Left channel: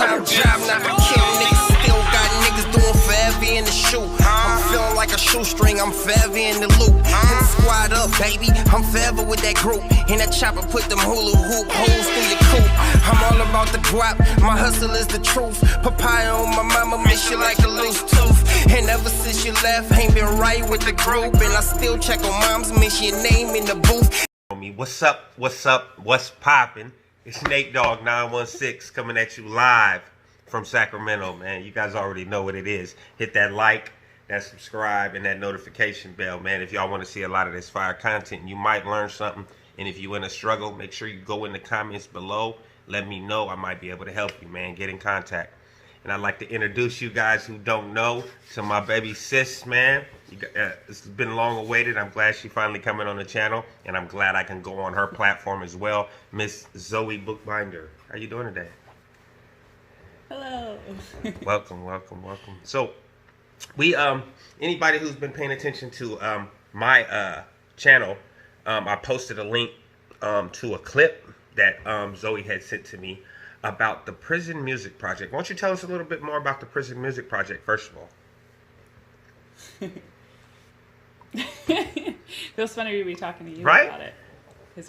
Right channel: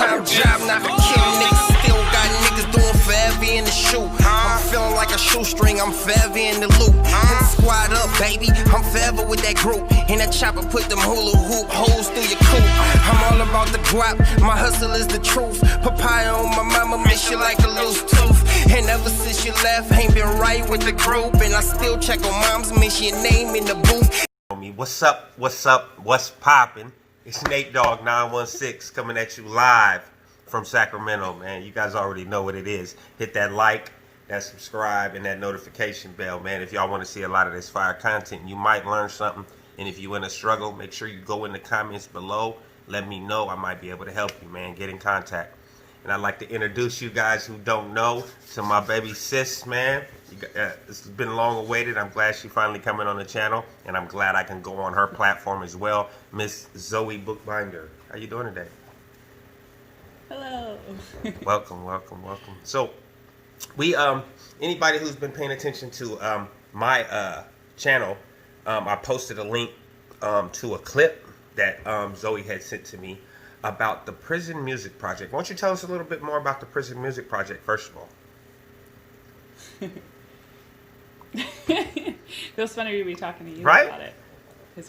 part-time job, not for kill niggas. Still got niggas doing forever in the shoe. I'm feeling like a shoestring, I'm forever in the loop. And squad up, baby, I'm forever with that group. And that chopper put them hula hoop holes through your coupe. I'm all about the guap, my hustle is the truth. Papaya on my mama, miss you like a loose tooth. And ever since you left, ain't been right with the group. And I still check on moms, miss your name in the booth. What's up, what's poppin'? It's NateDoggSac916 coming at you live from Sacramento, man. You guys already know what it is. Hit that like, that subscribe, and that notification bell, man. If y'all want to see a lot of this fire content, you might learn something. And if you're in a struggle, make sure you go in the comments below. Let me know. I might be able to help you, man. Get in contact. And I'd like to introduce you guys who don't know to my baby sis, man. It's been long awaited. I'm glad she finally coming on the channel. And I'm glad I can go on her platform as well. Miss Zoebookbinder. How you doing today? Hello. Welcome. So, we, anybody who's been paying attention to my channel, I posted a link to a clip that Zoe had sent to me about the Prison Music Project. Why don't you tell us a little bit more about the Prison Music Project, first of all? Feels funny to be talking to you right? about it. Because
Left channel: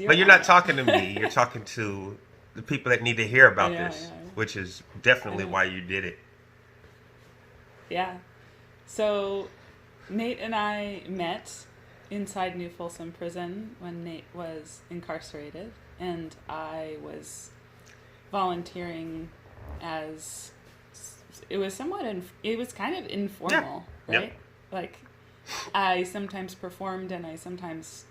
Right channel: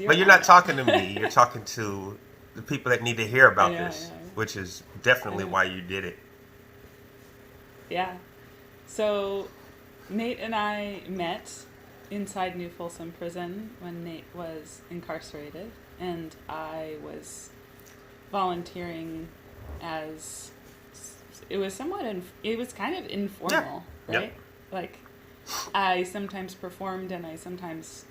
you're But you're not talking to me. You're talking to the people that need to hear about this, which is definitely why you did it. Yeah. So, Nate and I met inside New Folsom Prison when Nate was incarcerated, and I was volunteering as, it was kind of informal, right? Yep. Like, I sometimes performed and I sometimes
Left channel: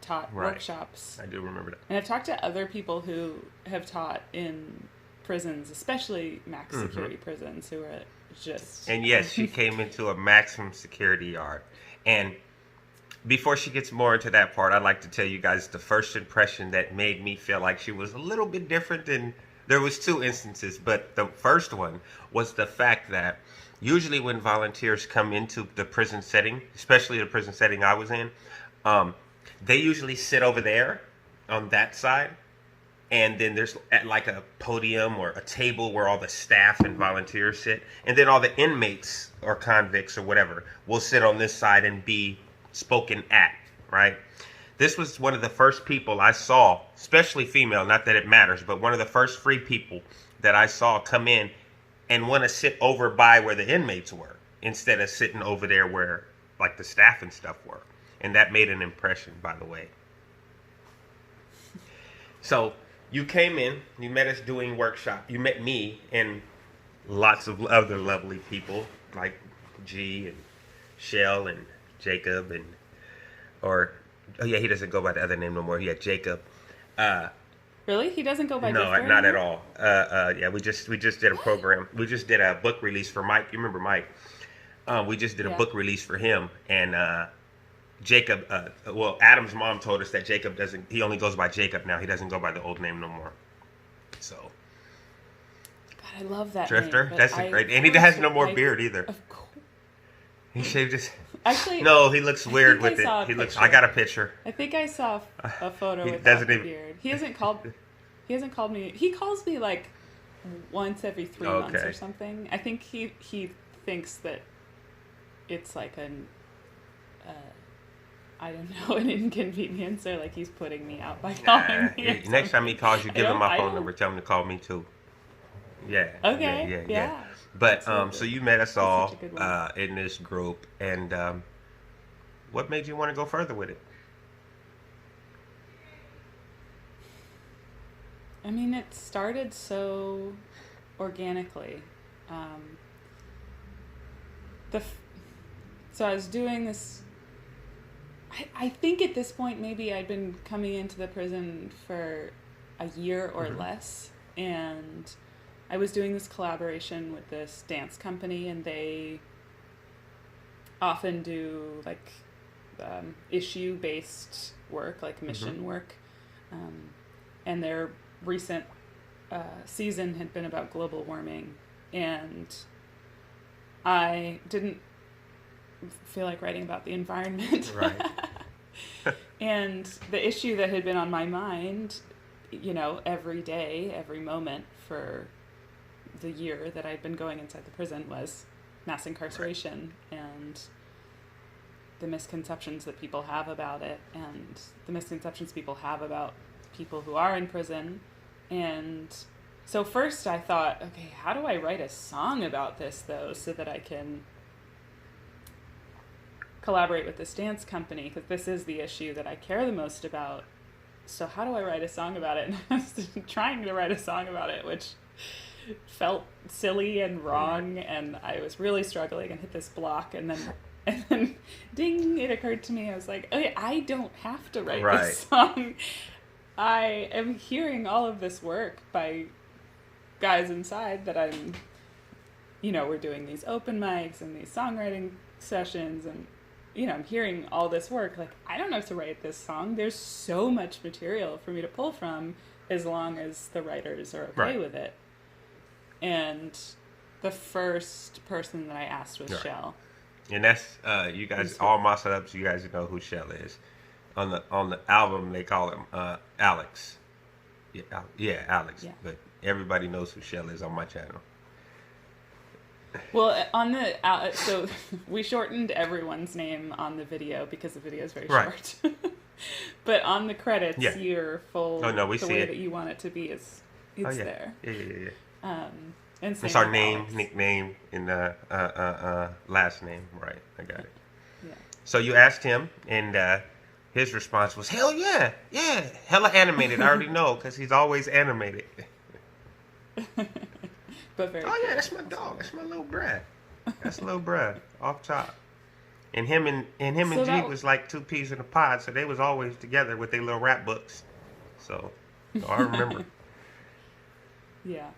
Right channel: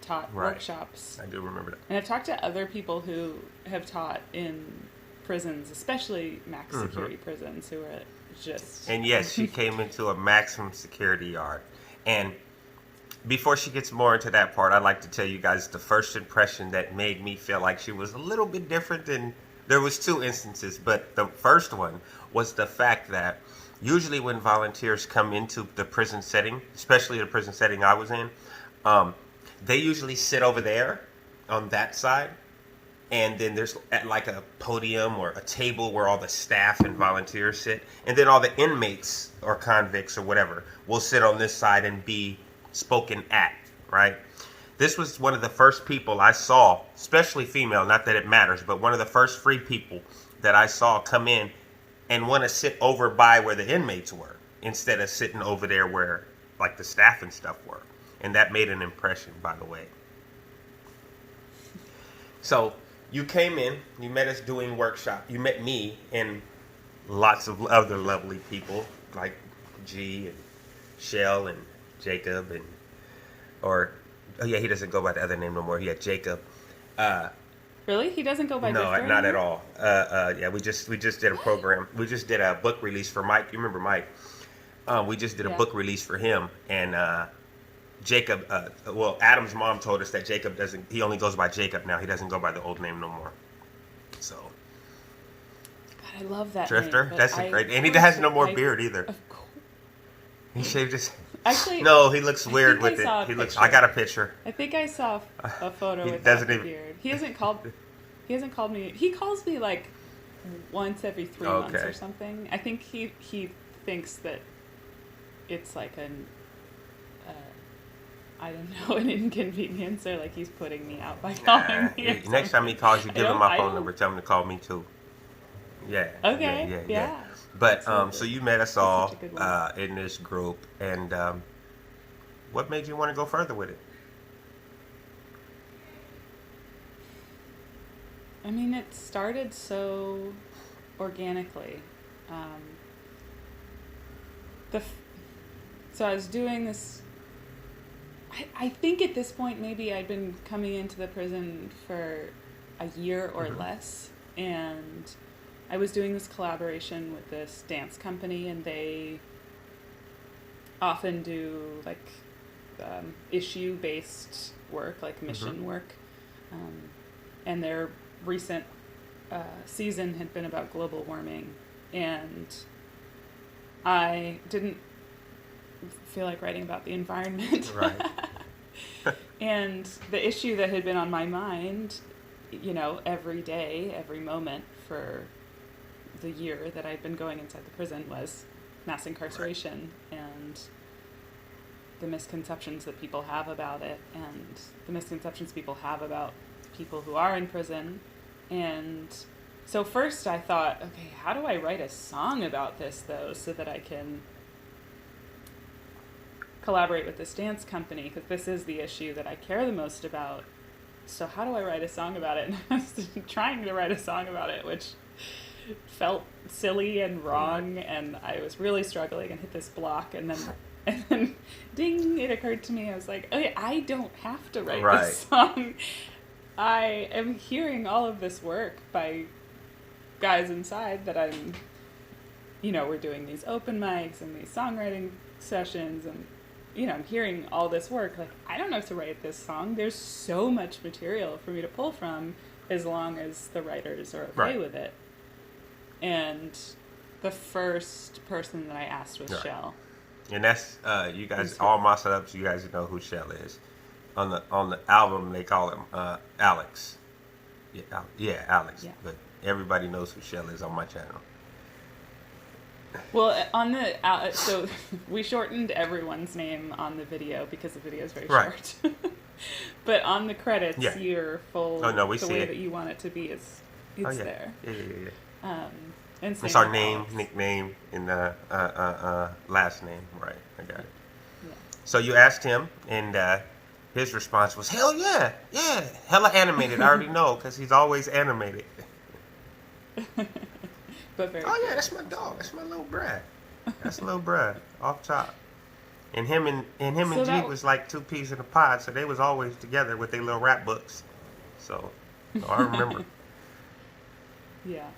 taught workshops. I do remember that. And I've talked to other people who have taught in prisons, especially max security prisons, who are just... And yes, she came into a maximum security yard. And before she gets more into that part, I'd like to tell you guys the first impression that made me feel like she was a little bit different than... There was two instances, but the first one was the fact that usually when volunteers come into the prison setting, especially the prison setting I was in, they usually sit over there on that side. And then there's at like a podium or a table where all the staff and volunteers sit. And then all the inmates or convicts or whatever will sit on this side and be spoken at, right? This was one of the first people I saw, especially female, not that it matters, but one of the first free people that I saw come in and want to sit over by where the inmates were instead of sitting over there where like the staff and stuff were. And that made an impression, by the way. So you came in, you met us doing workshop. You met me and lots of other lovely people like G and Shell and Jacob and, oh yeah, he doesn't go by the other name no more. He had Jacob. Really? He doesn't go by No, Victor not anymore? at all. Yeah, we just did a program. We just did a book release for Mike. You remember Mike? We just did a book release for him. And Jacob, well, Adam's mom told us that Jacob he only goes by Jacob now. He doesn't go by the old name no more. So. God, I love that Drifter? name. That's great. And he has no more beard either. Of course. He shaved his... Actually, no, he looks weird with it. I got a picture. I think I saw a photo without the beard. He hasn't called me. He calls me like once every 3 months or something. I think he thinks that it's like an I don't know, an inconvenience, or like he's putting me out by calling me. Next time he calls you, give him my phone number. Tell him to call me too. Yeah. Okay. Yeah. But so you met us all in this group, and what made you want to go further with it? I mean, it started so organically. So I was doing this. I think at this point maybe I'd been coming into the prison for a year or less, and I was doing this collaboration with this dance company, and they often do like issue-based work, like mission work, and their recent season had been about global warming, and I didn't feel like writing about the environment. Right. And the issue that had been on my mind, you know, every day, every moment for the year that I'd been going inside the prison was mass incarceration and the misconceptions that people have about it, and the misconceptions people have about people who are in prison. And so first I thought, okay, how do I write a song about this, though, so that I can collaborate with this dance company, because this is the issue that I care the most about. So how do I write a song about it? And I was trying to write a song about it, which felt silly and wrong, and I was really struggling and hit this block, and then ding, it occurred to me. I was like, okay, I don't have to write this song. I am hearing all of this work by guys inside that I'm, we're doing these open mics and these songwriting sessions, and I'm hearing all this work. Like, I don't have to write this song. There's so much material for me to pull from, as long as the writers are okay with it. And the first person that I asked was Shell. And that's you guys, all my setups, you guys know who Shell is. On the album they call him Alex. Yeah, Alex. Yeah. But everybody knows who Shell is on my channel. Well, on the so we shortened everyone's name on the video because the video is very short. But on the credits, your full the way that you want it to be is there. Yeah. And it's our name, Alex. Nickname, and last name. Right, I got it. Yeah. So you asked him, and his response was, "Hell yeah, hella animated." I already know because he's always animated. But very. Oh yeah, that's my dog. That's my little bruh. That's little bruh off top. And him and G was like two peas in a pod, so they was always together with their little rap books. So I remember. Yeah.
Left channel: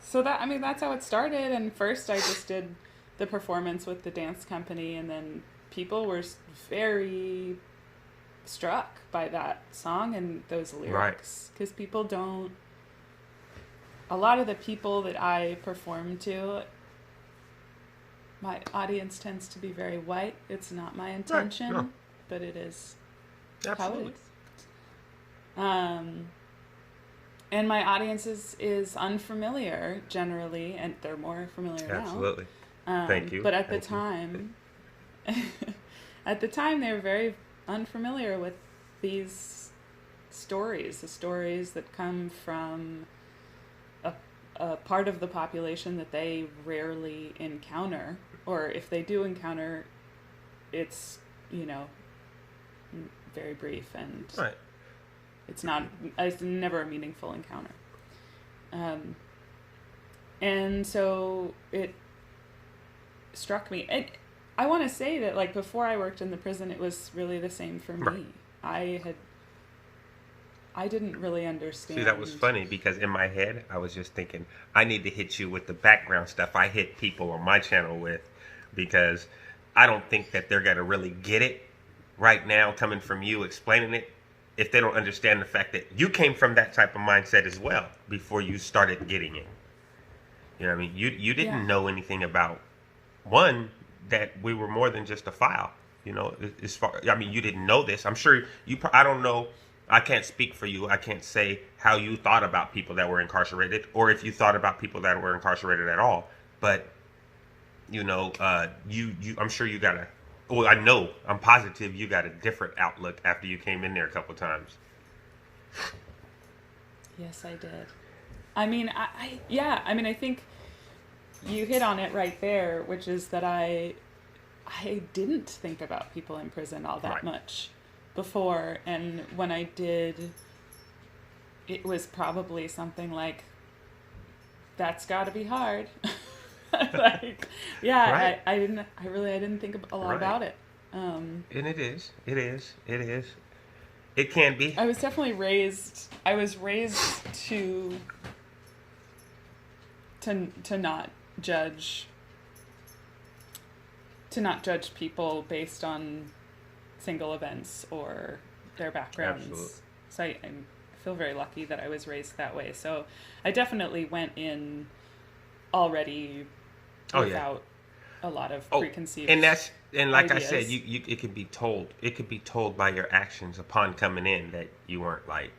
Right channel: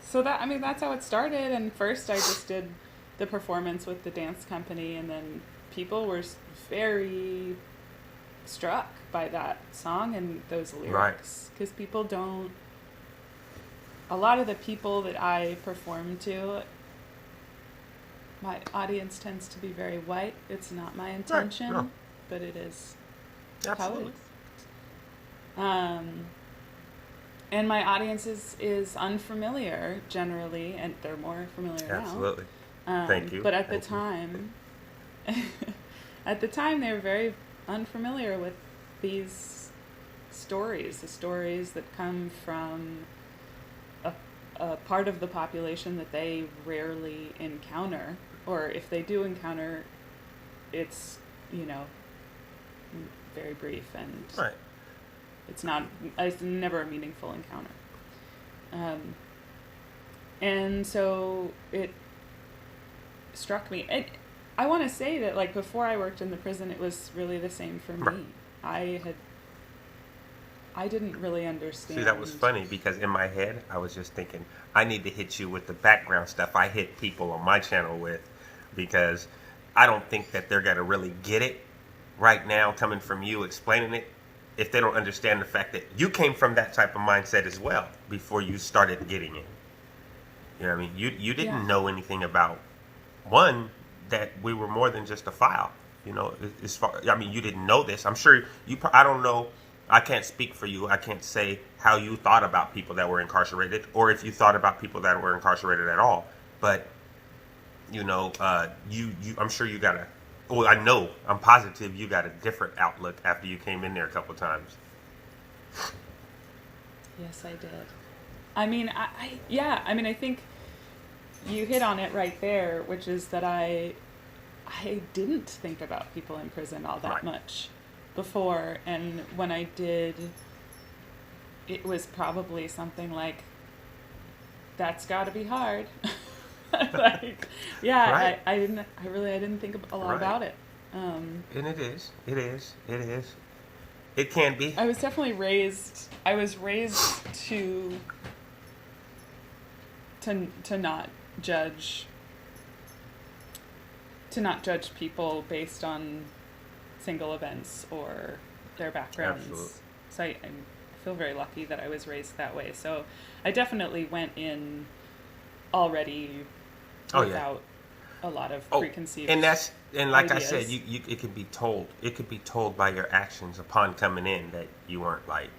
So that's how it started. And first I just did the performance with the dance company, and then people were very struck by that song and those lyrics, because people don't. A lot of the people that I perform to, my audience tends to be very white. It's not my intention, but it is how it is. And my audience is unfamiliar generally, and they're more familiar now. Absolutely. Thank you. But at the time, they were very unfamiliar with these stories, the stories that come from a part of the population that they rarely encounter, or if they do encounter, it's very brief, and it's never a meaningful encounter. And so it struck me. And I want to say that, like, before I worked in the prison, it was really the same for me. I didn't really understand. See, that was funny, because in my head, I was just thinking, I need to hit you with the background stuff I hit people on my channel with, because I don't think that they're going to really get it right now, coming from you explaining it, if they don't understand the fact that you came from that type of mindset as well before you started getting it. You know what I mean? You didn't know anything about, one, that we were more than just a file. You didn't know this. I'm sure I don't know. I can't speak for you. I can't say how you thought about people that were incarcerated, or if you thought about people that were incarcerated at all. But, I'm sure you got I'm positive you got a different outlook after you came in there a couple times. Yes, I did. I think you hit on it right there, which is that I didn't think about people in prison all that much before, and when I did, it was probably something like, that's got to be hard. I didn't think a lot about it. And it is. It can be. I was definitely raised to not judge people based on single events or their backgrounds. Absolutely. So I feel very lucky that I was raised that way. So I definitely went in already without a lot of preconceived like ideas. I said, it could be told. It could be told by your actions upon coming in that you weren't like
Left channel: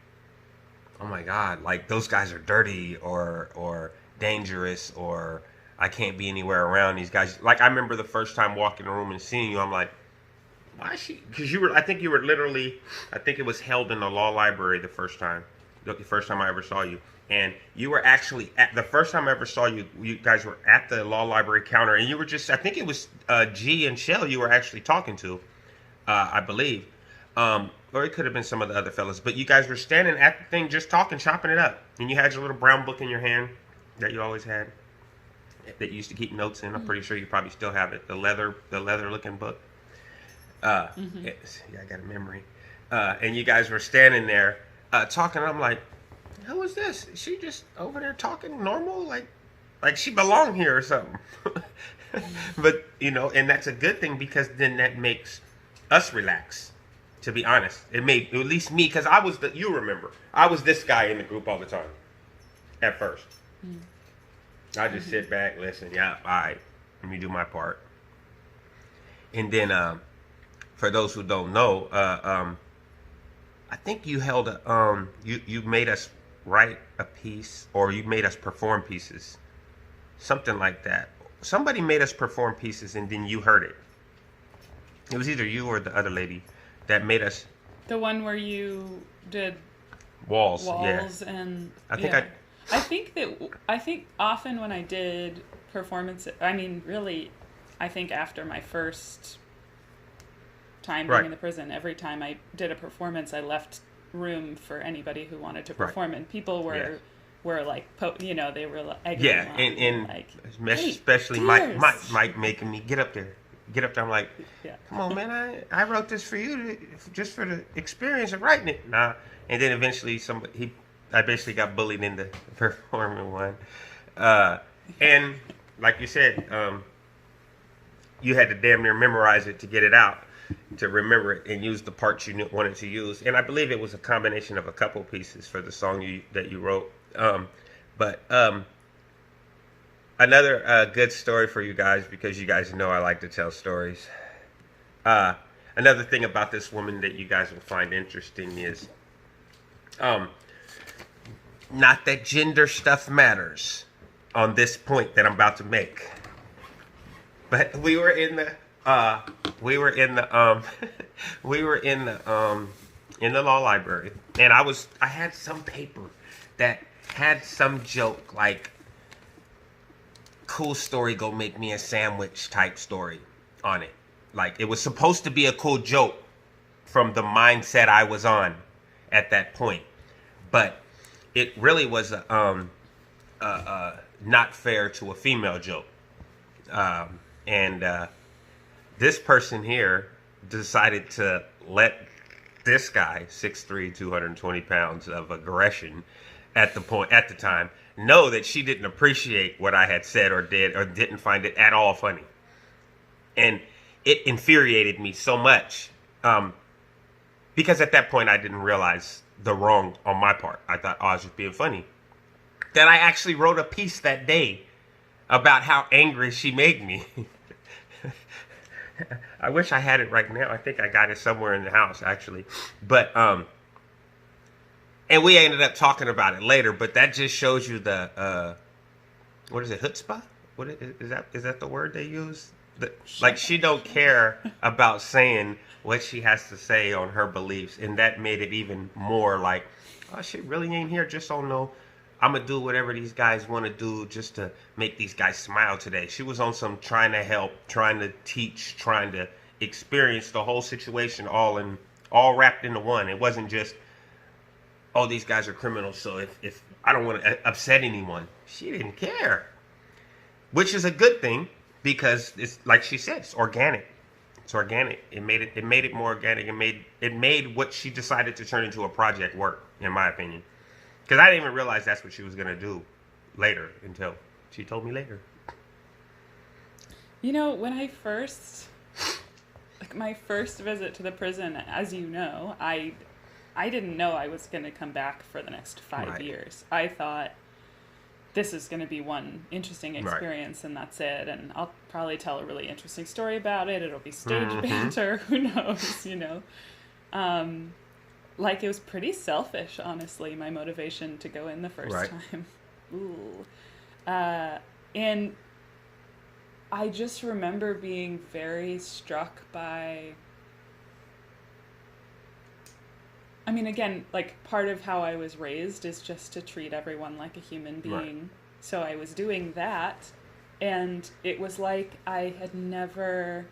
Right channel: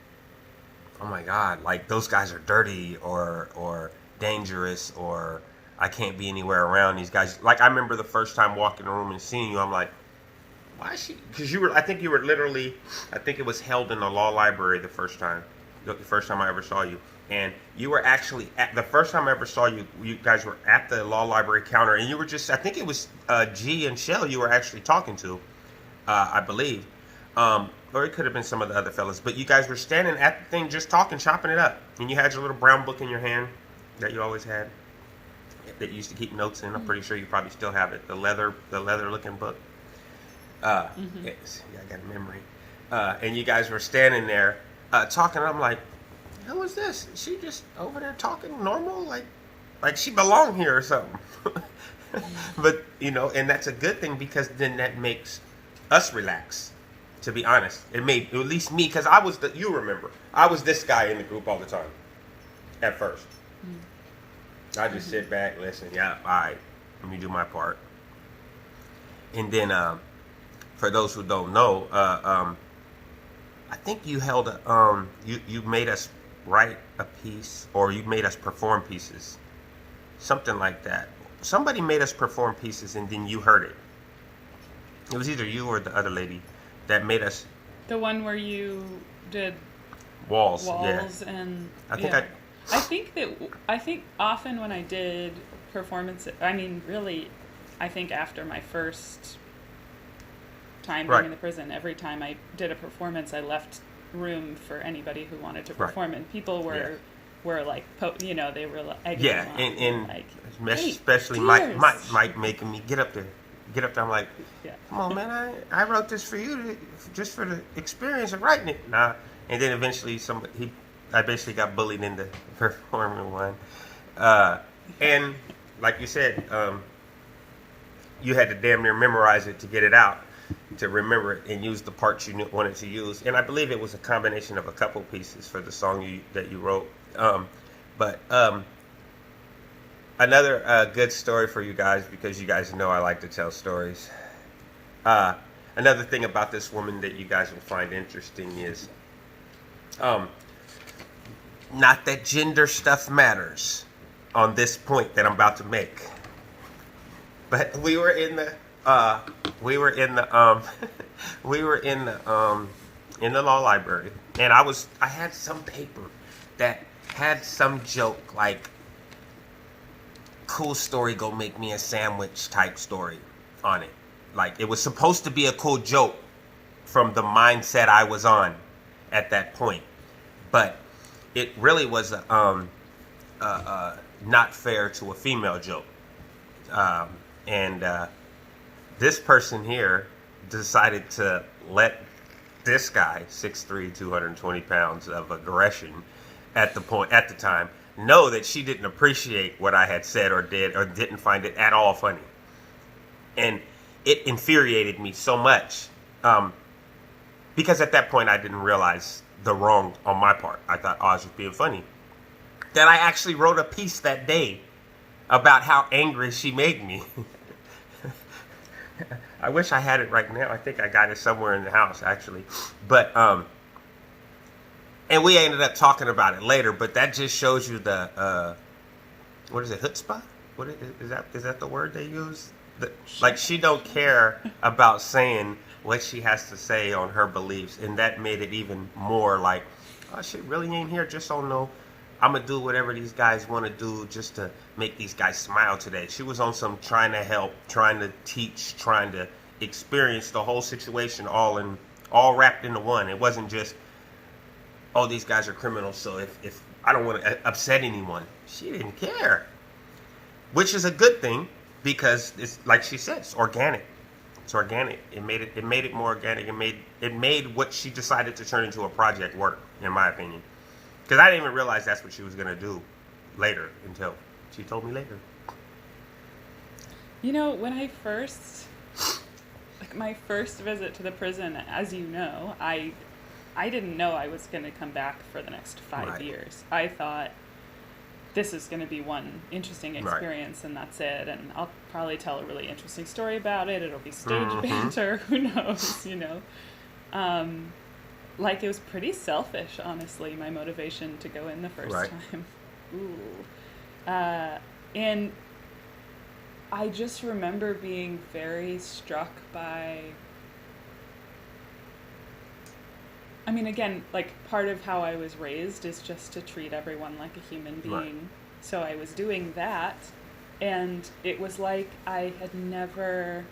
oh my God, like those guys are dirty or dangerous, or I can't be anywhere around these guys. Like I remember the first time walking in the room and seeing you, I'm like, why is she? Because I think you were literally, I think it was held in the law library the first time I ever saw you. And you were actually the first time I ever saw you, you guys were at the law library counter, and you were just, I think it was G and Shell you were actually talking to, I believe. Or it could have been some of the other fellas, but you guys were standing at the thing just talking, chopping it up. And you had your little brown book in your hand that you always had, that you used to keep notes in. I'm pretty sure you probably still have it. The leather looking book. Yeah, I got a memory. And you guys were standing there talking. I'm like, who is this? Is she just over there talking normal? Like she belonged here or something. But, you know, and that's a good thing, because then that makes us relax, to be honest. It made, at least me, because I was you remember, I was this guy in the group all the time at first. I just sit back, listen, yeah, all right, let me do my part. And then, for those who don't know, I think you held you made us write a piece, or you made us perform pieces, something like that. Somebody made us perform pieces, and then you heard it. It was either you or the other lady that made us. The one where you did walls, yeah. And I think often when I did performances, I mean, really, I think after my first time being in the prison, every time I did a performance, I left room for anybody who wanted to perform, and people were like, you know, they were like, and like, especially Mike making me get up there. I'm like, come on, man, I wrote this for you, just for the experience of writing it. Nah. And then eventually I basically got bullied into performing one. And like you said, you had to damn near memorize it to get it out, to remember it and use the parts you wanted to use. And I believe it was a combination of a couple pieces for the song that you wrote. But another good story for you guys, because you guys know I like to tell stories. Another thing about this woman that you guys will find interesting is, not that gender stuff matters on this point that I'm about to make, but we were in the law library, and I had some paper that had some joke, like, cool story, go make me a sandwich type story on it. Like, it was supposed to be a cool joke from the mindset I was on at that point, but it really was not fair to a female joke. And this person here decided to let this guy, 6'3", 220 pounds of aggression at the time, know that she didn't appreciate what I had said or did, or didn't find it at all funny. And it infuriated me so much, because at that point I didn't realize the wrong on my part. I thought, I was just being funny. That I actually wrote a piece that day about how angry she made me. I wish I had it right now. I think I got it somewhere in the house, actually. But, and we ended up talking about it later, but that just shows you the, what is it, chutzpah? What is that the word they use? Like, she don't care about saying what she has to say on her beliefs, and that made it even more like, oh, shit really ain't here just on no, I'm going to do whatever these guys want to do just to make these guys smile today. She was on some trying to help, trying to teach, trying to experience the whole situation all wrapped into one. It wasn't just, oh, these guys are criminals, so if I don't want to upset anyone. She didn't care. Which is a good thing, because it's like she said, it's organic. It's organic. It made it more organic. It made what she decided to turn into a project work, in my opinion. Because I didn't even realize that's what she was going to do later, until she told me later. You know, when I first, my first visit to the prison, as you know, I didn't know I was going to come back for the next 5 years. I thought, this is going to be one interesting experience, and that's it. And I'll probably tell a really interesting story about it. It'll be stage banter. Who knows, you know? like it was pretty selfish, honestly, my motivation to go in the first Right. time. Ooh. And I just remember being very struck by, I mean, again, like part of how I was raised is just to treat everyone like a human being. Right. So I was doing that, and it was like I had never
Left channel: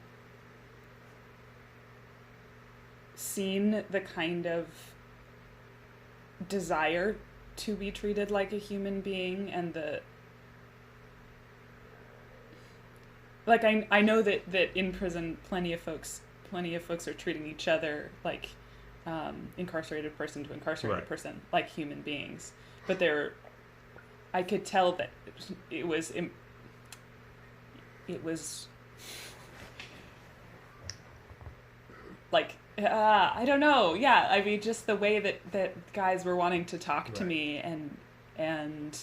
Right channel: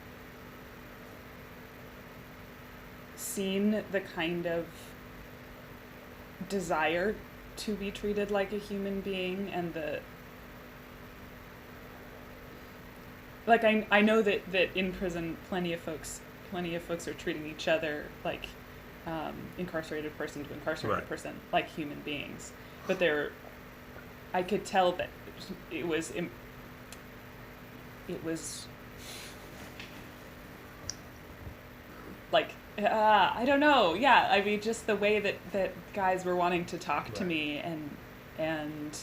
seen the kind of desire to be treated like a human being, and the, like, I know that in prison plenty of folks are treating each other like incarcerated person to incarcerated Right. person, like human beings, but I could tell that it was like, I don't know. Yeah, I mean, just the way that guys were wanting to talk to Right. me and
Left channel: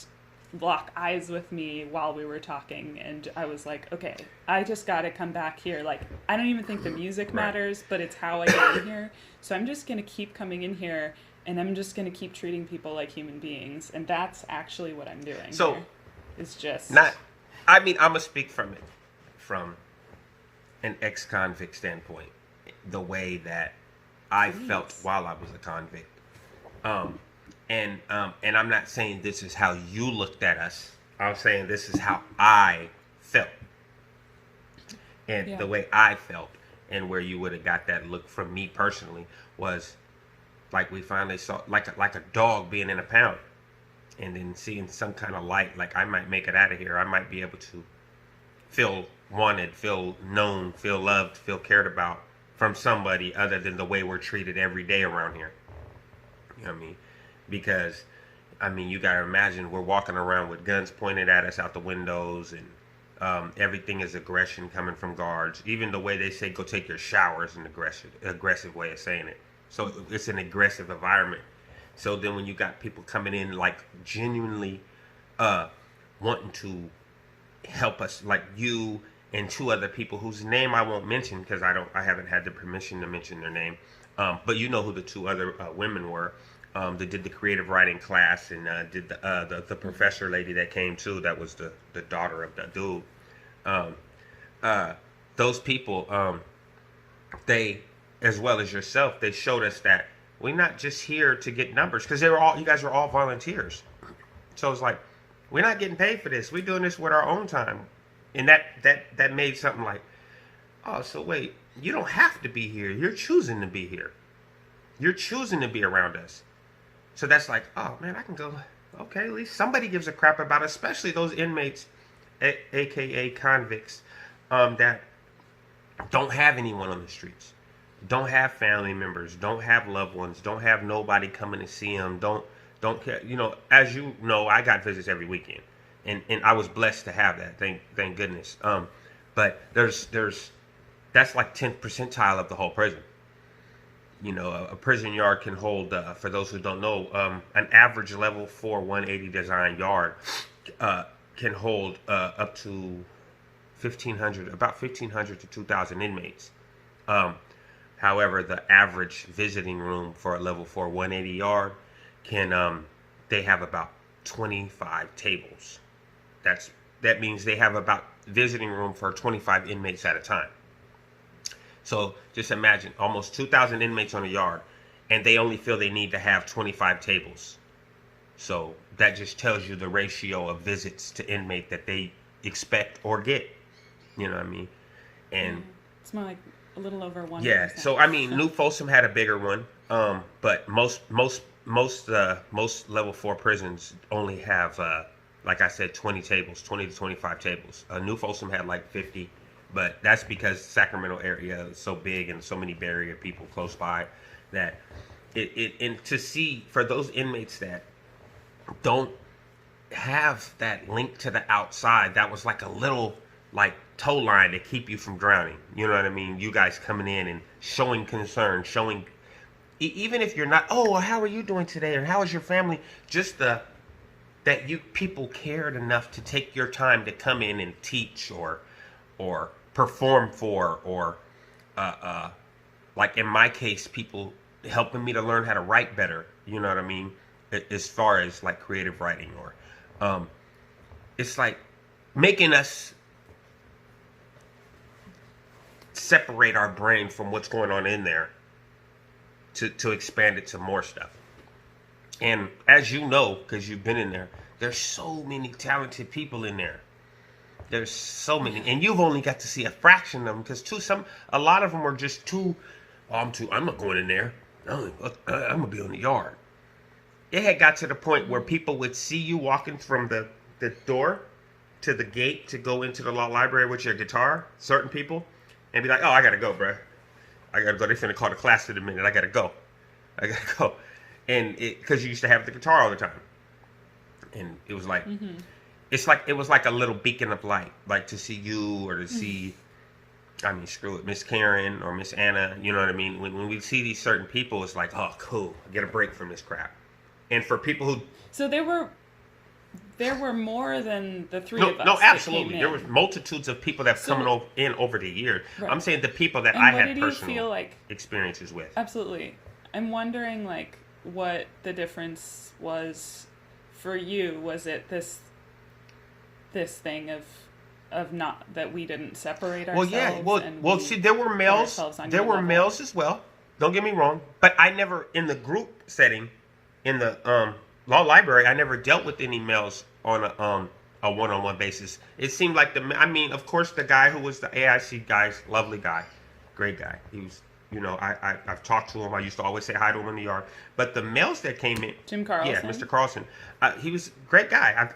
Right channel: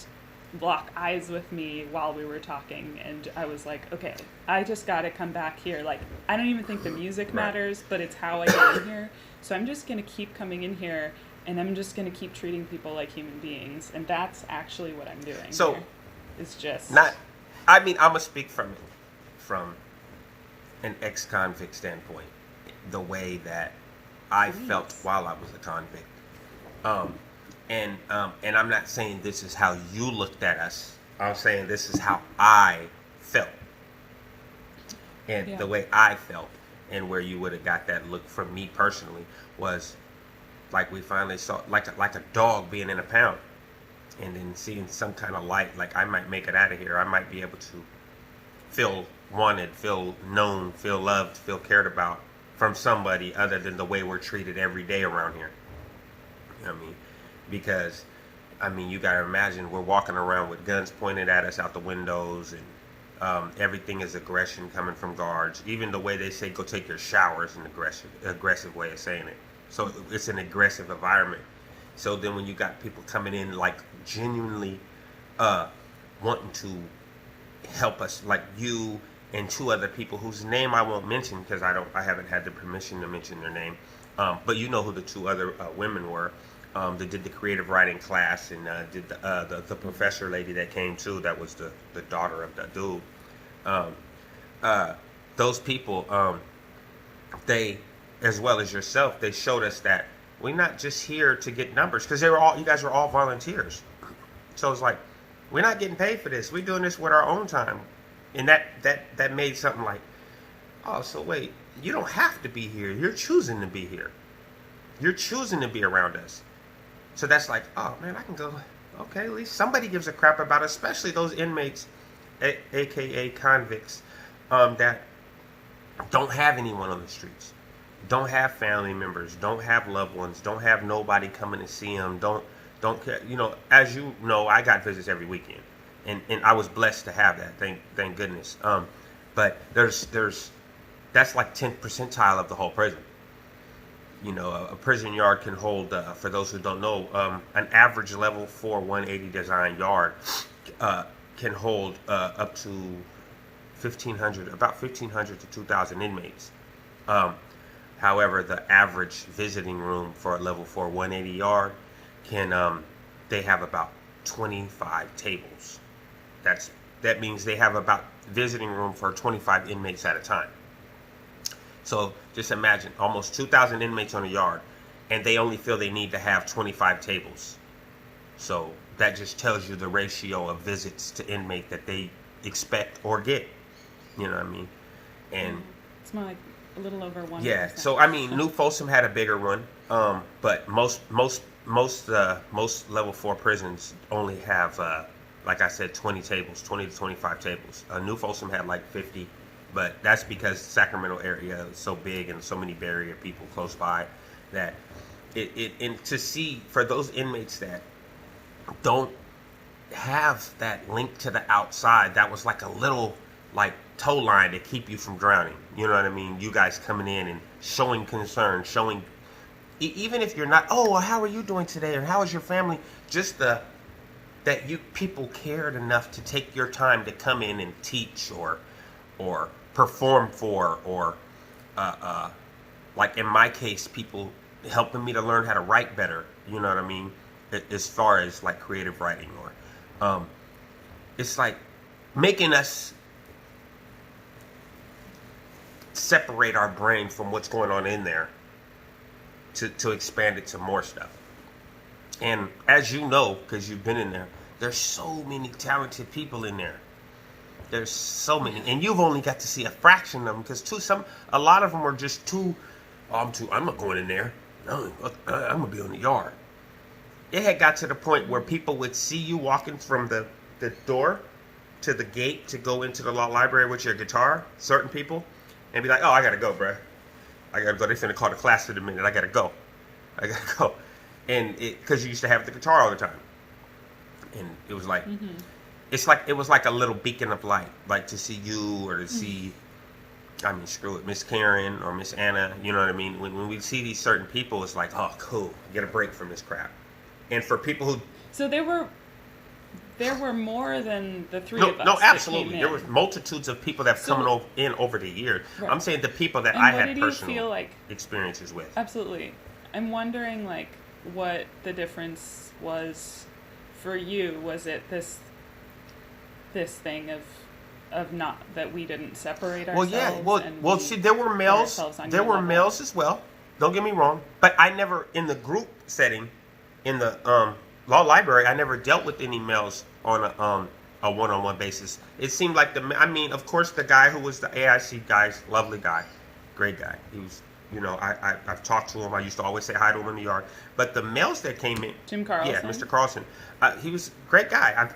lock eyes with me while we were talking, and I was like, okay, I just got to come back here. Like, I don't even think the music Right. matters, but it's how I get in here. So I'm just gonna keep coming in here, and I'm just gonna keep treating people like human beings, and that's actually what I'm doing. So, here. It's just I mean, I'm gonna speak from an ex-convict standpoint, the way that I Please. felt while I was a convict. And I'm not saying this is how you looked at us. I'm saying this is how I felt. And Yeah. the way I felt, and where you would have got that look from me personally, was like we finally saw, like a dog being in a pound, and then seeing some kind of light, like I might make it out of here. I might be able to feel wanted, feel known, feel loved, feel cared about from somebody other than the way we're treated every day around here. You know what I mean? Because, I mean, you gotta imagine we're walking around with guns pointed at us out the windows, and everything is aggression coming from guards. Even the way they say go take your shower is an aggressive way of saying it. So it's an aggressive environment. So then when you got people coming in like genuinely wanting to help us, like you and two other people whose name I won't mention because I haven't had the permission to mention their name, but you know who the two other women were. That did the creative writing class, and did the professor lady that came too. That was the daughter of the dude. Those people, they, as well as yourself, they showed us that we're not just here to get numbers, because you guys were all volunteers. So it's like, we're not getting paid for this. We're doing this with our own time, and that made something like, oh, so wait, you don't have to be here. You're choosing to be here. You're choosing to be around us. So that's like, oh man, I can go. Okay, at least somebody gives a crap about us, especially those inmates, aka convicts, that don't have anyone on the streets, don't have family members, don't have loved ones, don't have nobody coming to see them, don't care. You know, as you know, I got visits every weekend, and I was blessed to have that. Thank goodness. But there's that's like 10th percentile of the whole prison. You know, a prison yard can hold, for those who don't know, an average level 4 180 design yard can hold up to 1,500, about 1,500 to 2,000 inmates. However, the average visiting room for a level 4 180 yard can, they have about 25 tables. That means they have about visiting room for 25 inmates at a time. So just imagine almost 2,000 inmates on a yard, and they only feel they need to have 25 tables. So that just tells you the ratio of visits to inmate that they expect or get. You know what I mean? And it's more like a little over 1%. yeah. So I mean, New Folsom had a bigger one, but most level 4 prisons only have, like I said, 20 tables, 20 to 25 tables. New Folsom had like 50. But that's because Sacramento area is so big and so many barrier people close by that and to see for those inmates that don't have that link to the outside, that was like a little like tow line to keep you from drowning. You know what I mean? You guys coming in and showing concern, showing, even if you're not, oh, well, how are you doing today? Or how is your family? Just that you people cared enough to take your time to come in and teach or perform for, or like in my case, people helping me to learn how to write better. You know what I mean? As far as like creative writing, or it's like making us separate our brain from what's going on in there to expand it to more stuff. And as you know, because you've been in there, there's so many talented people in there. There's so many, and you've only got to see a fraction of them, because a lot of them are just too. I'm not going in there. I'm gonna be in the yard. It had got to the point where people would see you walking from the door to the gate to go into the law library with your guitar. Certain people, and be like, "Oh, I gotta go, bruh. I gotta go. They're finna call the class in a minute. I gotta go. And because you used to have the guitar all the time, and it was like. Mm-hmm. It was like a little beacon of light, like to see you or to see, I mean, screw it, Miss Karen or Miss Anna, you know what I mean? When we see these certain people, it's like, oh, cool, get a break from this crap. And for people who... So there were more than the three of us. No, absolutely. There was multitudes of people that have come in over the years. Right. I'm saying the people that I had personal experiences with. Absolutely. I'm wondering, like, what the difference was for you. Was it this thing of not that we didn't separate ourselves? Well, see, there were males. There were males as well. Don't get me wrong, but I never, in the group setting, in the law library, I never dealt with any males on a one-on-one basis. It seemed like of course, the guy who was the AIC guy, lovely guy, great guy. He was, I've talked to him. I used to always say hi to him in the yard. But the males that came in, Jim Carlson, yeah, Mr. Carlson, he was a great guy. I've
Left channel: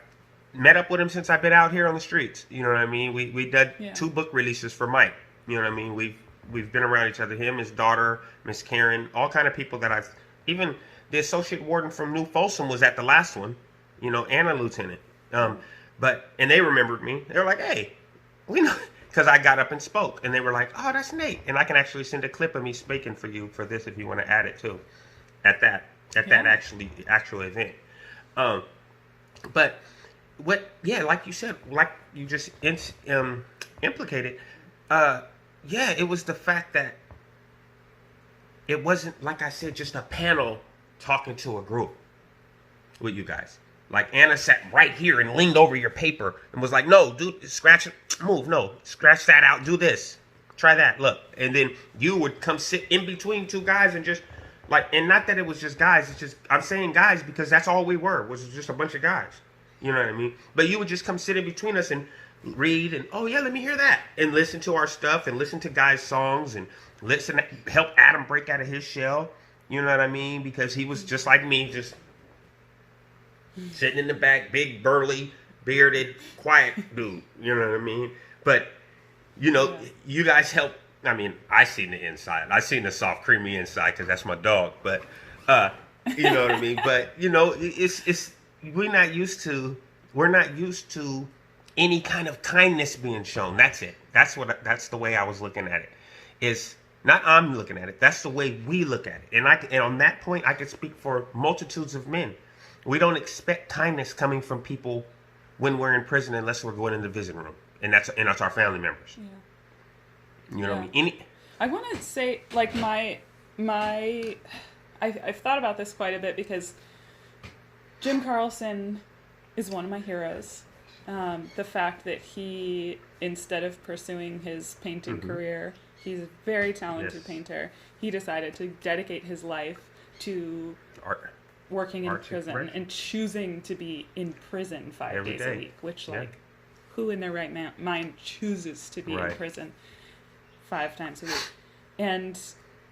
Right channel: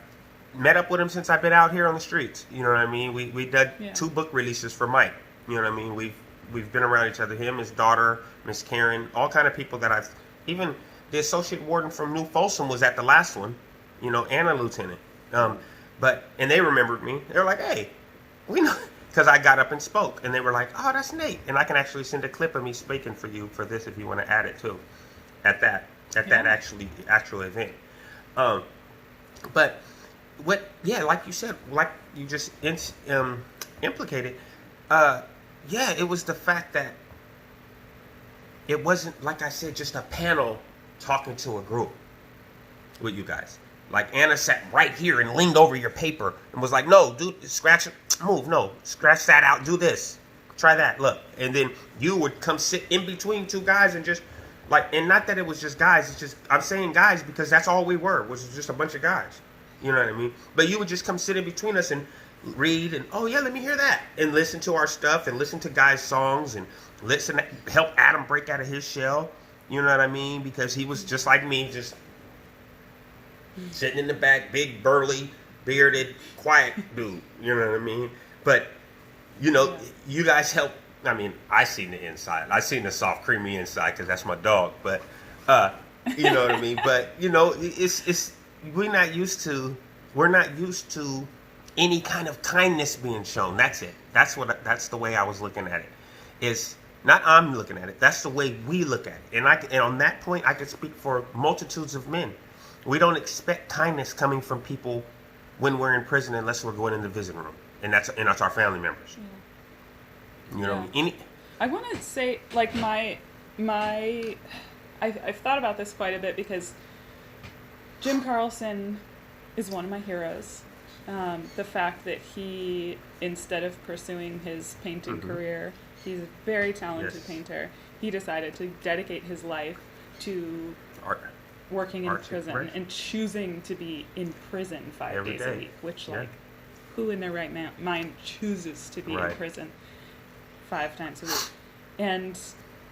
met up with him since I've been out here on the streets. You know what I mean? We did 2 book releases for Mike. You know what I mean? We've been around each other. Him, his daughter, Miss Karen, all kind of people that I've even the associate warden from New Folsom was at the last one. Anna Lieutenant. And they remembered me. They were like, "Hey, we know," because I got up and spoke, and they were like, "Oh, that's Nate." And I can actually send a clip of me speaking for you for this if you want to add it too, at that actual event. But. Like you said, like you just implicated, it was the fact that it wasn't, like I said, just a panel talking to a group with you guys. Like Anna sat right here and leaned over your paper and was like, "No, dude, scratch it, move, no, scratch that out, do this, try that, look." And then you would come sit in between 2 guys and just like, and not that it was just guys, it's just, I'm saying guys because that's all we were, was just a bunch of guys. You know what I mean? But you would just come sit in between us and read and, "Oh yeah, let me hear that," and listen to our stuff and listen to guys' songs and help Adam break out of his shell. You know what I mean? Because he was just like me, just sitting in the back, big, burly, bearded, quiet dude. You know what I mean? But you guys help. I mean, I seen the inside. I seen the soft, creamy inside because that's my dog. But you know what I mean? But it's. We're not used to any kind of kindness being shown. That's it. That's the way I was looking at it. It's not I'm looking at it. That's the way we look at it. And on that point, I could speak for multitudes of men. We don't expect kindness coming from people when we're in prison unless we're going in the visiting room, and that's our family members. Yeah. I want to say, like, I've thought about this quite a bit because Jim Carlson is one of my heroes. The fact that he, instead of pursuing his painting career, he's a very talented painter. He decided to dedicate his life to working in prison and choosing to be in prison 5 days a week, which, who in their right mind chooses to be in prison 5 times a week? And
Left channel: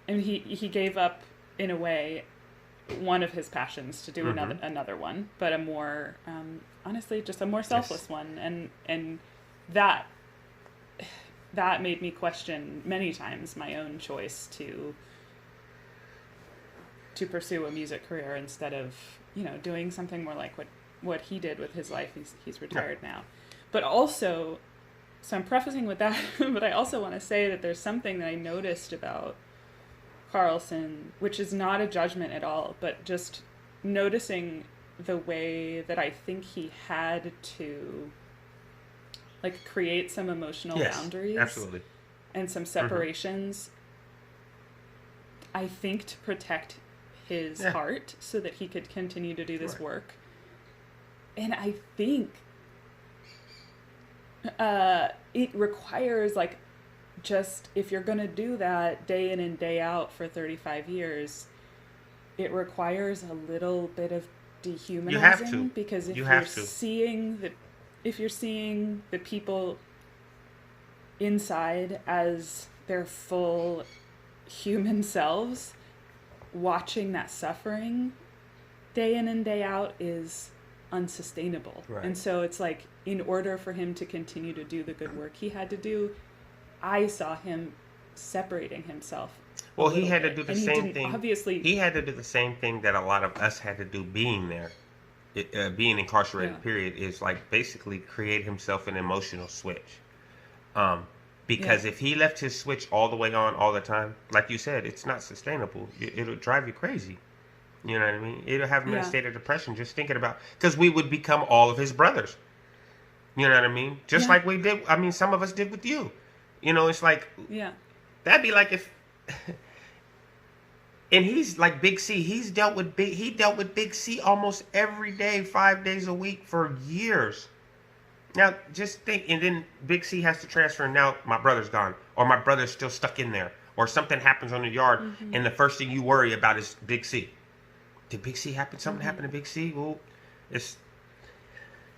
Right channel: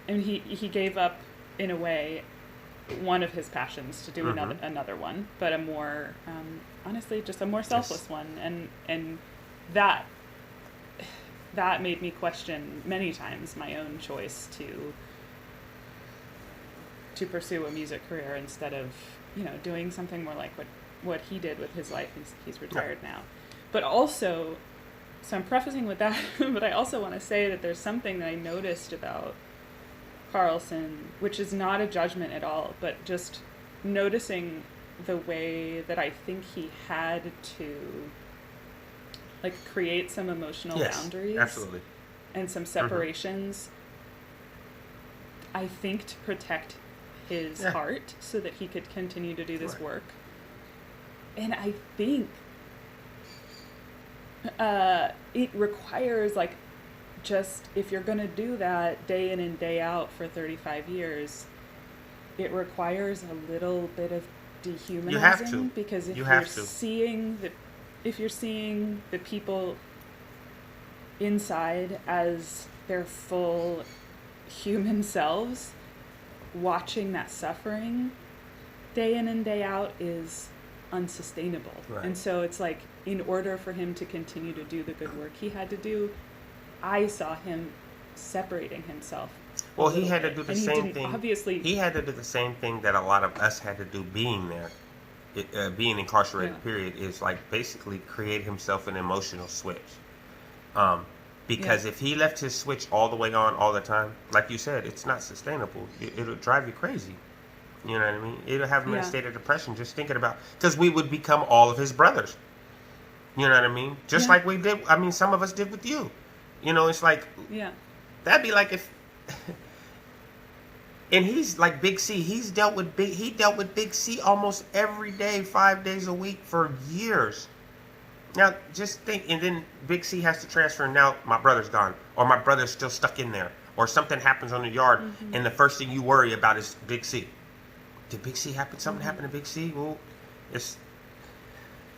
he gave up, in a way, one of his passions to do another one, but a more honestly just a more selfless one, and that made me question many times my own choice to pursue a music career instead of doing something more like what he did with his life. He's retired now, but also, so I'm prefacing with that, but I also want to say that there's something that I noticed about Carlson, which is not a judgment at all, but just noticing the way that I think he had to create some emotional boundaries, absolutely, and some separations. I think to protect his heart so that he could continue to do this work. And I think it requires, like, just, if you're going to do that day in and day out for 35 years, it requires a little bit of dehumanizing, because if you're seeing the people inside as their full human selves, watching that suffering day in and day out is unsustainable. Right. And so it's like, in order for him to continue to do the good work he had to do, I saw him separating himself. Well, he had to do the same thing. Obviously, he had to do the same thing that a lot of us had to do being there. Being incarcerated, period, is like basically create himself an emotional switch. Because if he left his switch all the way on all the time, like you said, it's not sustainable. It'll drive you crazy. You know what I mean? It'll have him in a state of depression just thinking about, because we would become all of his brothers. You know what I mean? Just like we did. I mean, some of us did with you. You know, it's like, that'd be like if, and he's like Big C. He dealt with Big C almost every day, 5 days a week for years. Now, just think, and then Big C has to transfer, and now my brother's gone, or my brother's still stuck in there, or something happens on the yard, and the first thing you worry about is Big C. Did Big C happen? Something happened to Big C? Well,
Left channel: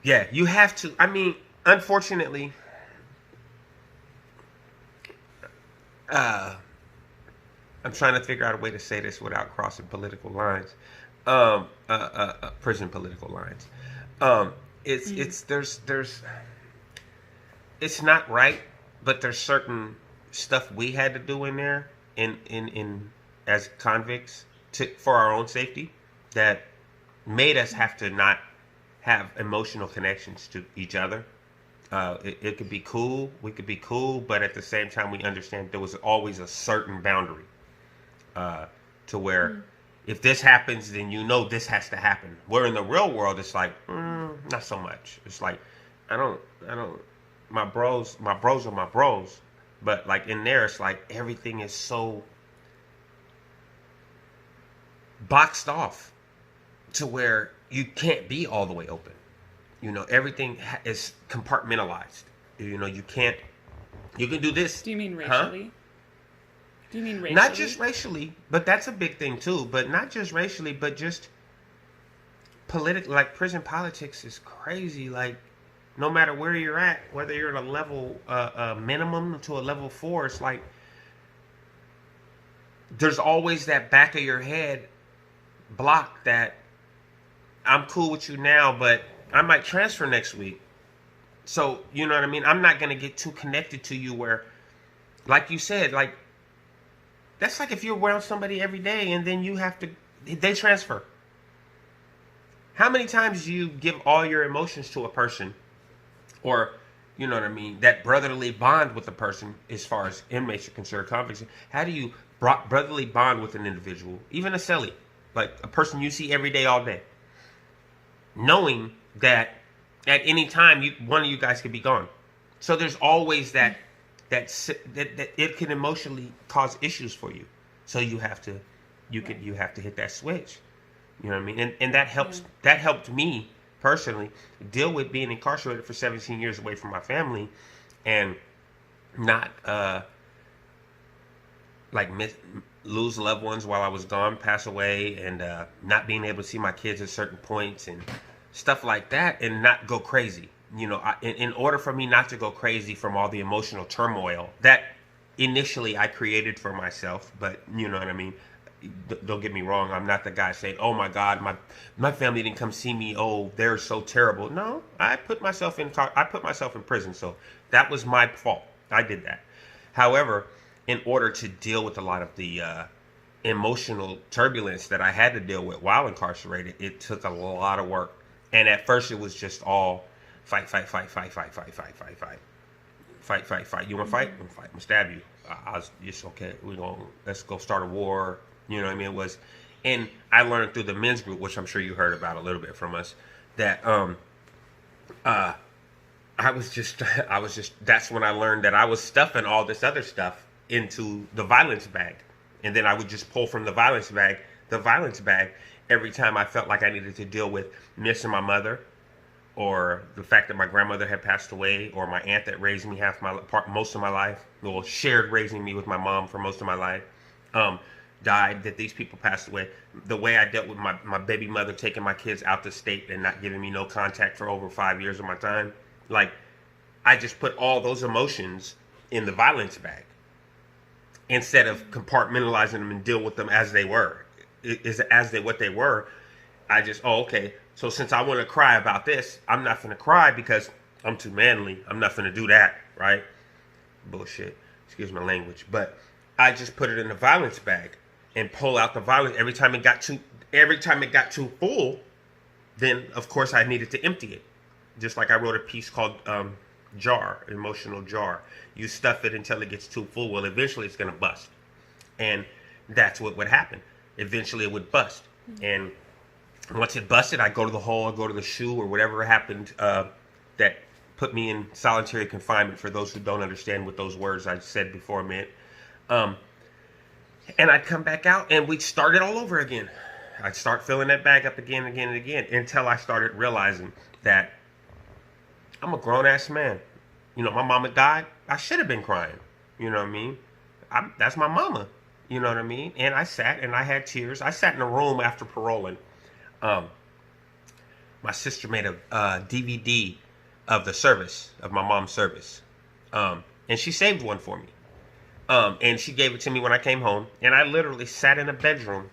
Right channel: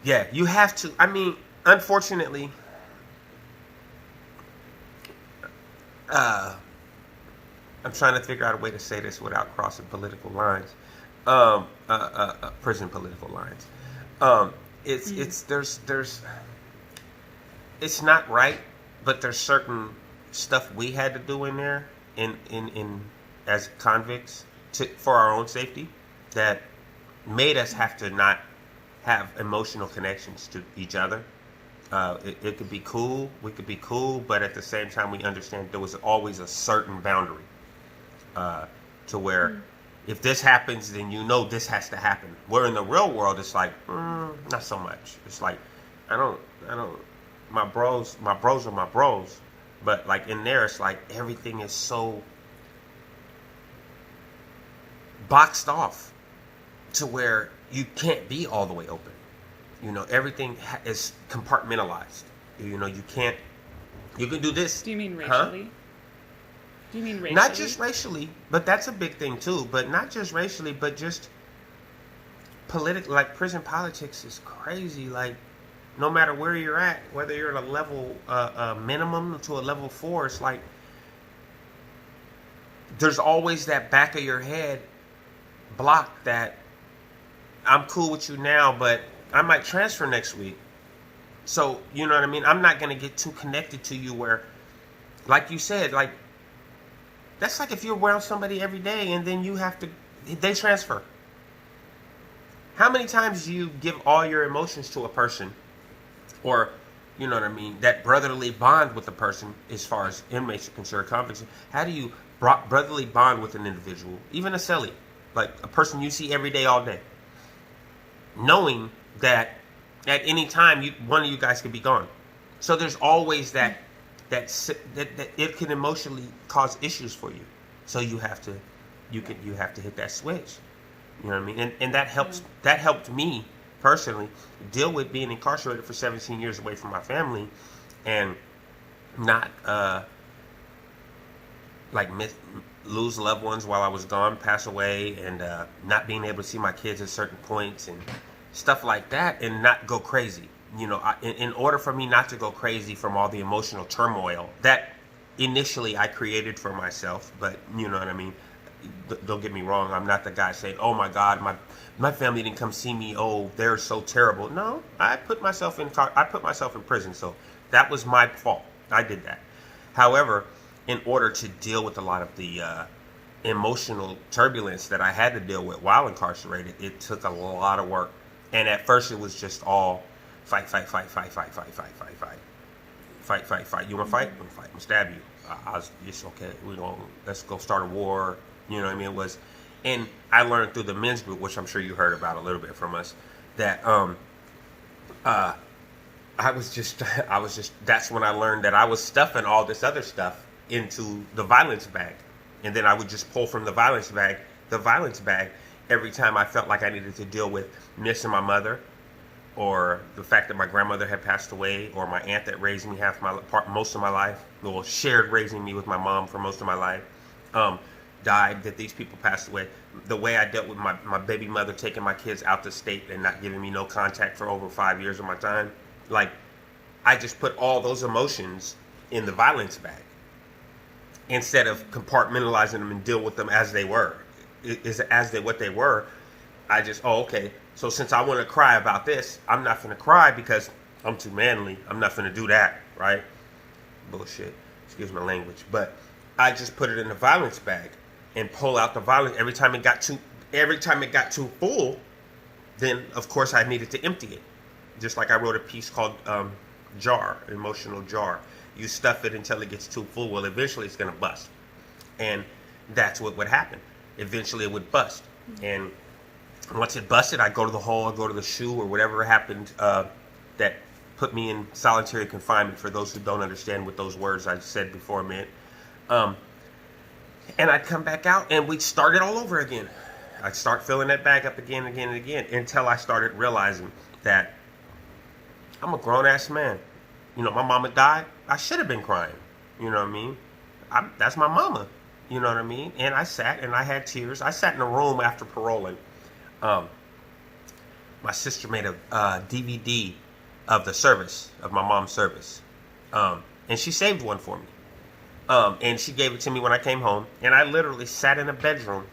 you have to. I mean, unfortunately, I'm trying to figure out a way to say this without crossing political lines, prison political lines. It's not right, but there's certain stuff we had to do in there in as convicts for our own safety that made us have to not have emotional connections to each other. It could be cool, we could be cool, but at the same time we understand there was always a certain boundary to where if this happens, then you know this has to happen. Where in the real world, it's like, not so much. It's like, my bros are my bros. But like in there, it's like everything is so boxed off to where you can't be all the way open. You know, everything is compartmentalized. You know, you can do this. Do you mean racially? Huh? Do you mean racially? Not just racially, but that's a big thing too. But not just racially, but just political. Like prison politics is crazy. Like no matter where you're at, whether you're at a level minimum to a level 4, it's like there's always that back of your head block that I'm cool with you now, but I might transfer next week. So you know what I mean? I'm not gonna get too connected to you where, like you said, like. That's like if you're around somebody every day and then they transfer. How many times do you give all your emotions to a person? Or, you know what I mean, that brotherly bond with a person as far as inmates are concerned, convicts. How do you brotherly bond with an individual? Even a cellie, like a person you see every day, all day. Knowing that at any time, one of you guys could be gone. So there's always that it can emotionally cause issues for you. So you have to hit that switch. You know what I mean? And that helps. That helped me personally deal with being incarcerated for 17 years away from my family, and not lose loved ones while I was gone, pass away, and not being able to see my kids at certain points and stuff like that, and not go crazy. You know, in order for me not to go crazy from all the emotional turmoil that initially I created for myself, but you know what I mean? Don't get me wrong, I'm not the guy saying, oh my God, my family didn't come see me, oh, they're so terrible. No, I put myself in prison, so that was my fault. I did that. However, in order to deal with a lot of the emotional turbulence that I had to deal with while incarcerated, it took a lot of work. And at first it was just all fight. You want to fight? I'm gonna fight. I'm gonna stab you. It's okay. Let's go start a war. You know what I mean? It was, and I learned through the men's group, which I'm sure you heard about a little bit from us, that I was just that's when I learned that I was stuffing all this other stuff into the violence bag. And then I would just pull from the violence bag every time I felt like I needed to deal with missing my mother, or the fact that my grandmother had passed away, or my aunt that raised me most of my life, or shared raising me with my mom for most of my life, died, that these people passed away. The way I dealt with my baby mother taking my kids out the state and not giving me no contact for over 5 years of my time. Like, I just put all those emotions in the violence bag instead of compartmentalizing them and deal with them as they were. What they were. I just, okay. So since I want to cry about this, I'm not going to cry because I'm too manly. I'm not going to do that, right? Bullshit. Excuse my language. But I just put it in the violence bag and pull out the violence every time it got too full. Then of course I needed to empty it. Just like I wrote a piece called Emotional Jar. You stuff it until it gets too full. Well, eventually it's going to bust. And that's what would happen. Eventually it would bust. And once it busted, I go to the hole, I go to the shoe, or whatever happened that put me in solitary confinement, for those who don't understand what those words I said before meant. And I'd come back out and we'd start it all over again. I'd start filling that bag up again and again and again until I started realizing that I'm a grown-ass man. You know, my mama died. I should have been crying. You know what I mean? That's my mama. You know what I mean? And I sat and I had tears. I sat in a room after paroling. My sister made a DVD of the service, of my mom's service. And she saved one for me. And she gave it to me when I came home. And I literally sat in a bedroom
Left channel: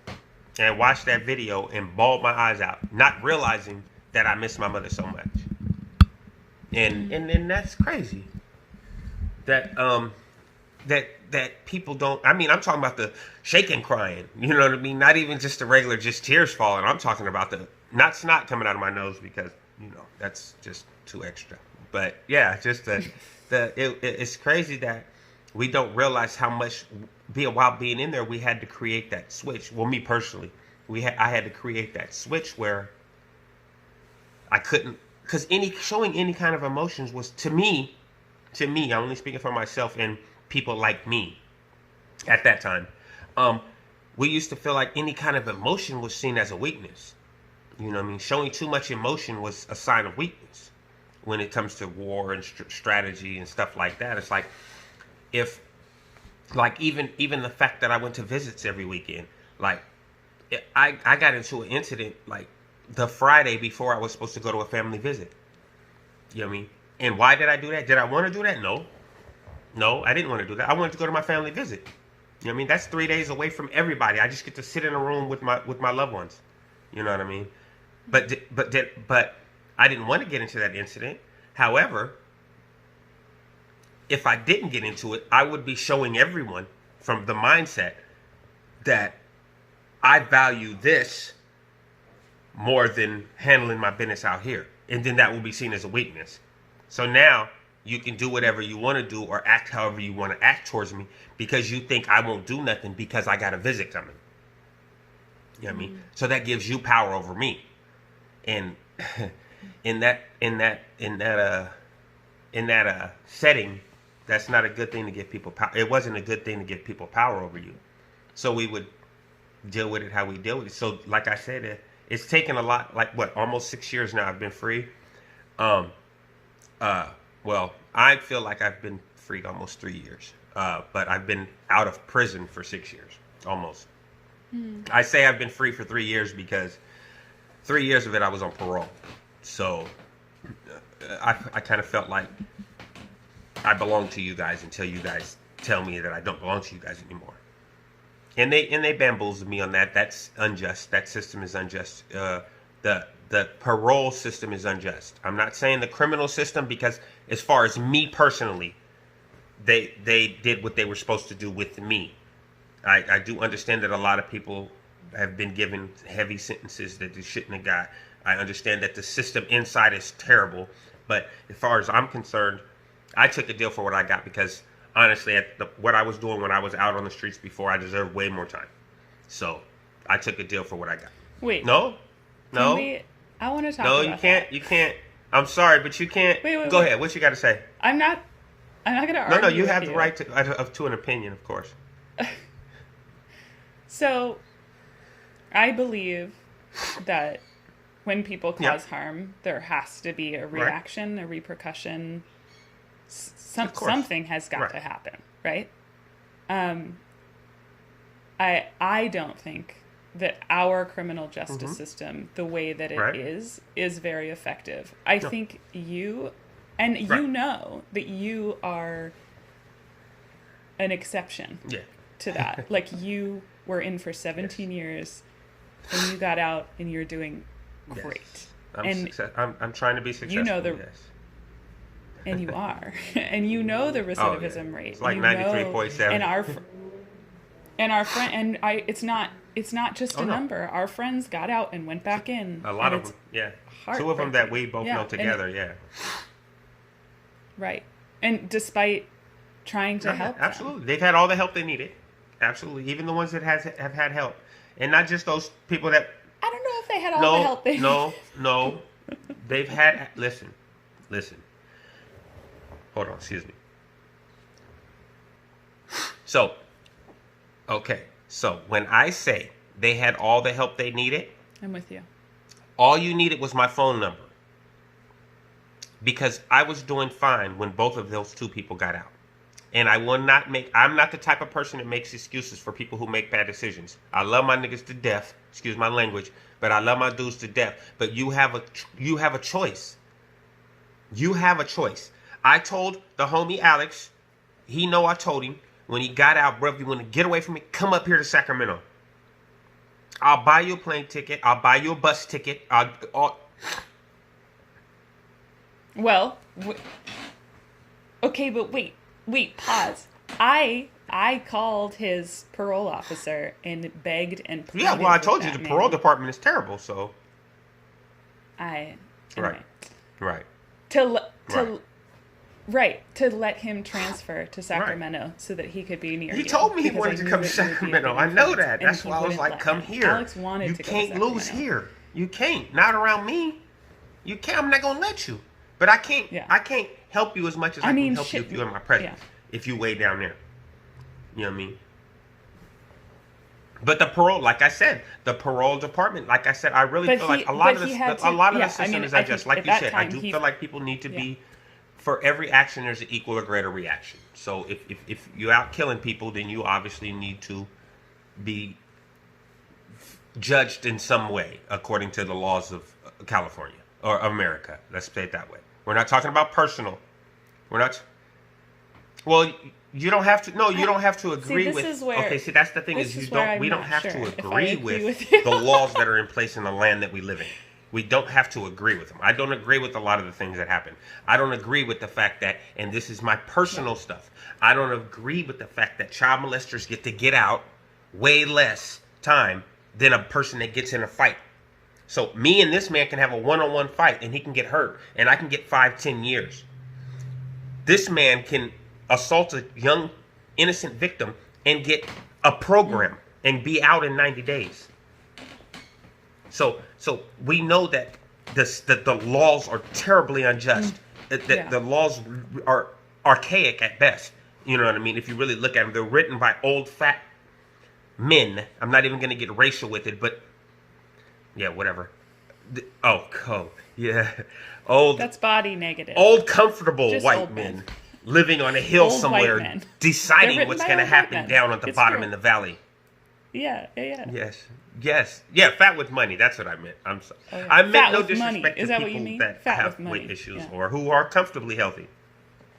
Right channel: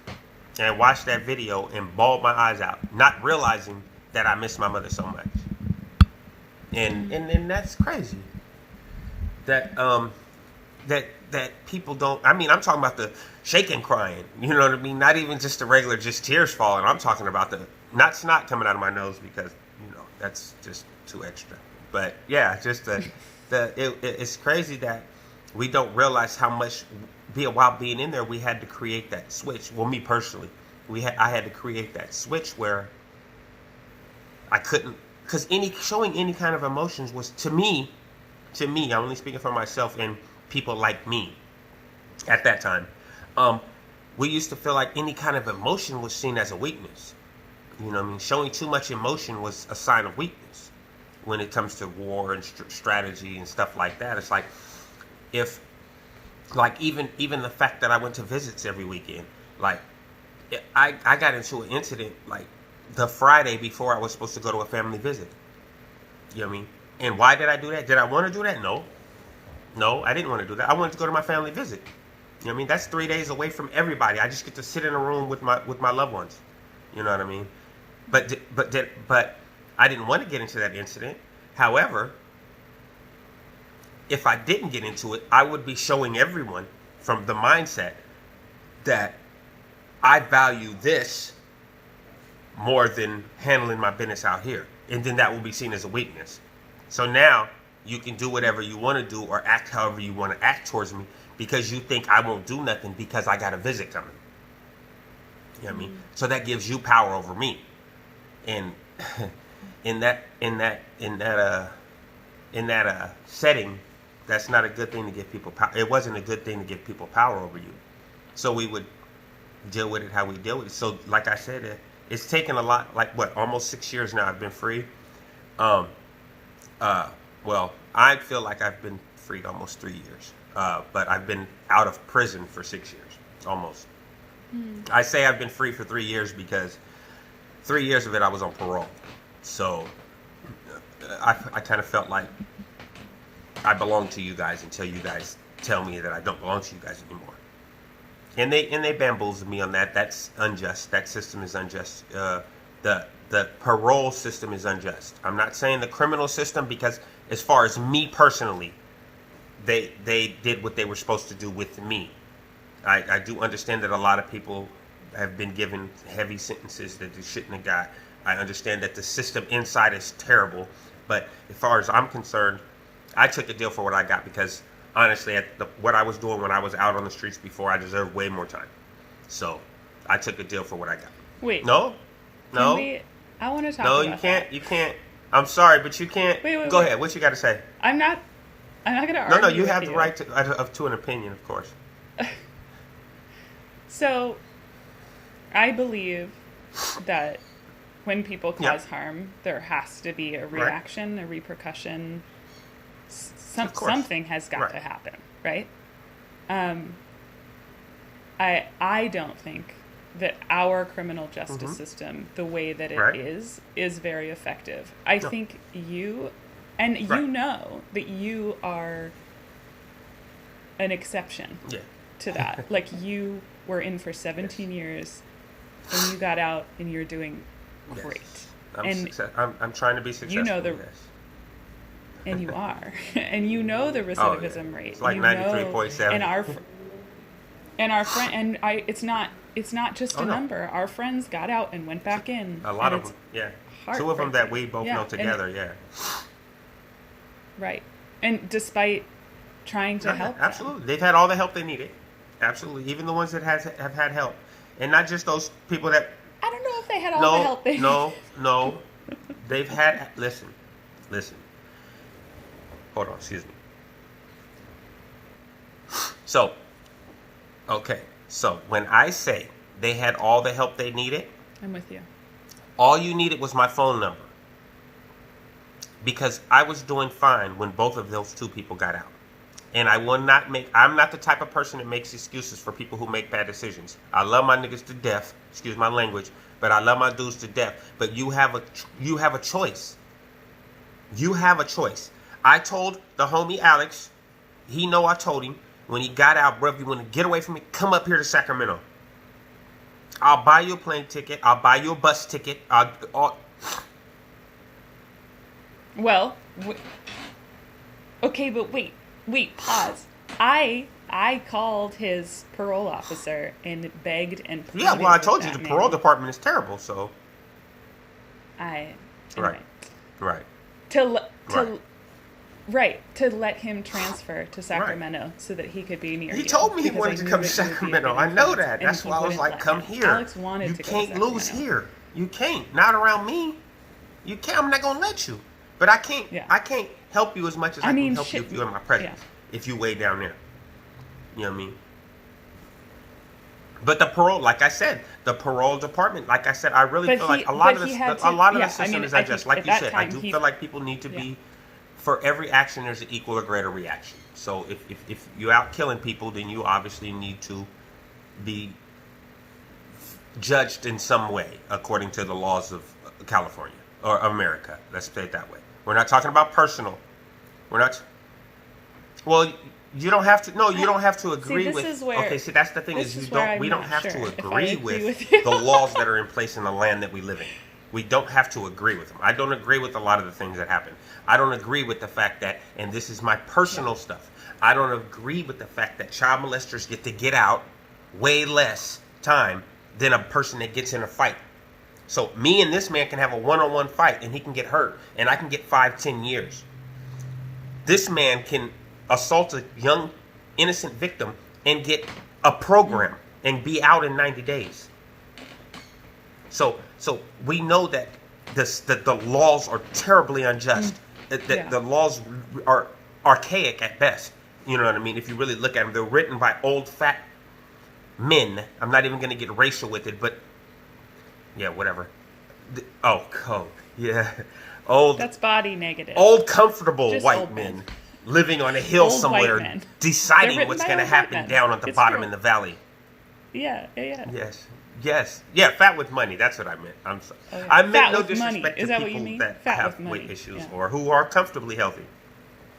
and watched that video and bawled my eyes out, not realizing that I missed my mother so much. And that's crazy. That people don't. I mean, I'm talking about the shaking crying. You know what I mean? Not even just the regular, just tears falling. I'm talking about the not snot coming out of my nose, because that's just too extra. But yeah, just it's crazy that we don't realize how much while being in there we had to create that switch. Well, me personally, I had to create that switch where I couldn't, because showing any kind of emotions was to me, I'm only speaking for myself and people like me at that time. We used to feel like any kind of emotion was seen as a weakness. You know what I mean? Showing too much emotion was a sign of weakness when it comes to war and strategy and stuff like that. It's like, even the fact that I went to visits every weekend, like I got into an incident like the Friday before I was supposed to go to a family visit. You know what I mean? And why did I do that? Did I want to do that? No, I didn't want to do that. I wanted to go to my family visit. You know what I mean? That's 3 days away from everybody. I just get to sit in a room with my loved ones. You know what I mean? But I didn't want to get into that incident. However, if I didn't get into it, I would be showing everyone from the mindset that I value this more than handling my business out here. And then that will be seen as a weakness. So now you can do whatever you want to do or act however you want to act towards me, because you think I won't do nothing because I got a visit coming. You know what I mean? So that gives you power over me. And in that setting, that's not a good thing to give people power. It wasn't a good thing to give people power over you. So we would deal with it how we deal with it. So like I said, it's taken a lot, almost 6 years now I've been free. Well, I feel like I've been free almost 3 years. But I've been out of prison for 6 years, almost. I say I've been free for 3 years because 3 years of it I was on parole. So I kind of felt like I belong to you guys until you guys tell me that I don't belong to you guys anymore. And they bamboozled me on that. That's unjust. That system is unjust. The parole system is unjust. I'm not saying the criminal system, because as far as me personally, they did what they were supposed to do with me. I do understand that a lot of people have been given heavy sentences that they shouldn't have got. I understand that the system inside is terrible. But as far as I'm concerned, I took a deal for what I got, because honestly, what I was doing when I was out on the streets before, I deserved way more time. So I took a deal for what I got. Wait. No. I want to talk about you can't. You can't. I'm sorry, but you can't. Wait. Go ahead. What you got to say? I'm not going to argue. No. You have the right to an opinion, of course. So, I believe that when people cause harm, there has to be a reaction, a repercussion. Something has got to happen, right? I don't think that our criminal justice system, the way that it is very effective. I think you know that you are an exception to that. Like, you were in for 17 years and you got out and you're doing great. I'm trying to be successful. You know and you are. And you know the recidivism rate. It's like 93.7. It's not just a number. Our friends got out and went back in. A lot of them, Two of them that we both know together, Right. And despite trying to help them. Absolutely. They've had all the help they needed. Absolutely. Even the ones that have had help. And not just those people that... I don't know if they had all the help they needed. No. They've had... Listen. Hold on, excuse me. So when I say they had all the help they needed... I'm with you. All you needed was my phone number. Because I was doing fine when both of those two people got out. And I'm not the type of person that makes excuses for people who make bad decisions. I love my niggas to death, excuse my language, but I love my dudes to death. But you have a choice. You have a choice. I told the homie Alex, he know I told him, when he got out, bro, if you want to get away from me, come up here to Sacramento. I'll buy you a plane ticket. I'll buy you a bus ticket. Well, okay, but wait, pause. I called his parole officer and begged and pleaded. Yeah, well, I told you the parole department is terrible, so. Anyway. Right. To let him transfer to Sacramento so that he could be near you. He told me he wanted to come to Sacramento. I know that. That's why I was like, come here. Alex wanted to go to Sacramento. You can't lose here. You can't. Not around me. You can't. I'm not going to let you. But I can't. Yeah. I can't help you as much as I can help you if you're in my presence. Yeah. If you way down there. You know what I mean? But the parole, like I said, the parole department, like I said, I really feel like a lot of the system is just like you said. I do feel like people need to be, for every action, there's an equal or greater reaction. So if you're out killing people, then you obviously need to be judged in some way according to the laws of California or America. Let's say it that way. We're not talking about personal. We're not. Well, you don't have to. No, you don't have to agree with. Okay, see, that's the thing is we don't have to agree with the laws that are in place in the land that we live in. We don't have to agree with them. I don't agree with a lot of the things that happen. I don't agree with the fact that, and this is my personal stuff, I don't agree with the fact that child molesters get out way less time than a person that gets in a fight. So me and this man can have a one-on-one fight and he can get hurt and I can get 5-10 years. This man can assault a young innocent victim and get a program and be out in 90 days. So we know that the laws are terribly unjust. The laws are archaic at best. You know what I mean? If you really look at them, they're written by old fat men. I'm not even going to get racial with it, but yeah, whatever. Code. Yeah. Old. That's body negative. Old, comfortable just white men living on a hill somewhere, deciding what's going to happen down at the bottom in the valley. Yeah. Yes. Yeah, fat with money. That's what I meant. I'm sorry. Oh, yeah. I meant fat no with disrespect money. Is to that people what you mean? that Fat have with money. weight issues or who are comfortably healthy.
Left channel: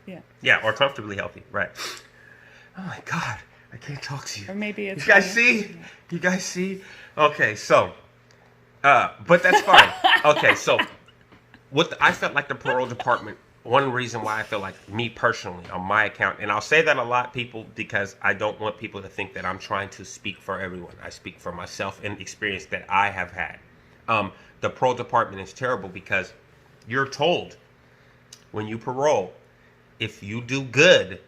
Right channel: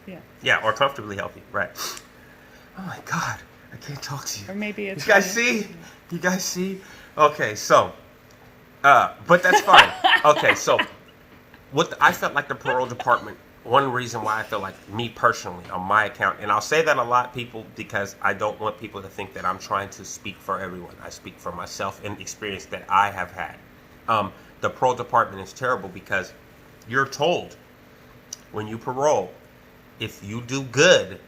Yeah. Yeah, or comfortably healthy. Right. Oh my God, I can't talk to you. Or maybe it's. You guys see? Do you guys see? Okay, so, but that's fine. Okay, so, I felt like the parole department. One reason why I feel like me personally on my account, and I'll say that a lot, people, because I don't want people to think that I'm trying to speak for everyone. I speak for myself and experience that I have had. The parole department is terrible because you're told when you parole, if you do good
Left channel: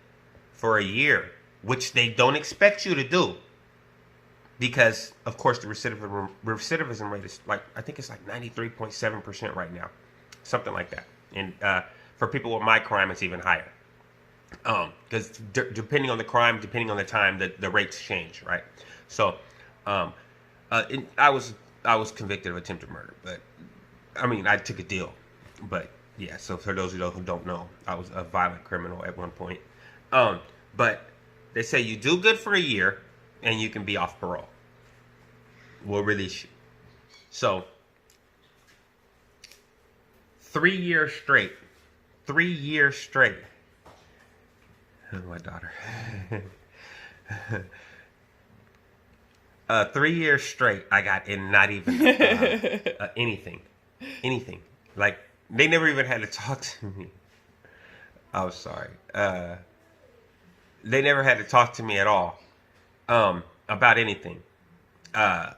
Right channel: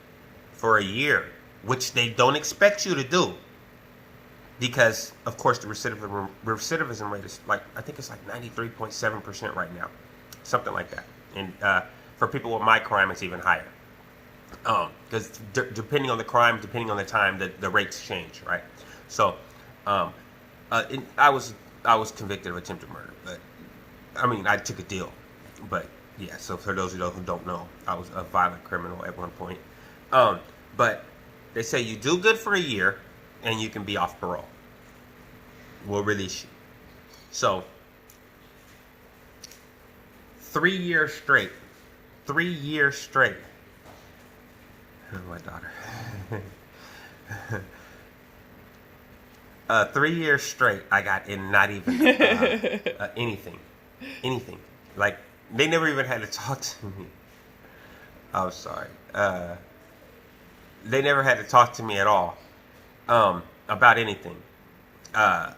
for a year, which they don't expect you to do, because of course the recidivism rate is I think it's 93.7% right now, something like that, and for people with my crime, it's even higher. Because depending on the crime, depending on the time, the rates change, right? So I was convicted of attempted murder, but I mean, I took a deal. But yeah, so for those of you who don't know, I was a violent criminal at one point. But they say you do good for a year, and you can be off parole. We'll release you. So 3 years straight. 3 years straight. Oh, my daughter. 3 years straight, I got in not even anything. Like, they never even had to talk to me. I'm sorry. They never had to talk to me at all about anything.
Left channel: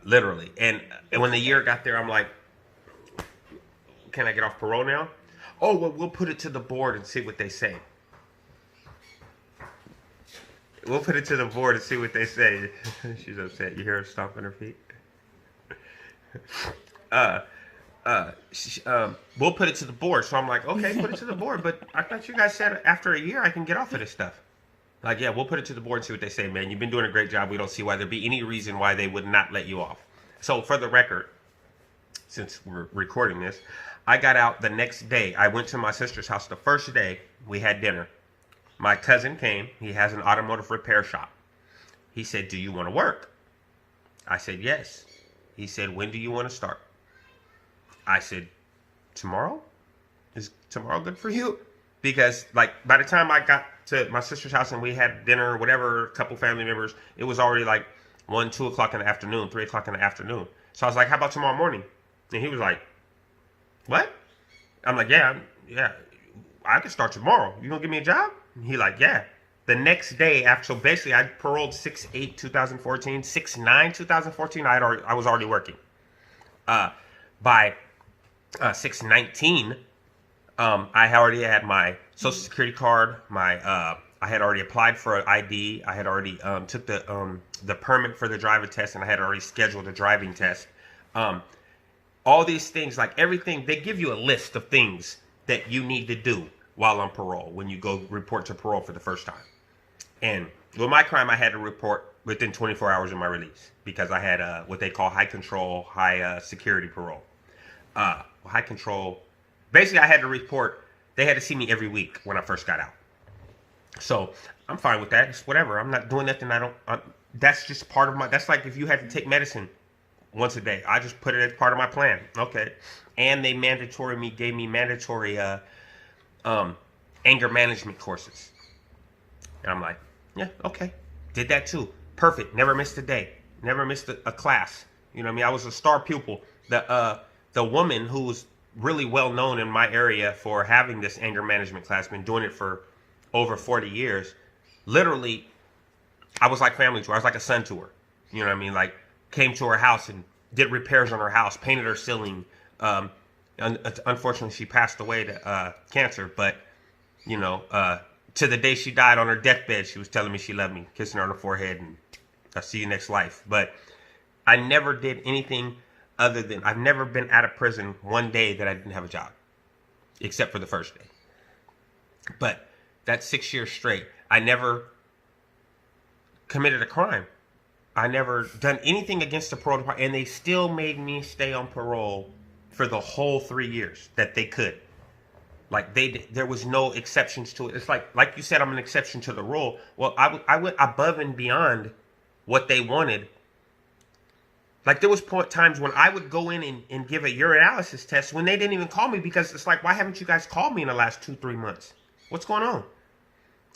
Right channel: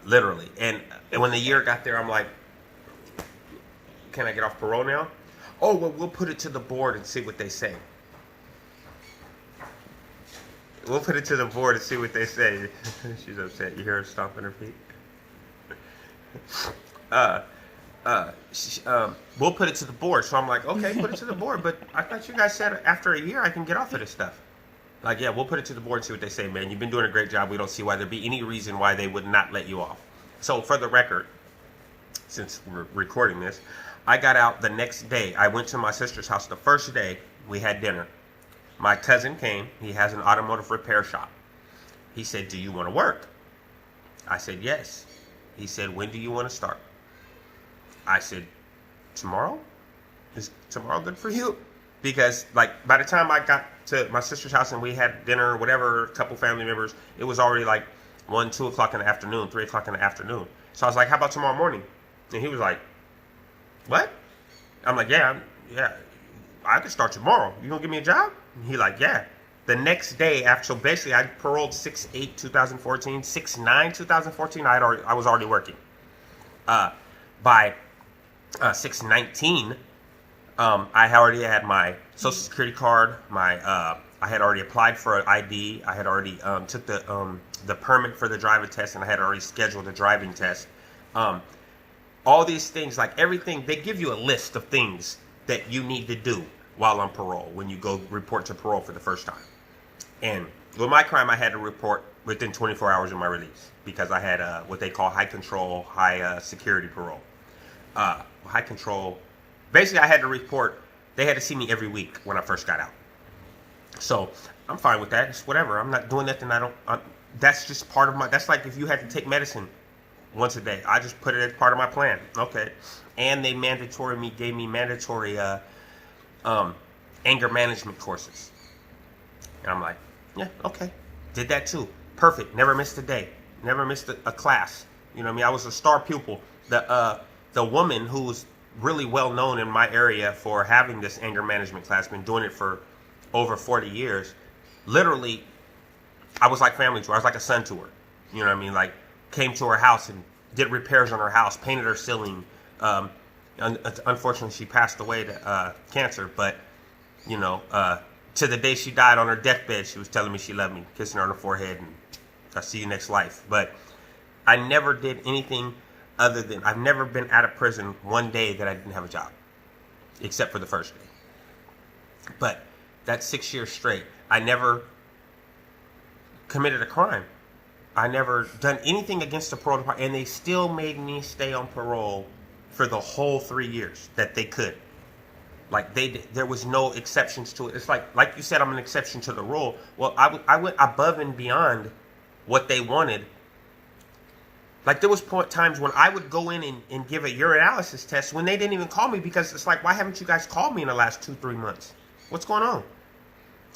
Literally. And when the year got there, I'm like, can I get off parole now? Oh, well, we'll put it to the board and see what they say. We'll put it to the board and see what they say. She's upset. You hear her stomping her feet? We'll put it to the board. So I'm like, okay, put it to the board. But I thought you guys said after a year I can get off of this stuff. Like, yeah, we'll put it to the board and see what they say, man. You've been doing a great job. We don't see why there'd be any reason why they would not let you off. So for the record, since we're recording this, I got out the next day. I went to my sister's house the first day. We had dinner. My cousin came. He has an automotive repair shop. He said, do you want to work? I said, yes. He said, when do you want to start? I said, tomorrow? Is tomorrow good for you? Because, like, by the time I got to my sister's house and we had dinner or whatever, a couple family members, it was already like 1, 2 o'clock in the afternoon, 3 o'clock in the afternoon. So I was like, how about tomorrow morning? And he was like, what? I'm like, yeah, I can start tomorrow. You gonna give me a job? And he like, yeah. The next day after, so basically I paroled 6/8/2014, 6/9/2014. I was already working. By 6/19, I already had my Social Security card. I had already applied for an ID. I had already took the permit for the driving test, and I had already scheduled a driving test. All these things, like everything, they give you a list of things that you need to do while on parole when you go report to parole for the first time. And with my crime, I had to report within 24 hours of my release because I had what they call high control, high security parole. High control. Basically, I had to report. They had to see me every week when I first got out. So I'm fine with that. It's whatever. I'm not doing nothing. That's just part of my. That's like if you had to take medicine once a day. I just put it as part of my plan. Okay. And they gave me mandatory anger management courses. And I'm like, yeah, okay. Did that too. Perfect. Never missed a day. Never missed a class. You know what I mean? I was a star pupil. The woman who was really well known in my area for having this anger management class, been doing it for over 40 years. Literally, I was like family to her. I was like a son to her. You know what I mean? Like, came to her house and did repairs on her house, painted her ceiling. Unfortunately, she passed away to cancer, but, you know, to the day she died on her deathbed, she was telling me she loved me, kissing her on the forehead, and I'll see you next life. But I never did anything other than, I've never been out of prison one day that I didn't have a job, except for the first day. But that's 6 years straight. I never committed a crime. I never done anything against the parole department, and they still made me stay on parole for the whole 3 years that they could. Like, there was no exceptions to it. It's like you said, I'm an exception to the rule. Well, I went above and beyond what they wanted. Like, there was times when I would go in and give a urinalysis test when they didn't even call me, because it's like, why haven't you guys called me in the last 2-3 months? What's going on?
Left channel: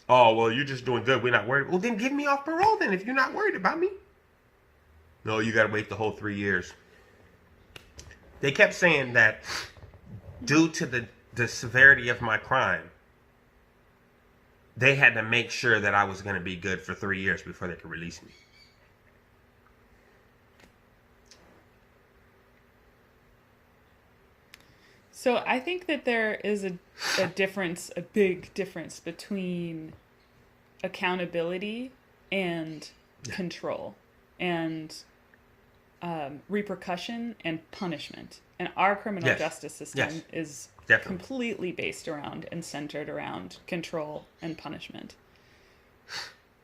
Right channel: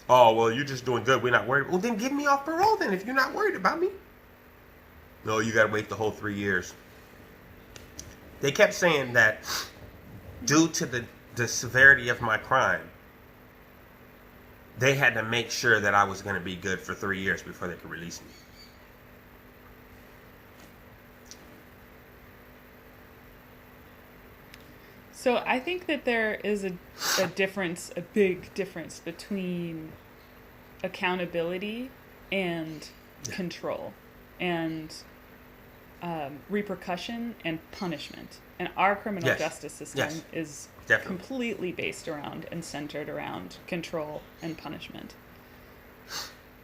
Oh, well, you're just doing good. We're not worried. Well, then give me off parole then if you're not worried about me. No, you got to wait the whole 3 years. They kept saying that due to the severity of my crime, they had to make sure that I was going to be good for 3 years before they could release me. So I think that there is a difference, a big difference between accountability and control, and repercussion and punishment. And our criminal justice system is completely based around and centered around control and punishment.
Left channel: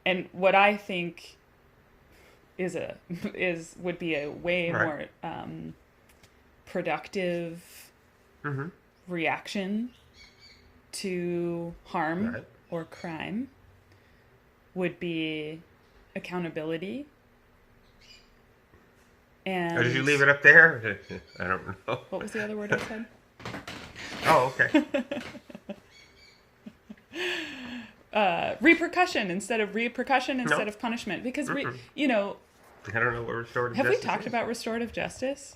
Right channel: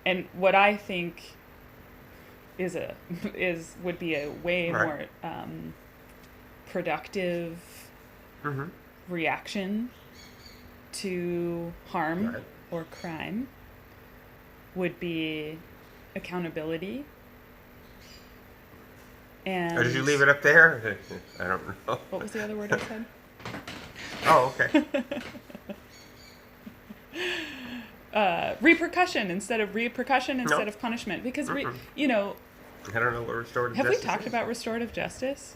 And what I think would be a way Right. more productive reaction to harm Right. or crime would be accountability. And Or did you leave it up there? I don't know. what was the other word I said? Oh, okay. Repercussion instead of No. punishment, because you know, I don't know what restorative have we justice talked is. about restorative justice,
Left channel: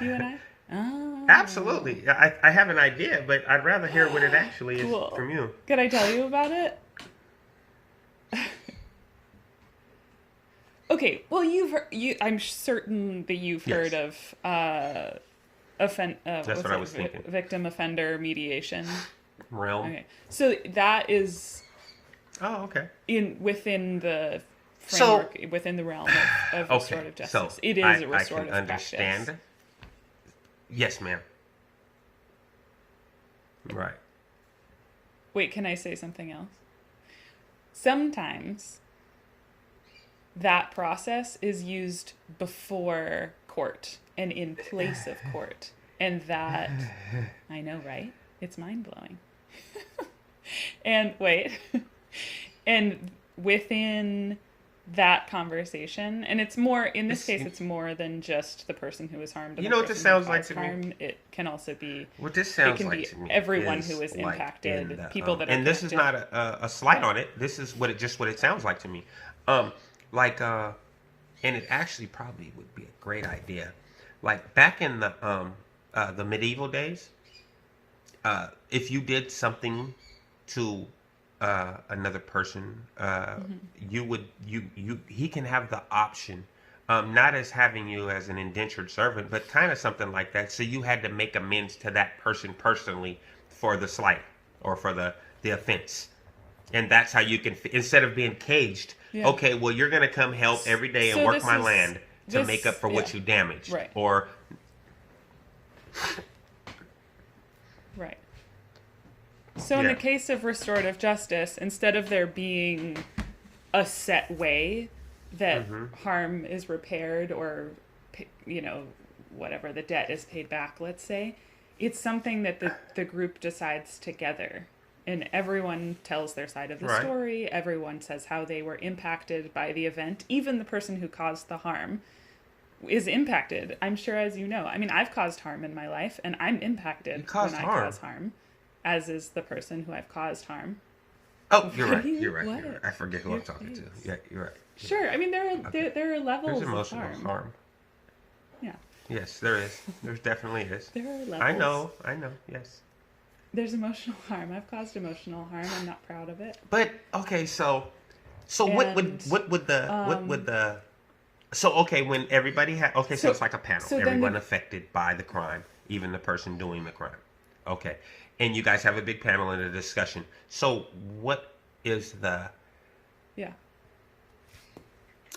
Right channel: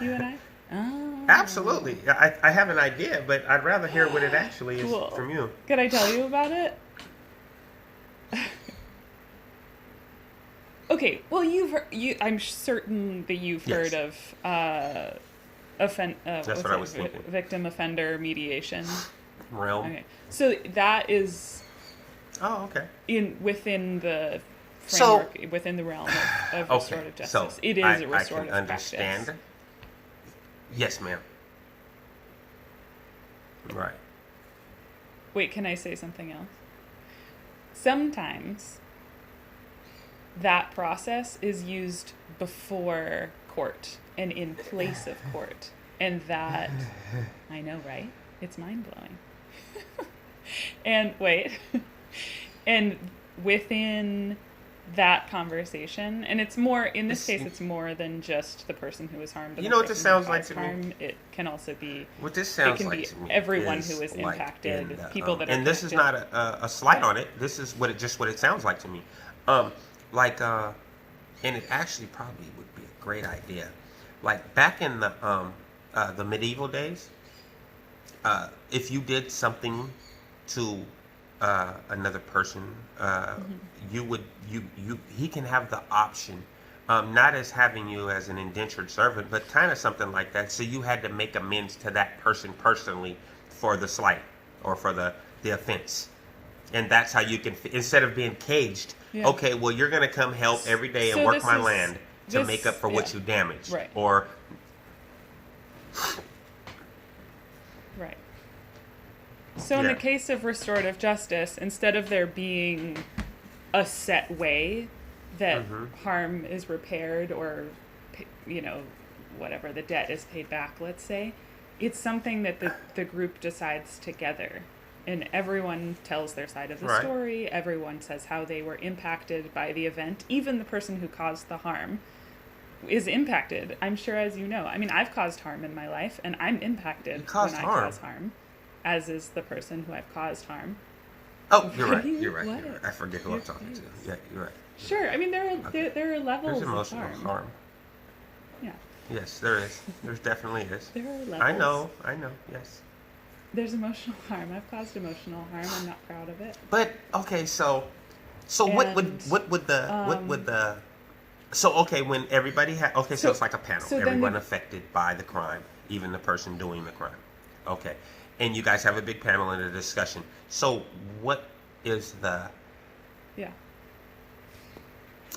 you and I? Oh, Absolutely. I have an idea, but I'd rather hear what it actually is cool. from you. Could I tell you about it? Okay, well, I'm certain that you've Yes. heard of That's what I was thinking. victim offender mediation. Realm. Okay, so that is Oh, okay. within the So- framework, within the realm of Okay. restorative justice. So It is a I restorative can understand. practice. Yes, ma'am. Right. Wait, can I say something else? Sometimes that process is used before court and in place of court. And that, I know, right? It's mind-blowing. And wait, and within that conversation, and it's more, in this case, it's more than just the person who was harmed. And You the know what this person who sounds like caused to me? harm. It can also be, What this sounds it can like be to me everyone is who is like impacted, in the, people that are and this is not connected. a slight Yeah. on it. This is what it sounds like to me. And it actually probably would be a great idea. Like back in the medieval days, if you did something to another person, he can have the option, not as having you as an indentured servant, but kind of something like that. So you had to make amends to that person personally for the slight or for the offense. And that's how you can, instead of being caged, Yeah. okay, well, you're going to come help every day and So work this my is- land to this- make up for what yeah. you damaged. Right. Or, Right. So in the Yeah. case of restorative justice, instead of there being a set way that harm is repaired or, whatever, the debt is paid back, let's say, it's something that the group decides together. And everyone tells their side of the Right. story. Everyone says how they were impacted by the event. Even the person who caused the harm is impacted, I'm sure, as you know. I mean, I've caused harm in my life, and I'm impacted You caused when I harm? cause harm, as is the person who I've caused harm. oh, you're What right. do you- You're right. what? You're right. I forget who Your I'm talking face. to. Yeah, you're right. Sure, I mean, there are There's levels of emotional harm. Yeah, Yes, there is. There definitely is. there are levels. I know. Yes. There's emotional harm. I've caused emotional harm. I'm not proud of it. But okay, so what would the so okay when everybody had so So- it's like a panel. so then Everyone the- affected by the crime, even the person doing the crime. Okay, and you guys have a big panel and a discussion. So what is the Yeah.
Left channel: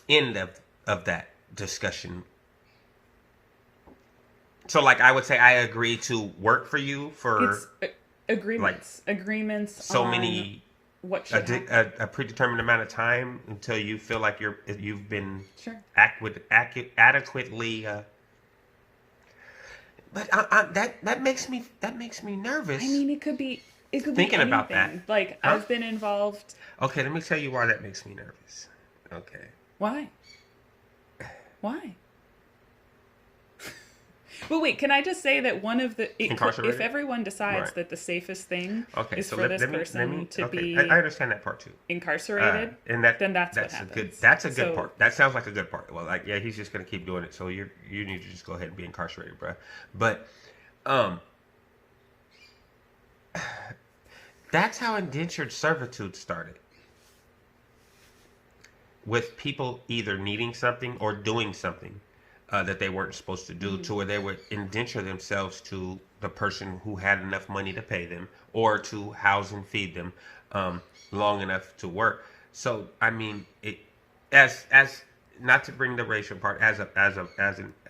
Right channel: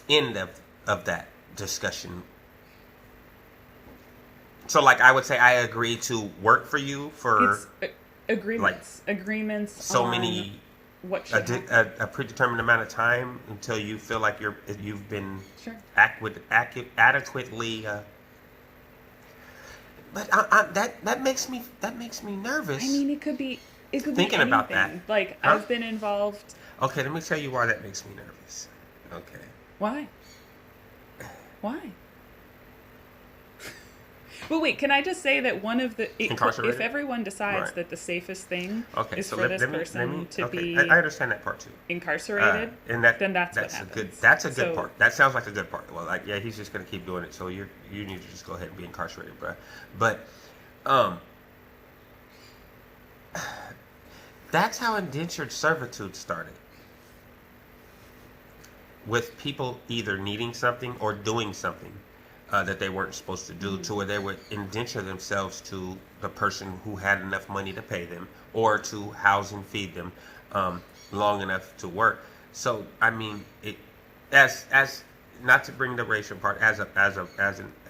end of that discussion? So like I would say I agree to work for you for It's agreements so on many what should happen. a predetermined amount of time until you feel like you've been Sure. adequately. But that makes me nervous. I mean, it could be Thinking anything. about that. Like, Huh? I've been involved. Okay, let me tell you why that makes me nervous. Okay. Why? Why? Well, wait, can I just say that one of the... Incarcerated? If everyone decides Right. that the safest thing Okay. is So for this person to okay, be I understand that part too. incarcerated, And then that's what a happens. good. That's a good So- part. That sounds like a good part. Well, like yeah, he's just gonna keep doing it. So you need to just go ahead and be incarcerated, bro. But that's how indentured servitude started. With people either needing something or doing something that they weren't supposed to do, to where they would indenture themselves to the person who had enough money to pay them or to house and feed them long enough to work. So I mean, it as not to bring the racial part, as an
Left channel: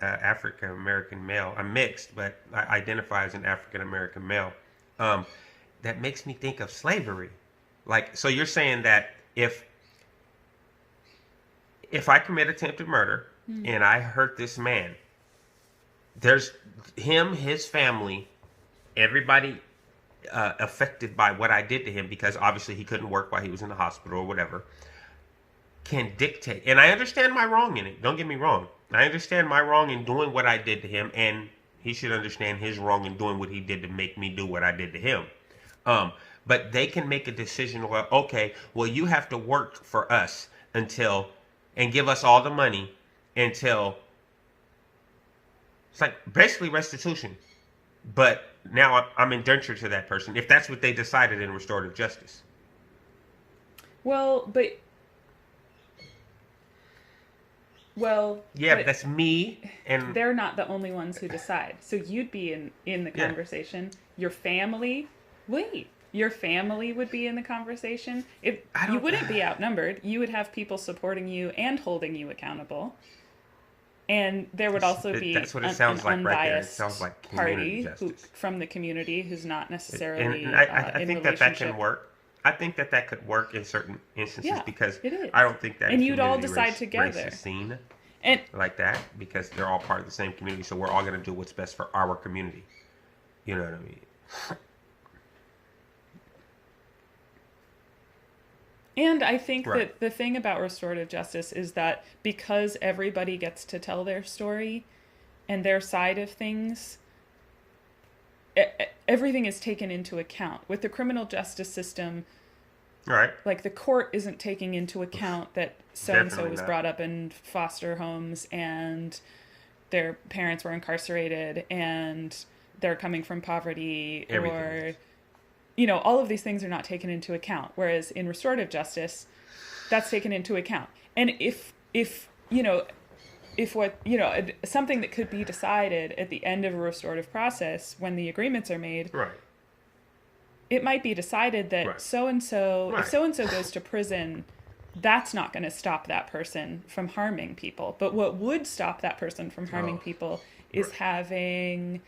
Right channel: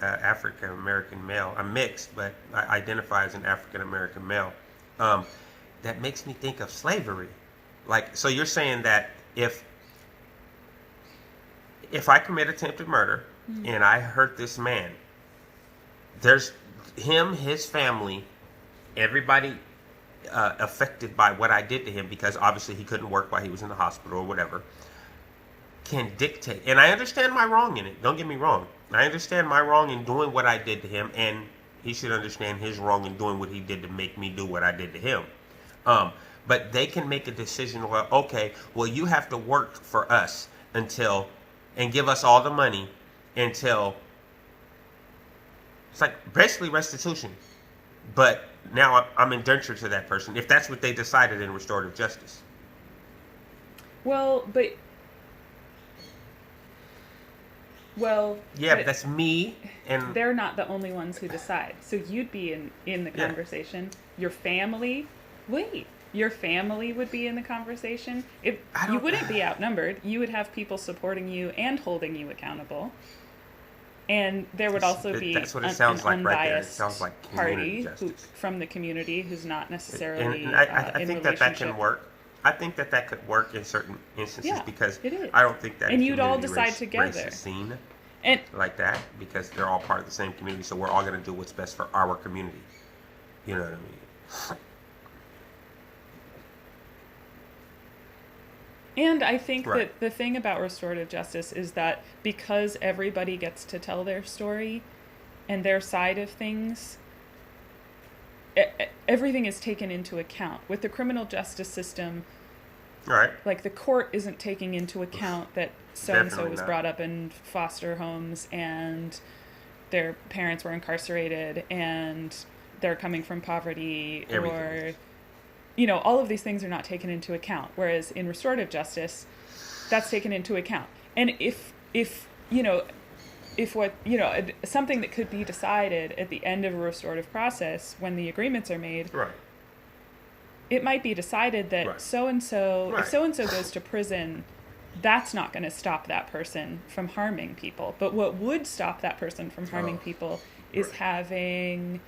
African American male, I'm mixed, but I identify as an African American male. That makes me think of slavery. Like, so you're saying that if if I commit attempted murder and I hurt this man, there's him, his family, everybody affected by what I did to him, because obviously he couldn't work while he was in the hospital or whatever, can dictate. And I understand my wrong in it. Don't get me wrong. I understand my wrong in doing what I did to him, and he should understand his wrong in doing what he did to make me do what I did to him. But they can make a decision where, okay, well, you have to work for us until, and give us all the money until, it's like basically restitution. But now I'm indentured to that person, if that's what they decided in restorative justice. Well, yeah, but that's me, and they're not the only ones who decide. So you'd be in the conversation. Your family, your family would be in the conversation. If you wouldn't be outnumbered, you would have people supporting you and holding you accountable. And there would also be an unbiased party from the community who's not necessarily and I in think relationship. that can work. I think that could work in certain instances, because it is. I don't think that and you'd all community decide race together is seen and like that, because they're all part of the same community. So we're all going to do what's best for our community. You know what I mean? And I think that the thing about restorative justice is that because everybody gets to tell their story and their side of things, everything is taken into account. With the criminal justice system, like the court isn't taking into account that so-and-so was brought up in foster homes and their parents were incarcerated and they're coming from poverty, or... all of these things are not taken into account. Whereas in restorative justice, that's taken into account. And if something that could be decided at the end of a restorative process when the agreements are made, it might be decided that so-and-so, if so-and-so goes to prison, that's not going to stop that person from harming people. But what would stop that person from harming people is having...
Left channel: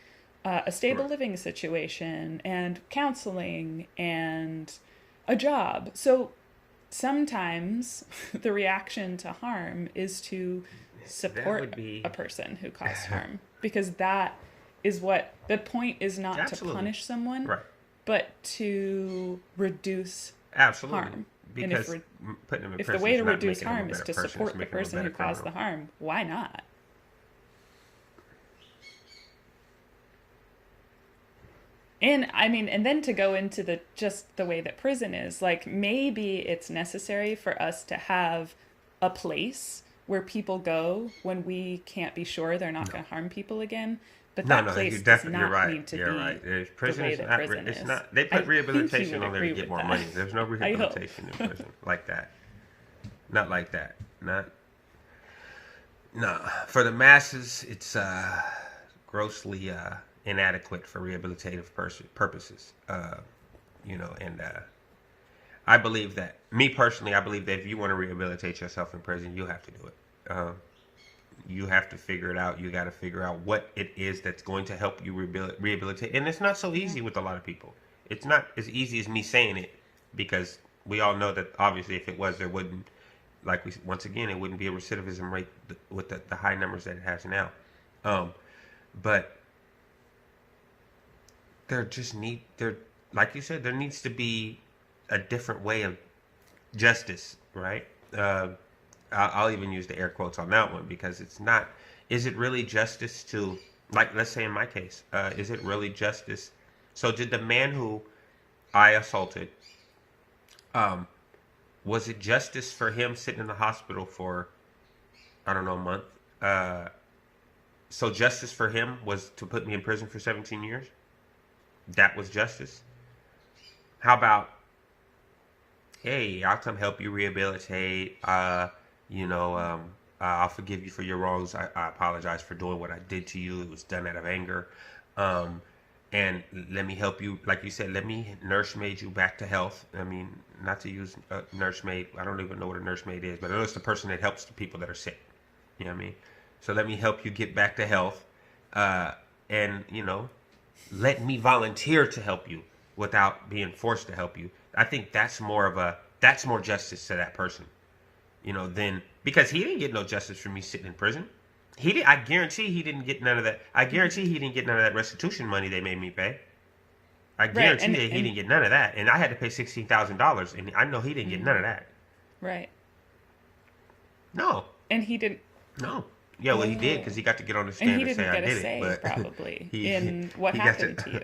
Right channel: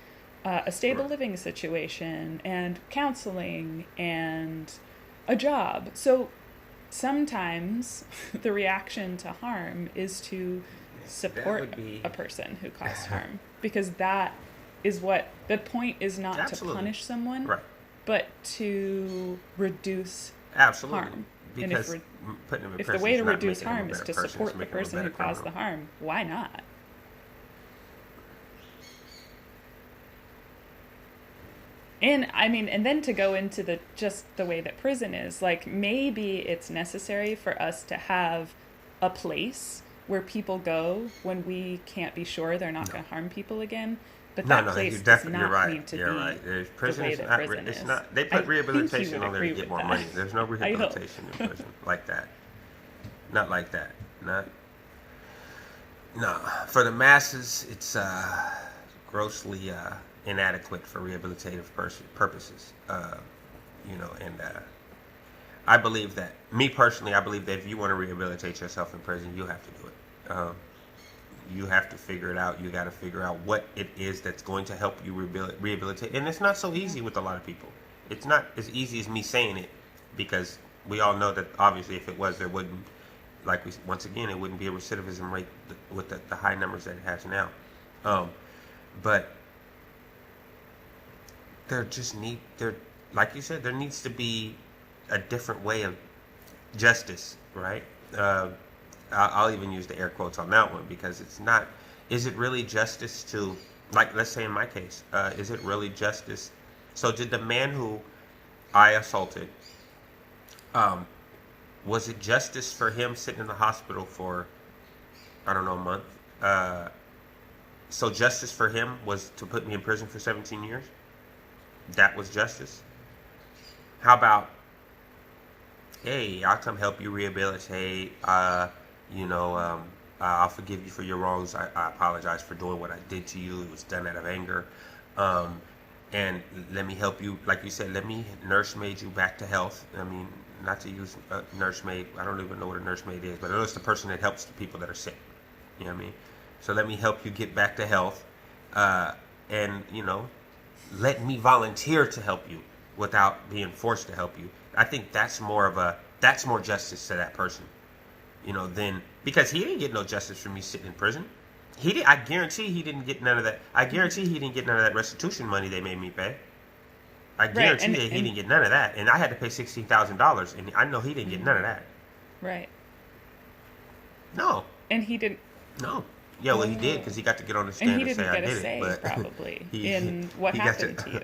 a stable living situation and counseling and a job. So sometimes the reaction to harm is to support a person who caused harm, because that is what the point is, not to punish someone, but to reduce harm. Because and if the way to reduce harm is to support the person who caused the harm, why not? And I mean, and then to go into the way that prison is, like, maybe it's necessary for us to have a place where people go when we can't be sure they're not going to harm people again. But that place does not need to be the way that prison is. They put rehabilitation on there to get more money. There's no rehabilitation in prison like that. Not like that. No. For the masses, it's grossly... inadequate for rehabilitative purposes, and I believe that, me personally, I believe that if you want to rehabilitate yourself in prison, you have to do it. You have to figure it out. You got to figure out what it is that's going to help you rehabilitate, and it's not so easy with a lot of people. It's not as easy as me saying it, because we all know that obviously if it was, there wouldn't, it wouldn't be a recidivism rate with the high numbers that it has now. But like you said, there needs to be a different way of justice, right? I'll even use the air quotes on that one, because it's not, is it really justice to, like, let's say in my case, is it really justice? So did the man who I assaulted, was it justice for him sitting in the hospital for, I don't know, a month? So justice for him was to put me in prison for 17 years? That was justice? How about, hey, I'll come help you rehabilitate. I'll forgive you for your wrongs. I apologize for doing what I did to you. It was done out of anger. And let me help you. Like you said, let me nursemaid you back to health. I mean, not to use nursemaid. I don't even know what a nursemaid is, but I know it's the person that helps the people that are sick. You know what I mean? So let me help you get back to health. And, let me volunteer to help you without being forced to help you. I think that's more justice to that person. then because he didn't get no justice for me sitting in prison. I guarantee he didn't get none of that. I guarantee he didn't get none of that restitution money they made me pay. I guarantee that he didn't get none of that, and I had to pay $16,000, and I know he didn't get none of that. Right. No. And he didn't. No. Yeah, well, he did because he got to get on the stand and he and didn't say get I a did say, it. But probably, in what happened to you.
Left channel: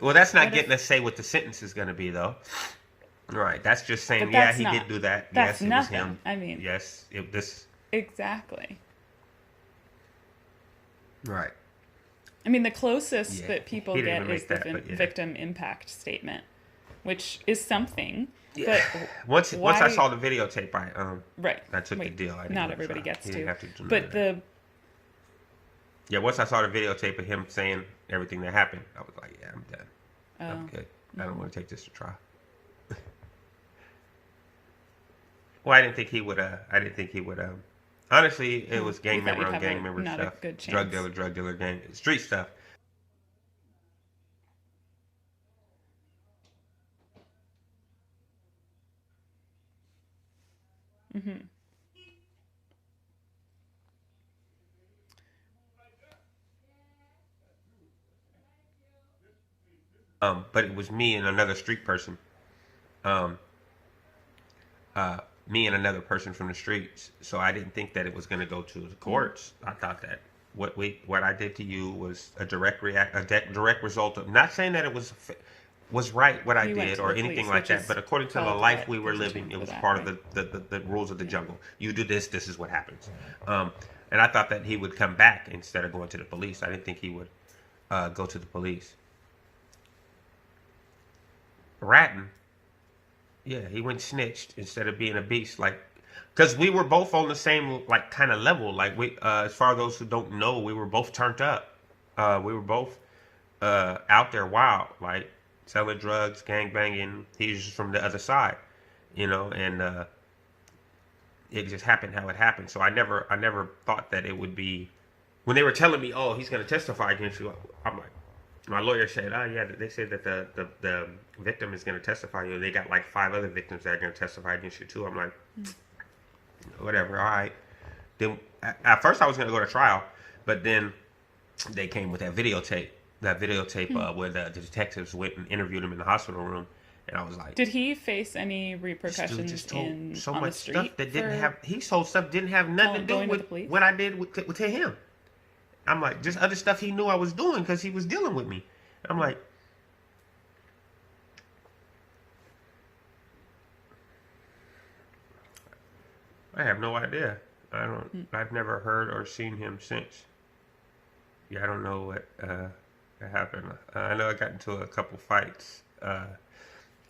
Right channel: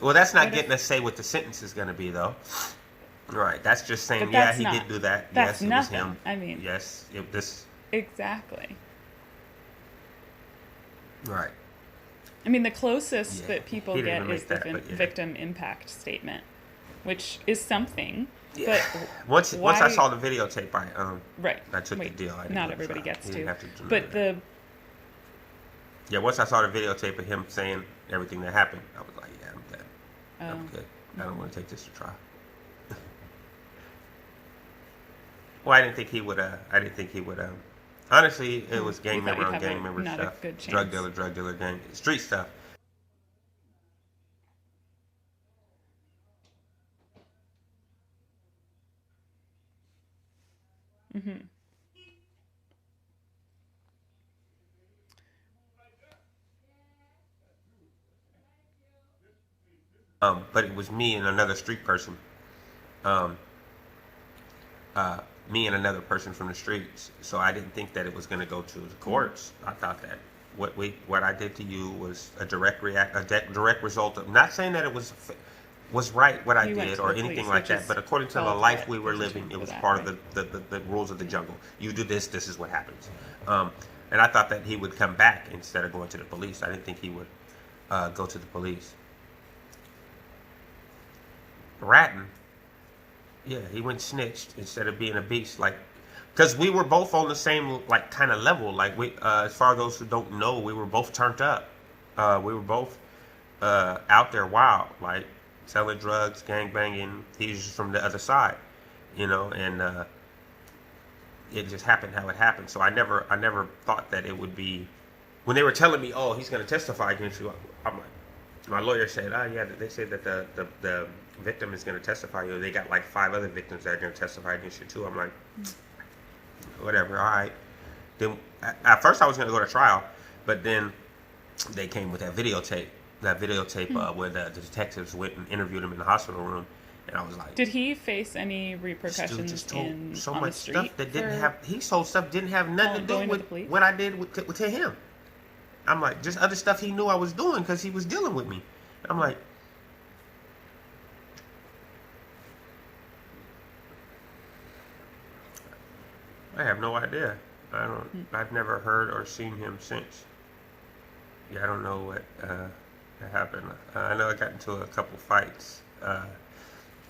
Well, that's not What getting if- a say what the sentence is going to be, though. Right. That's just saying, But yeah, that's he not- did do that. that's Yes, it was nothing. him. I mean- Yes, this. Exactly. Right. I mean, the closest Yeah. that people He didn't get make is the that, but yeah. victim impact statement, which is something. Yeah. But Once why, I saw the videotape, right, I took the deal. I didn't not go to everybody trial. gets He to. didn't have to do But that. Once I saw the videotape of him saying everything that happened, I was like, yeah, I'm done. I'm good. I don't want to take this to trial. Well, I didn't think he would. Honestly, it was gang you thought member you'd on have gang member not stuff. a good chance. Drug dealer, gang, street stuff. Mm-hmm. But it was me and another street person. Me and another person from the streets. So I didn't think that it was going to go to the courts. I thought that what I did to you was a direct result of, not saying that it was right what I You went did to or the anything police, like which that, is but according to the called life what? we were There's a living, term it for was that, part right? of the rules of the jungle. You do this is what happens. And I thought that he would come back instead of going to the police. I didn't think he would go to the police. Ratting, yeah, he went snitched instead of being a beast, like, because we were both on the same like kind of level. Like we, as far as those who don't know, we were both turned up. We were both out there wild, like selling drugs, gang banging. He was just from the other side, and it just happened how it happened. So I never thought that it would be. When they were telling me, oh, he's going to testify against you, I'm like, my lawyer said, oh yeah, they said that the victim is going to testify. They got like 5 other victims that are going to testify against you too. I'm like, whatever, all right. Then at first I was going to go to trial, but then they came with that videotape where the detectives went and interviewed him in the hospital room, and I was like, did he face any this repercussions dude just told on much the street? stuff that didn't have. He told stuff didn't have nothing to going do to the with police? what I did to him. I'm like, just other stuff he knew I was doing because he was dealing with me. I'm like, I have no idea. I've never heard or seen him since. Yeah, I don't know what happened. I know I got into a couple fights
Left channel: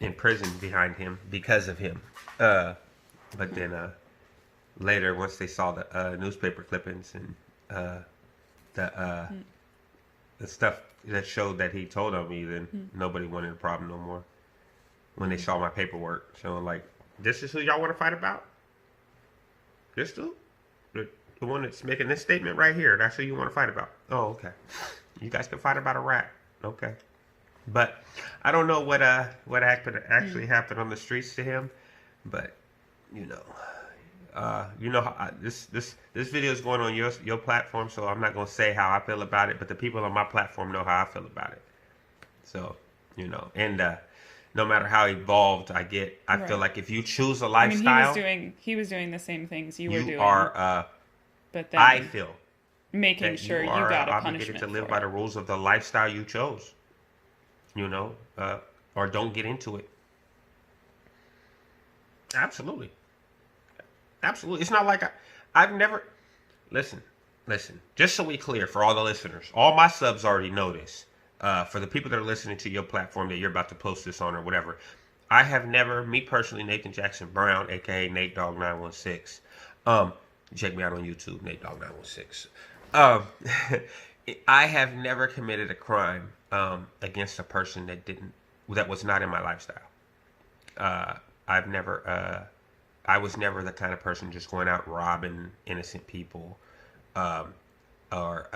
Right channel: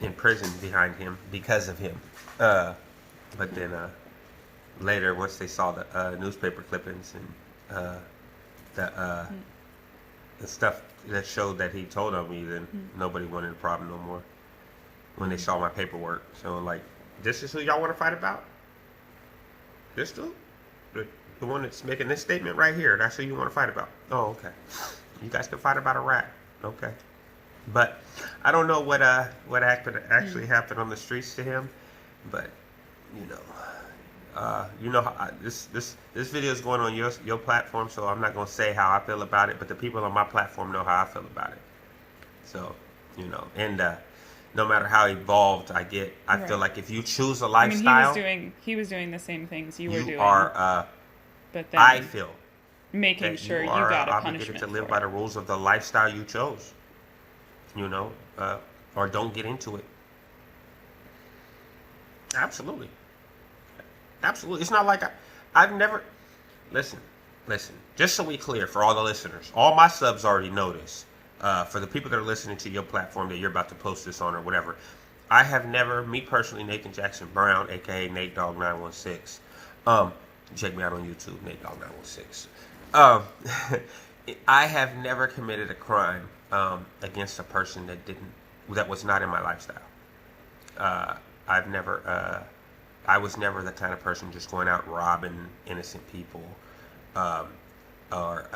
in prison behind him because of him. But then later, once they saw the newspaper clippings and the stuff that showed that he told on me, then nobody wanted a problem no more. When they saw my paperwork, so like, this is who y'all want to fight about? This dude? The one that's making this statement right here, that's who you want to fight about? Oh, okay. You guys can fight about a rat. Okay. But I don't know what actually happened on the streets to him, but this video is going on your platform, so I'm not going to say how I feel about it, but the people on my platform know how I feel about it. So, and no matter how evolved I get, I feel like if you choose a lifestyle, he was doing the same things you were doing. But then I feel making sure you got a punishment to live for by it. the rules of the lifestyle you chose, or don't get into it. Absolutely. It's not like I've never, listen, just so we clear for all the listeners, all my subs already know this. For the people that are listening to your platform that you're about to post this on or whatever, I have never, me personally, Nathan Jackson Brown, aka NateDogg916. Check me out on YouTube, NateDoggSac916. I have never committed a crime against a person that was not in my lifestyle. I was never the kind of person just going out robbing innocent people, or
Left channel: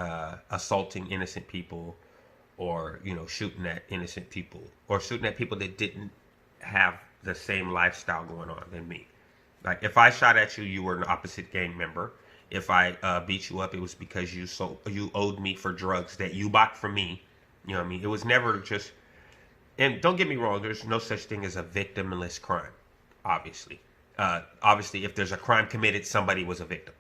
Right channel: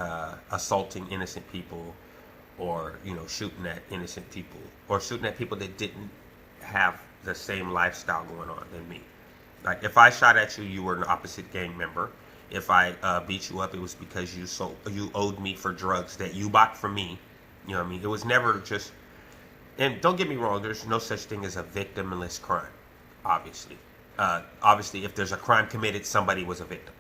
assaulting innocent people, or shooting at innocent people, or shooting at people that didn't have the same lifestyle going on than me. Like if I shot at you, you were an opposite gang member. If I beat you up, it was because you owed me for drugs that you bought from me. You know what I mean? It was never just. And don't get me wrong, there's no such thing as a victimless crime, obviously. Obviously, if there's a crime committed, somebody was a victim.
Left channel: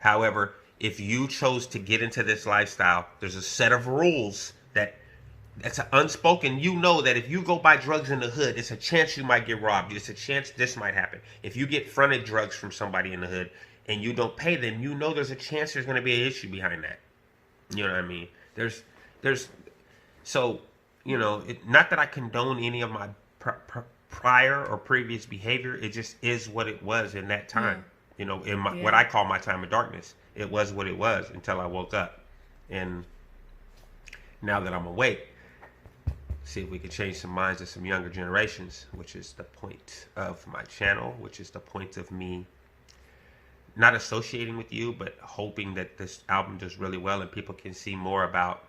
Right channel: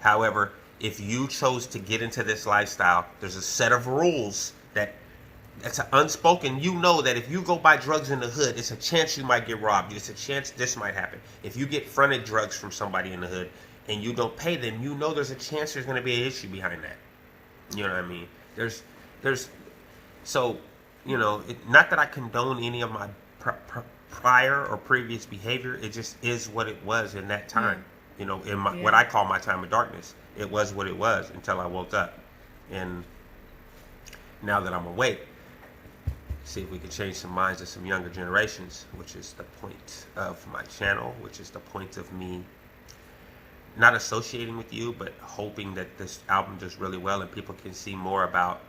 However, if you chose to get into this lifestyle, there's a set of rules that's unspoken. You know that if you go buy drugs in the hood, it's a chance you might get robbed. It's a chance this might happen. If you get fronted drugs from somebody in the hood and you don't pay them, you know there's a chance there's going to be an issue behind that. You know what I mean? So, you know, not that I condone any of my prior or previous behavior. It just is what it was in that time. You know, in what I call my time of darkness. It was what it was until I woke up. And now that I'm awake, see if we can change some minds of some younger generations, which is the point of my channel, which is the point of me not associating with you, but hoping that this album does really well and people can see more about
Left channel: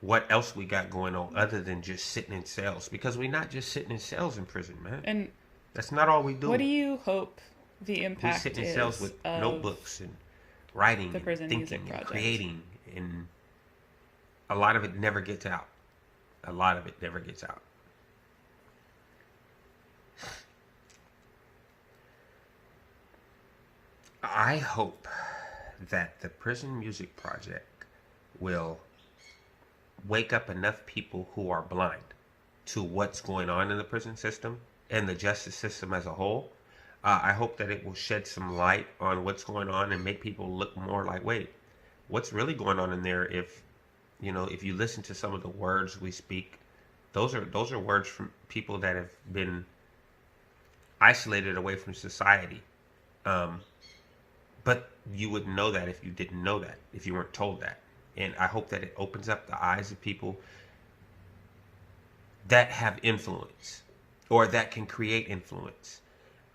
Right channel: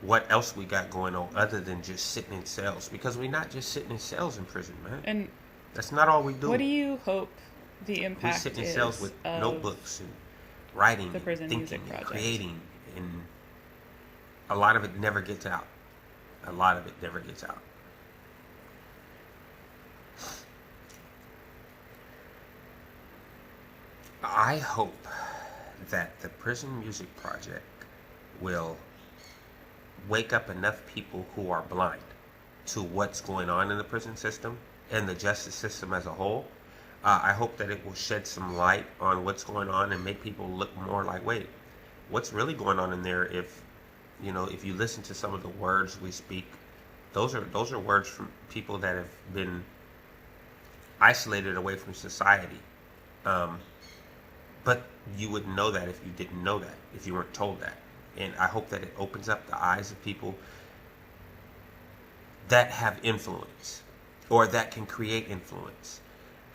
what else we got going on other than just sitting in cells. Because we're not just sitting in cells in prison, man. And that's not all we do. What do you hope the impact we sit in cells with notebooks and writing, the prison and music thinking, project, and creating, and a lot of it never gets out. A lot of it never gets out. I hope that the Prison Music Project will wake up enough people who are blind to what's going on in the prison system and the justice system as a whole. I hope that it will shed some light on what's going on and make people look more like, wait, what's really going on in there? If you listen to some of the words we speak, those are words from people that have been isolated away from society. But you wouldn't know that if you didn't know that, if you weren't told that. And I hope that it opens up the eyes of people that have influence or that can create influence.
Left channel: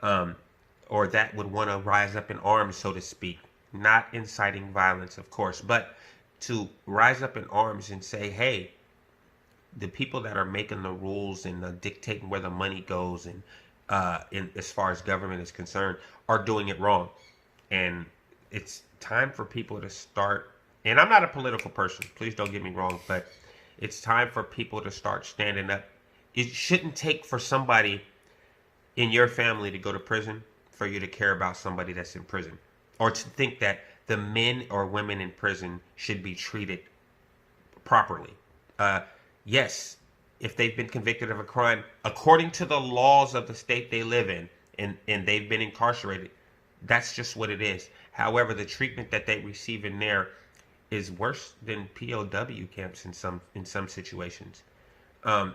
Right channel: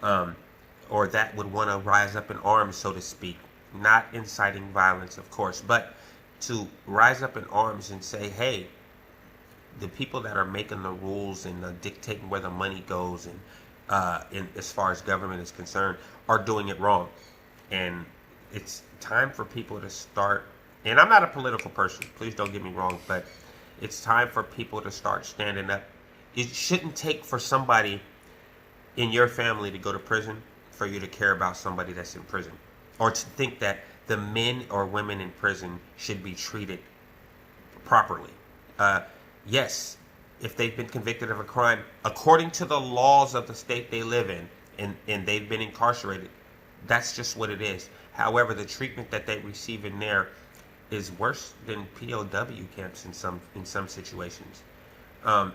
Or that would want to rise up in arms, so to speak. Not inciting violence, of course, but to rise up in arms and say, hey, the people that are making the rules and dictating where the money goes and as far as government is concerned are doing it wrong. And it's time for people to start, and I'm not a political person, please don't get me wrong, but it's time for people to start standing up. It shouldn't take for somebody in your family to go to prison for you to care about somebody that's in prison, or to think that the men or women in prison should be treated properly. Yes, if they've been convicted of a crime, according to the laws of the state they live in, and they've been incarcerated, that's just what it is. However, the treatment that they receive in there is worse than POW camps in some situations. And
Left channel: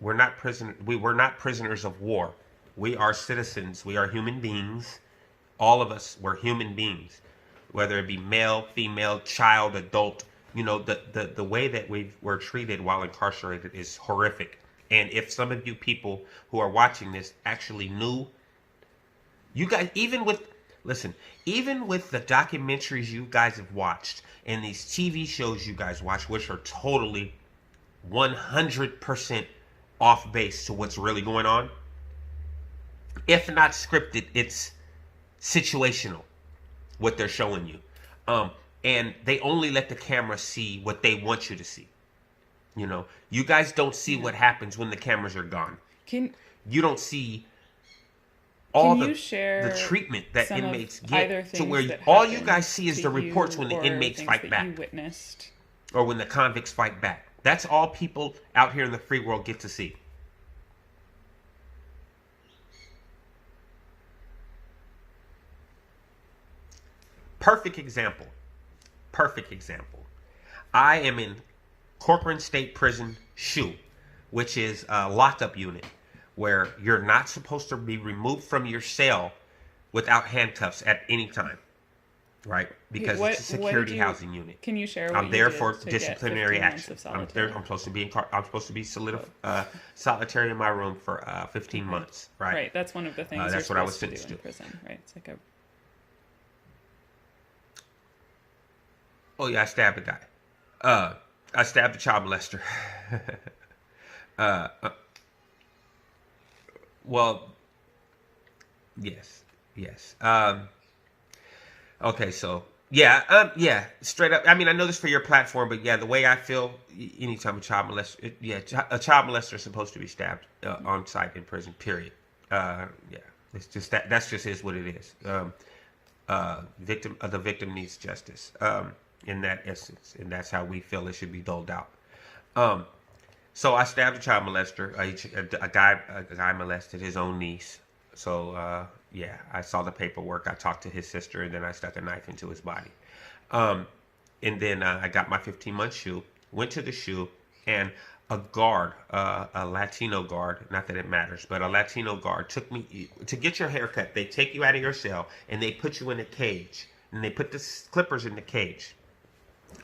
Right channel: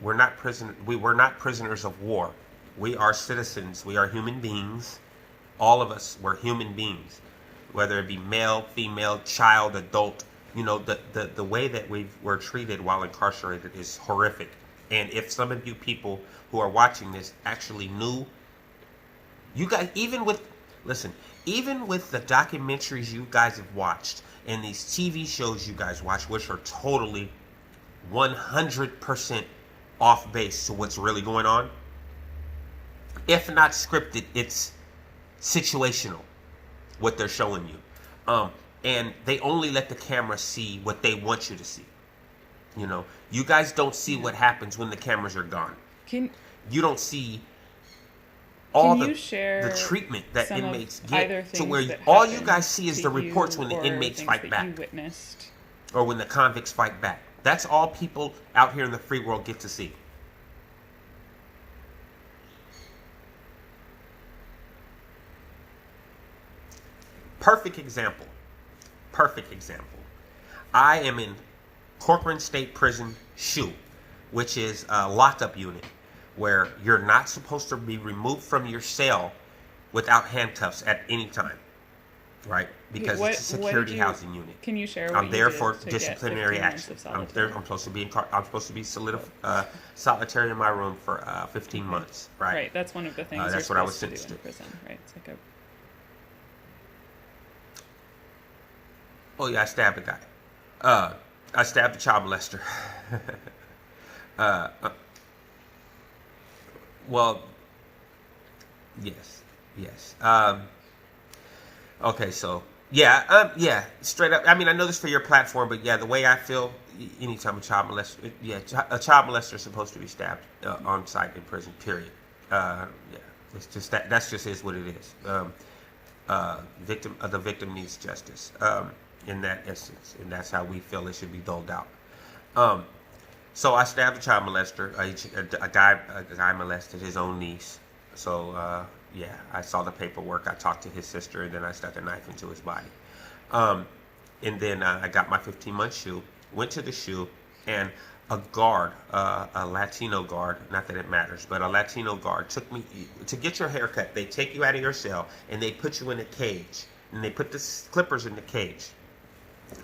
we're not prisoners of war. We are citizens. We are human beings. All of us, we're human beings, whether it be male, female, child, adult. You know, the way that we're treated while incarcerated is horrific. And if some of you people who are watching this actually knew, you guys, even with the documentaries you guys have watched and these TV shows you guys watch, which are totally 100% off base to what's really going on, if not scripted, it's situational, what they're showing you. And they only let the camera see what they want you to see. You know, you guys don't see what happens when the cameras are gone. You don't see all the treatment that inmates get, to where all you guys see is the reports when the inmates fight back. You witnessed. Or when the convicts fight back. That's all people out here in the free world get to see. Perfect example. I am in Corcoran State Prison SHU, which is a lockup unit where you're not supposed to be removed from your cell without handcuffs at any time, right? Because it's a security housing unit. Can you share what I'm there you did for to disciplinary get 15 action. months of solitary? I'm supposed to be solitary in my room for 15 months, right? Right, that's one of the things you're supposed to do in prison, right? It's like a... Oh yeah, I stabbed a guy. I stabbed a child molester. Well, Yes. Yes. Okay, so yeah, straight up. I mean, I know this for your platform, but yeah, the way I feel, anytime a child molester, a child molester is supposed to be stabbed on site in prison. Period. Yeah, it's just that. That's just is what it is. The victim needs justice. In that essence, and that's how we feel it should be doled out. So I stabbed a child molester. A guy molested his own niece. So yeah, I saw the paperwork. I talked to his sister, and then I stuck a knife into his body. And then I got my 15-month shoe. Went to the shoe, and a guard, a Latino guard, not that it matters, but a Latino guard took me to get your hair cut. They take you out of your cell, and they put you in a cage, and they put the clippers in the cage.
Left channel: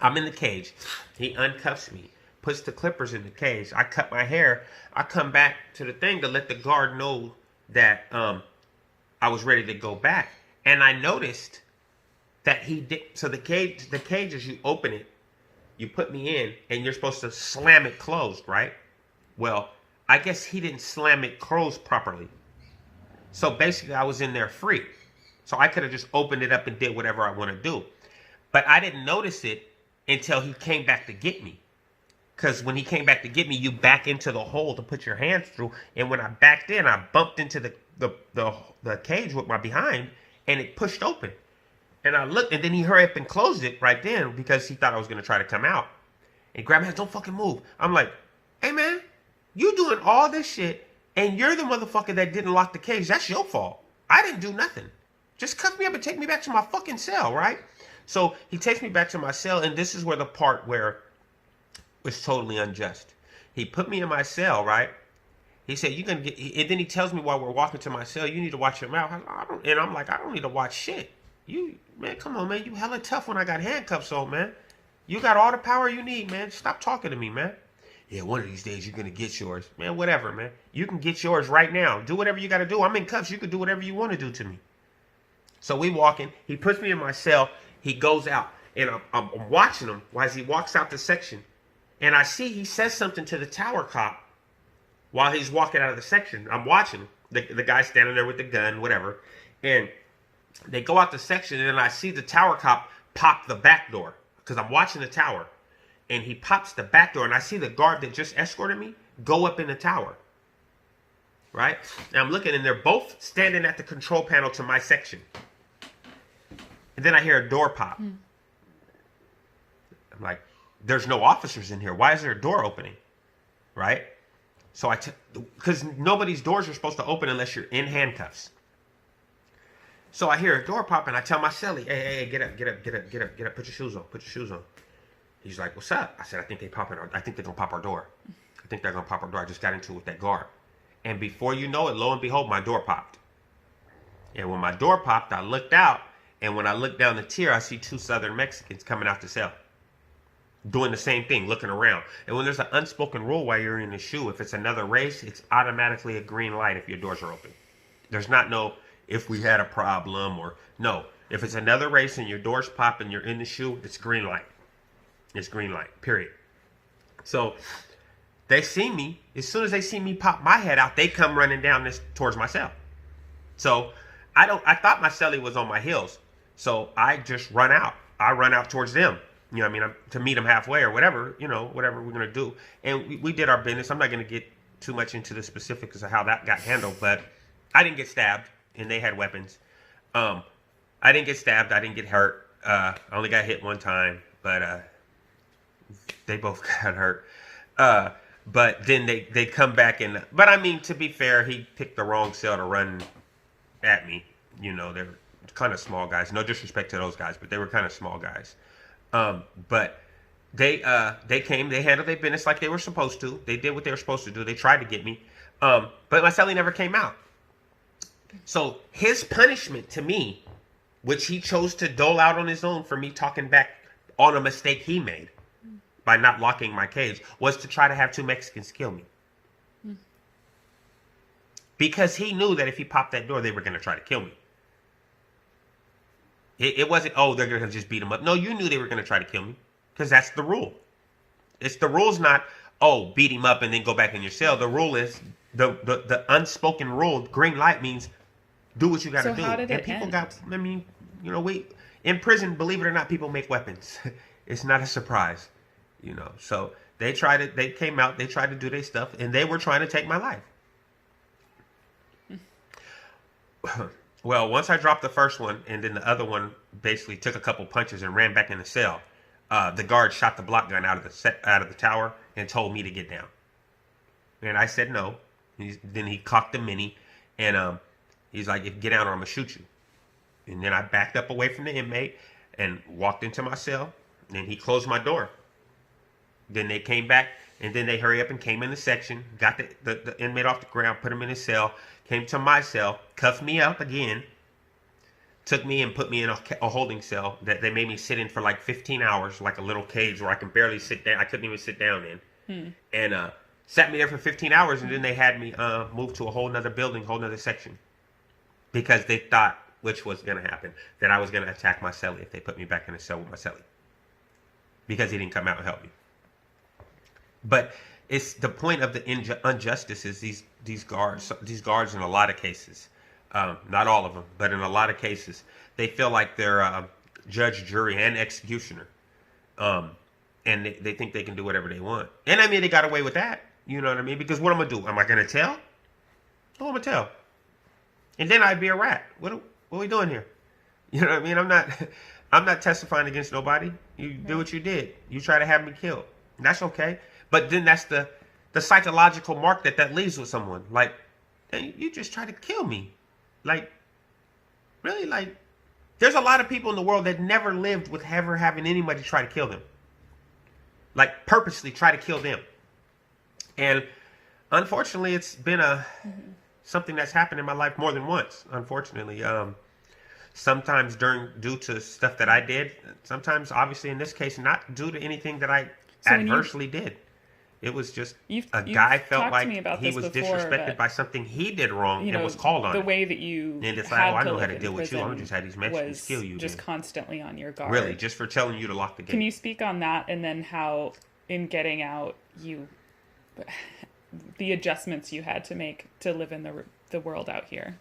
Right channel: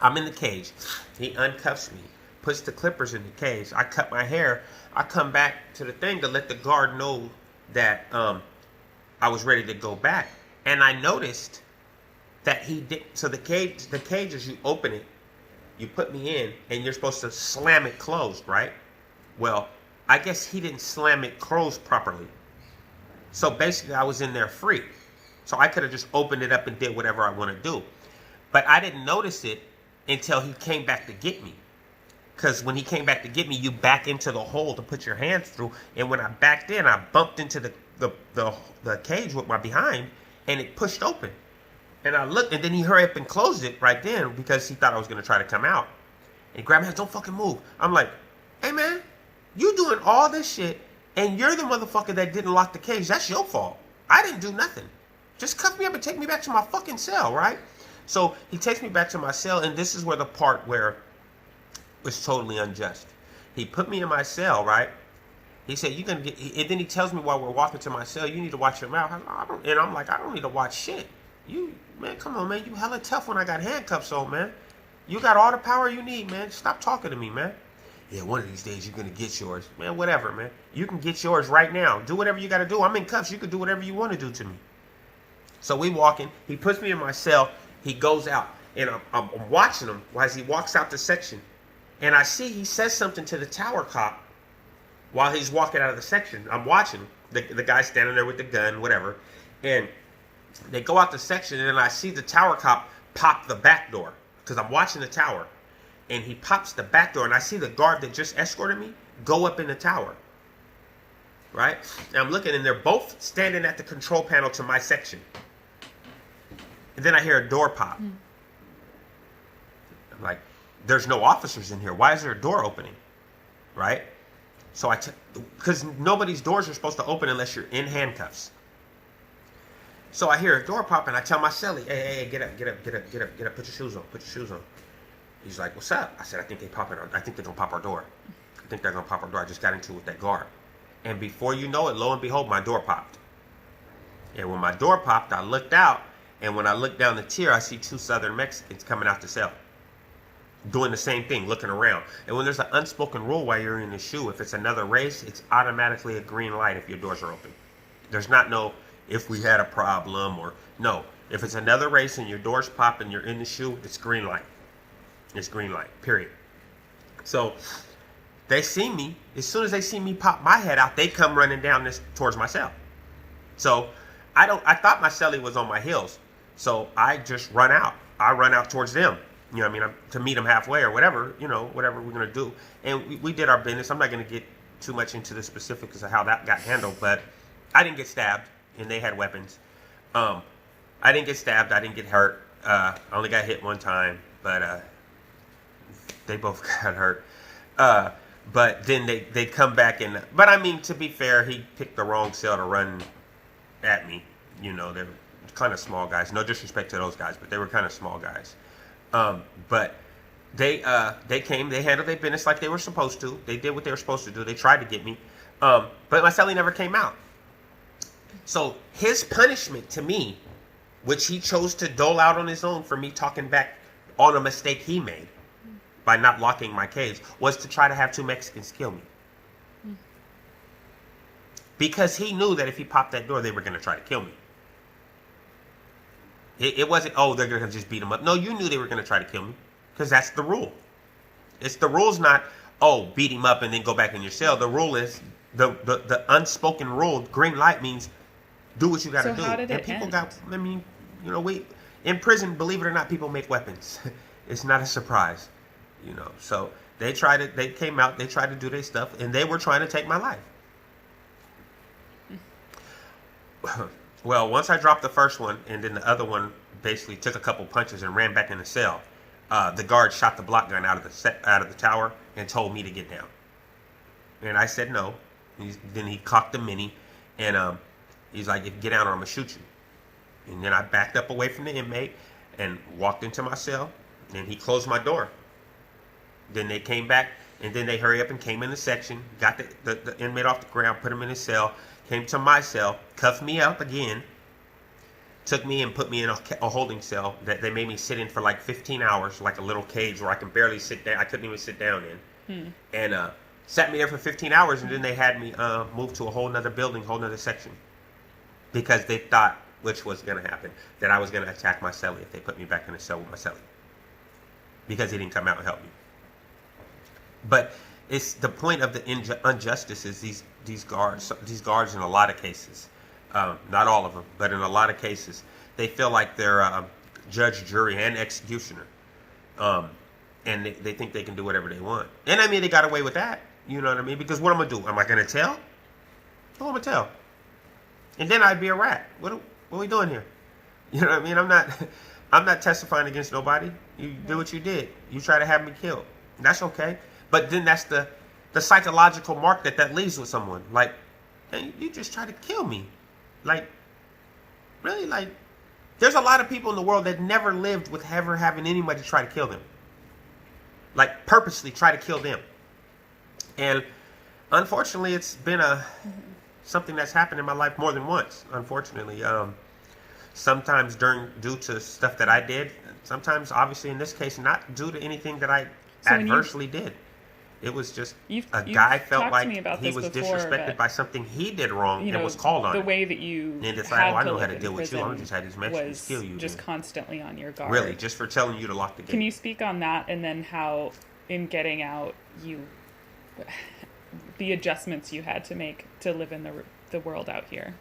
I'm in the cage. He uncuffs me, puts the clippers in the cage. I cut my hair. I come back to the thing to let the guard know that I was ready to go back. And I noticed that he did. So the cage is, you open it, you put me in, and you're supposed to slam it closed, right? Well, I guess he didn't slam it closed properly. So basically I was in there free. So I could have just opened it up and did whatever I want to do. But I didn't notice it until he came back to get me. Because when he came back to get me, you back into the hole to put your hands through. And when I backed in, I bumped into the cage with my behind, and it pushed open. And I looked, and then he hurried up and closed it right then because he thought I was going to try to come out. And grabbed my hands, don't fucking move. I'm like, hey man, you doing all this shit, and you're the motherfucker that didn't lock the cage. That's your fault. I didn't do nothing. Just cuff me up and take me back to my fucking cell, right? So he takes me back to my cell, and this is where the part where was totally unjust. He put me in my cell, right? He said, "You're gonna get," and then he tells me while we're walking to my cell, "You need to watch your mouth." And I'm like, "I don't need to watch shit. You, man, come on, man. You hella tough when I got handcuffs on, man. You got all the power you need, man. Stop talking to me, man." "Yeah, one of these days you're gonna get yours." Man, whatever, man. You can get yours right now. Do whatever you gotta do. I'm in cuffs. You can do whatever you want to do to me. So we walking. He puts me in my cell. He goes out, and I'm watching him as he walks out the section. And I see he says something to the tower cop while he's walking out of the section. I'm watching the guy standing there with the gun, whatever. And they go out the section, and then I see the tower cop pop the back door because I'm watching the tower. And he pops the back door, and I see the guard that just escorted me go up in the tower. Right? And I'm looking, and they're both standing at the control panel to my section. And then I hear a door pop. I'm like, there's no officers in here. Why is there a door opening? Right? So because nobody's doors are supposed to open unless you're in handcuffs. So I hear a door pop, and I tell my cellie, hey, get up, put your shoes on. He's like, what's up? I said, I think they're gonna pop our door. I just got into it with that guard. And before you know it, lo and behold, my door popped. And when my door popped, I looked out, and when I looked down the tier, I see two Southern Mexicans coming out the cell, doing the same thing, looking around. And when there's an unspoken rule while you're in the shoe, if it's another race, it's automatically a green light if your doors are open. There's not no, if we had a problem, or no. If it's another race and your doors pop and you're in the shoe, it's green light. It's green light, period. So they see me. As soon as they see me pop my head out, they come running down towards my cell. So I thought my cellie was on my heels. So I just run out. I run out towards them. You know what I mean? To meet them halfway or whatever, whatever we're going to do. And we did our business. I'm not going to get too much into the specifics of how that got handled, but I didn't get stabbed, and they had weapons. I didn't get stabbed. I didn't get hurt. I only got hit one time, but they both got hurt. But then they come back and, but I mean, to be fair, he picked the wrong cell to run at me. They're kind of small guys. No disrespect to those guys, but they were kind of small guys. But they came, they handled their business like they were supposed to. They did what they were supposed to do. They tried to get me. But my cellie never came out. So his punishment to me, which he chose to dole out on his own for me talking back on a mistake he made by not locking my cage, was to try to have two Mexicans kill me. Because he knew that if he popped that door, they were going to try to kill me. It wasn't, oh, they're going to just beat him up. No, you knew they were going to try to kill me. Because that's the rule. The rule's not, oh, beat him up and then go back in your cell. The rule is, the unspoken rule, green light means do what you got to So do. how did And it people end? we in prison, believe it or not, people make weapons. It's not a surprise, So they came out, they tried to do their stuff, and they were trying to take my life. Well, once I dropped the first one, and then the other one basically took a couple punches and ran back in the cell, the guard shot the block gun out of the tower and told me to get down. And I said no. Then he cocked the mini, and he's like, "If you get down, or I'm gonna shoot you." And then I backed up away from the inmate and walked into my cell. And he closed my door. Then they came back, and then they hurry up and came in the section, got the inmate off the ground, put him in his cell, came to my cell, cuffed me up again, took me and put me in a holding cell that they made me sit in for like 15 hours, like a little cage where I can barely sit down. I couldn't even sit down in. And sat me there for 15 hours, and then they had me move to a whole nother building, whole nother section. Because they thought, which was going to happen, that I was going to attack my cellie if they put me back in the cell with my cellie. Because he didn't come out and help me. But it's the point of the injustice is these guards in a lot of cases, not all of them, but in a lot of cases, they feel like they're judge, jury, and executioner. And they think they can do whatever they want. And I mean, they got away with that. You know what I mean? Because what am I going to do? Am I going to tell? What am I going to tell? And then I'd be a rat. What are we doing here? You know what I mean? I'm not testifying against nobody. You did what you did. You try to have me killed. That's okay. But then that's the psychological mark that leaves with someone. Like, hey, you just try to kill me. Like, really? Like, there's a lot of people in the world that never lived with ever having anybody try to kill them. Like, purposely try to kill them. And unfortunately, it's been something that's happened in my life more than once, unfortunately. Sometimes due to stuff that I did. Sometimes, obviously, in this case, not due to anything that I adversely did. It was just a guy felt like he was disrespected by something he did wrong and was called on. The way that you and it's like, had I to know how live to in deal with you. I'm prison just had these Mexicans kill you. just constantly on your guard. Really, just for telling you to lock the gate. Can you speak on that, and then how, in getting out, the adjustments you had to make to live in the world out here?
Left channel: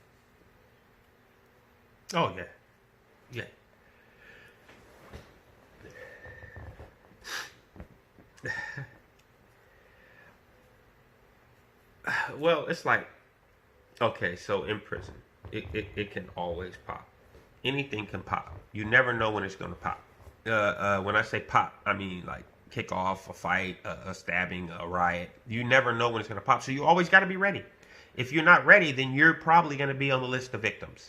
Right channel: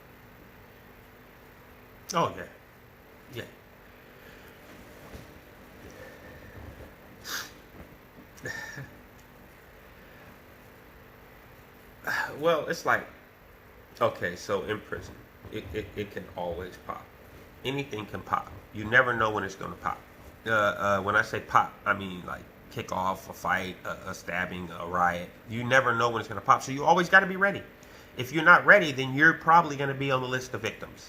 Oh, yeah. Well, it's like, okay, so in prison, it can always pop. Anything can pop. You never know when it's going to pop. When I say pop, I mean like kick off, a fight, a stabbing, a riot. You never know when it's going to pop, so you always got to be ready. If you're not ready, then you're probably going to be on the list of victims.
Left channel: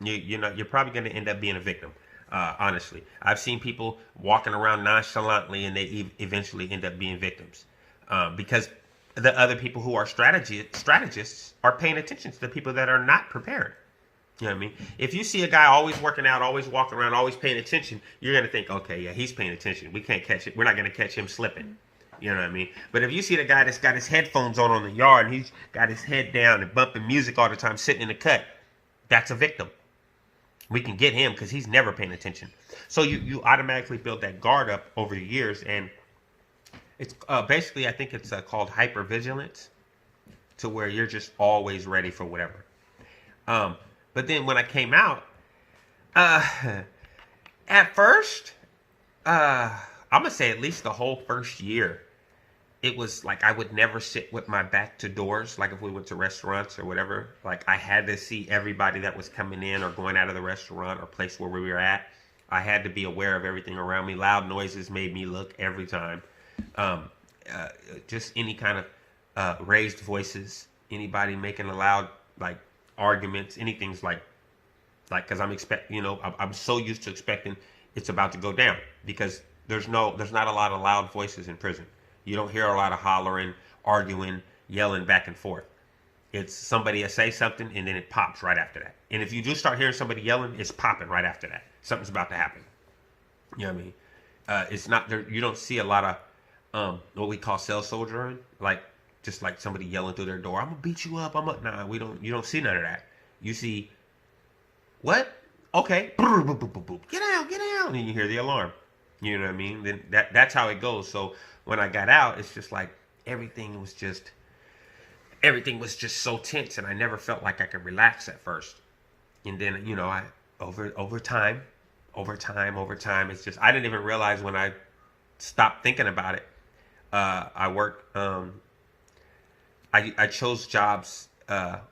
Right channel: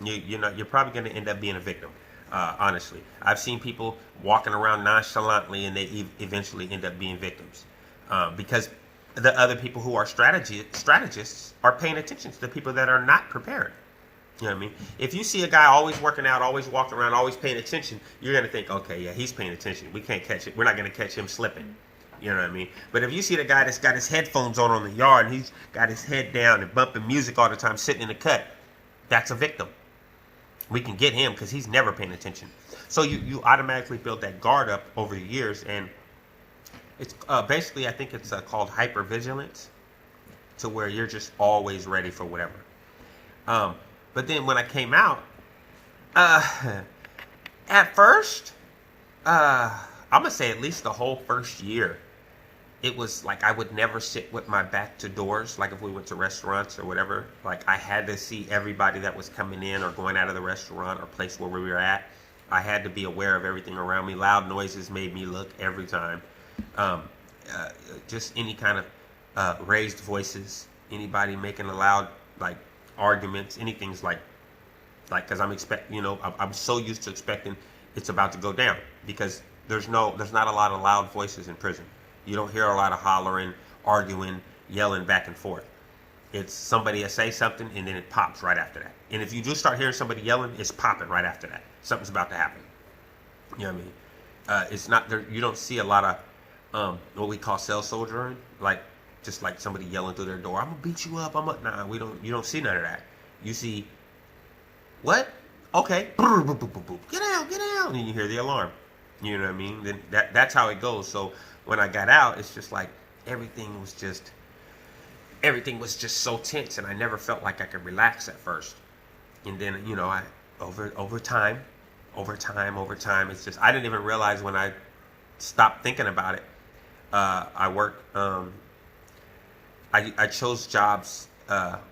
You're probably going to end up being a victim. Honestly, I've seen people walking around nonchalantly, and they eventually end up being victims because the other people who are strategists are paying attention to the people that are not prepared. You know what I mean? If you see a guy always working out, always walking around, always paying attention, you're going to think, okay, yeah, he's paying attention. We can't catch it. We're not going to catch him slipping. You know what I mean? But if you see the guy that's got his headphones on the yard, and he's got his head down and bumping music all the time, sitting in the cut, that's a victim. We can get him because he's never paying attention. So you automatically build that guard up over the years, and it's basically, I think it's called hypervigilance, to where you're just always ready for whatever. But then when I came out, at first, I'm gonna say at least the whole first year, it was like I would never sit with my back to doors. Like if we went to restaurants or whatever, like I had to see everybody that was coming in or going out of the restaurant or place where we were at. I had to be aware of everything around me. Loud noises made me look every time. Just any kind of raised voices, anybody making a loud like arguments, anything's like because I'm so used to expecting it's about to go down because there's not a lot of loud voices in prison. You don't hear a lot of hollering, arguing, yelling back and forth. It's somebody will say something and then it pops right after that. And if you do start hearing somebody yelling, it's popping right after that. Something's about to happen. You know what I mean? It's not there. You don't see a lot of what we call cell soldiering, like just like somebody yelling through their door. I'm gonna beat you up. Nah. You don't see none of that. You see what? Okay, get out, and you hear the alarm. You know what I mean? Then that's how it goes. So when I got out, it's just like everything was just so tense, and I never felt like I could relax at first. And then, I over time, it's just, I didn't even realize when I stopped thinking about it. I worked, I chose jobs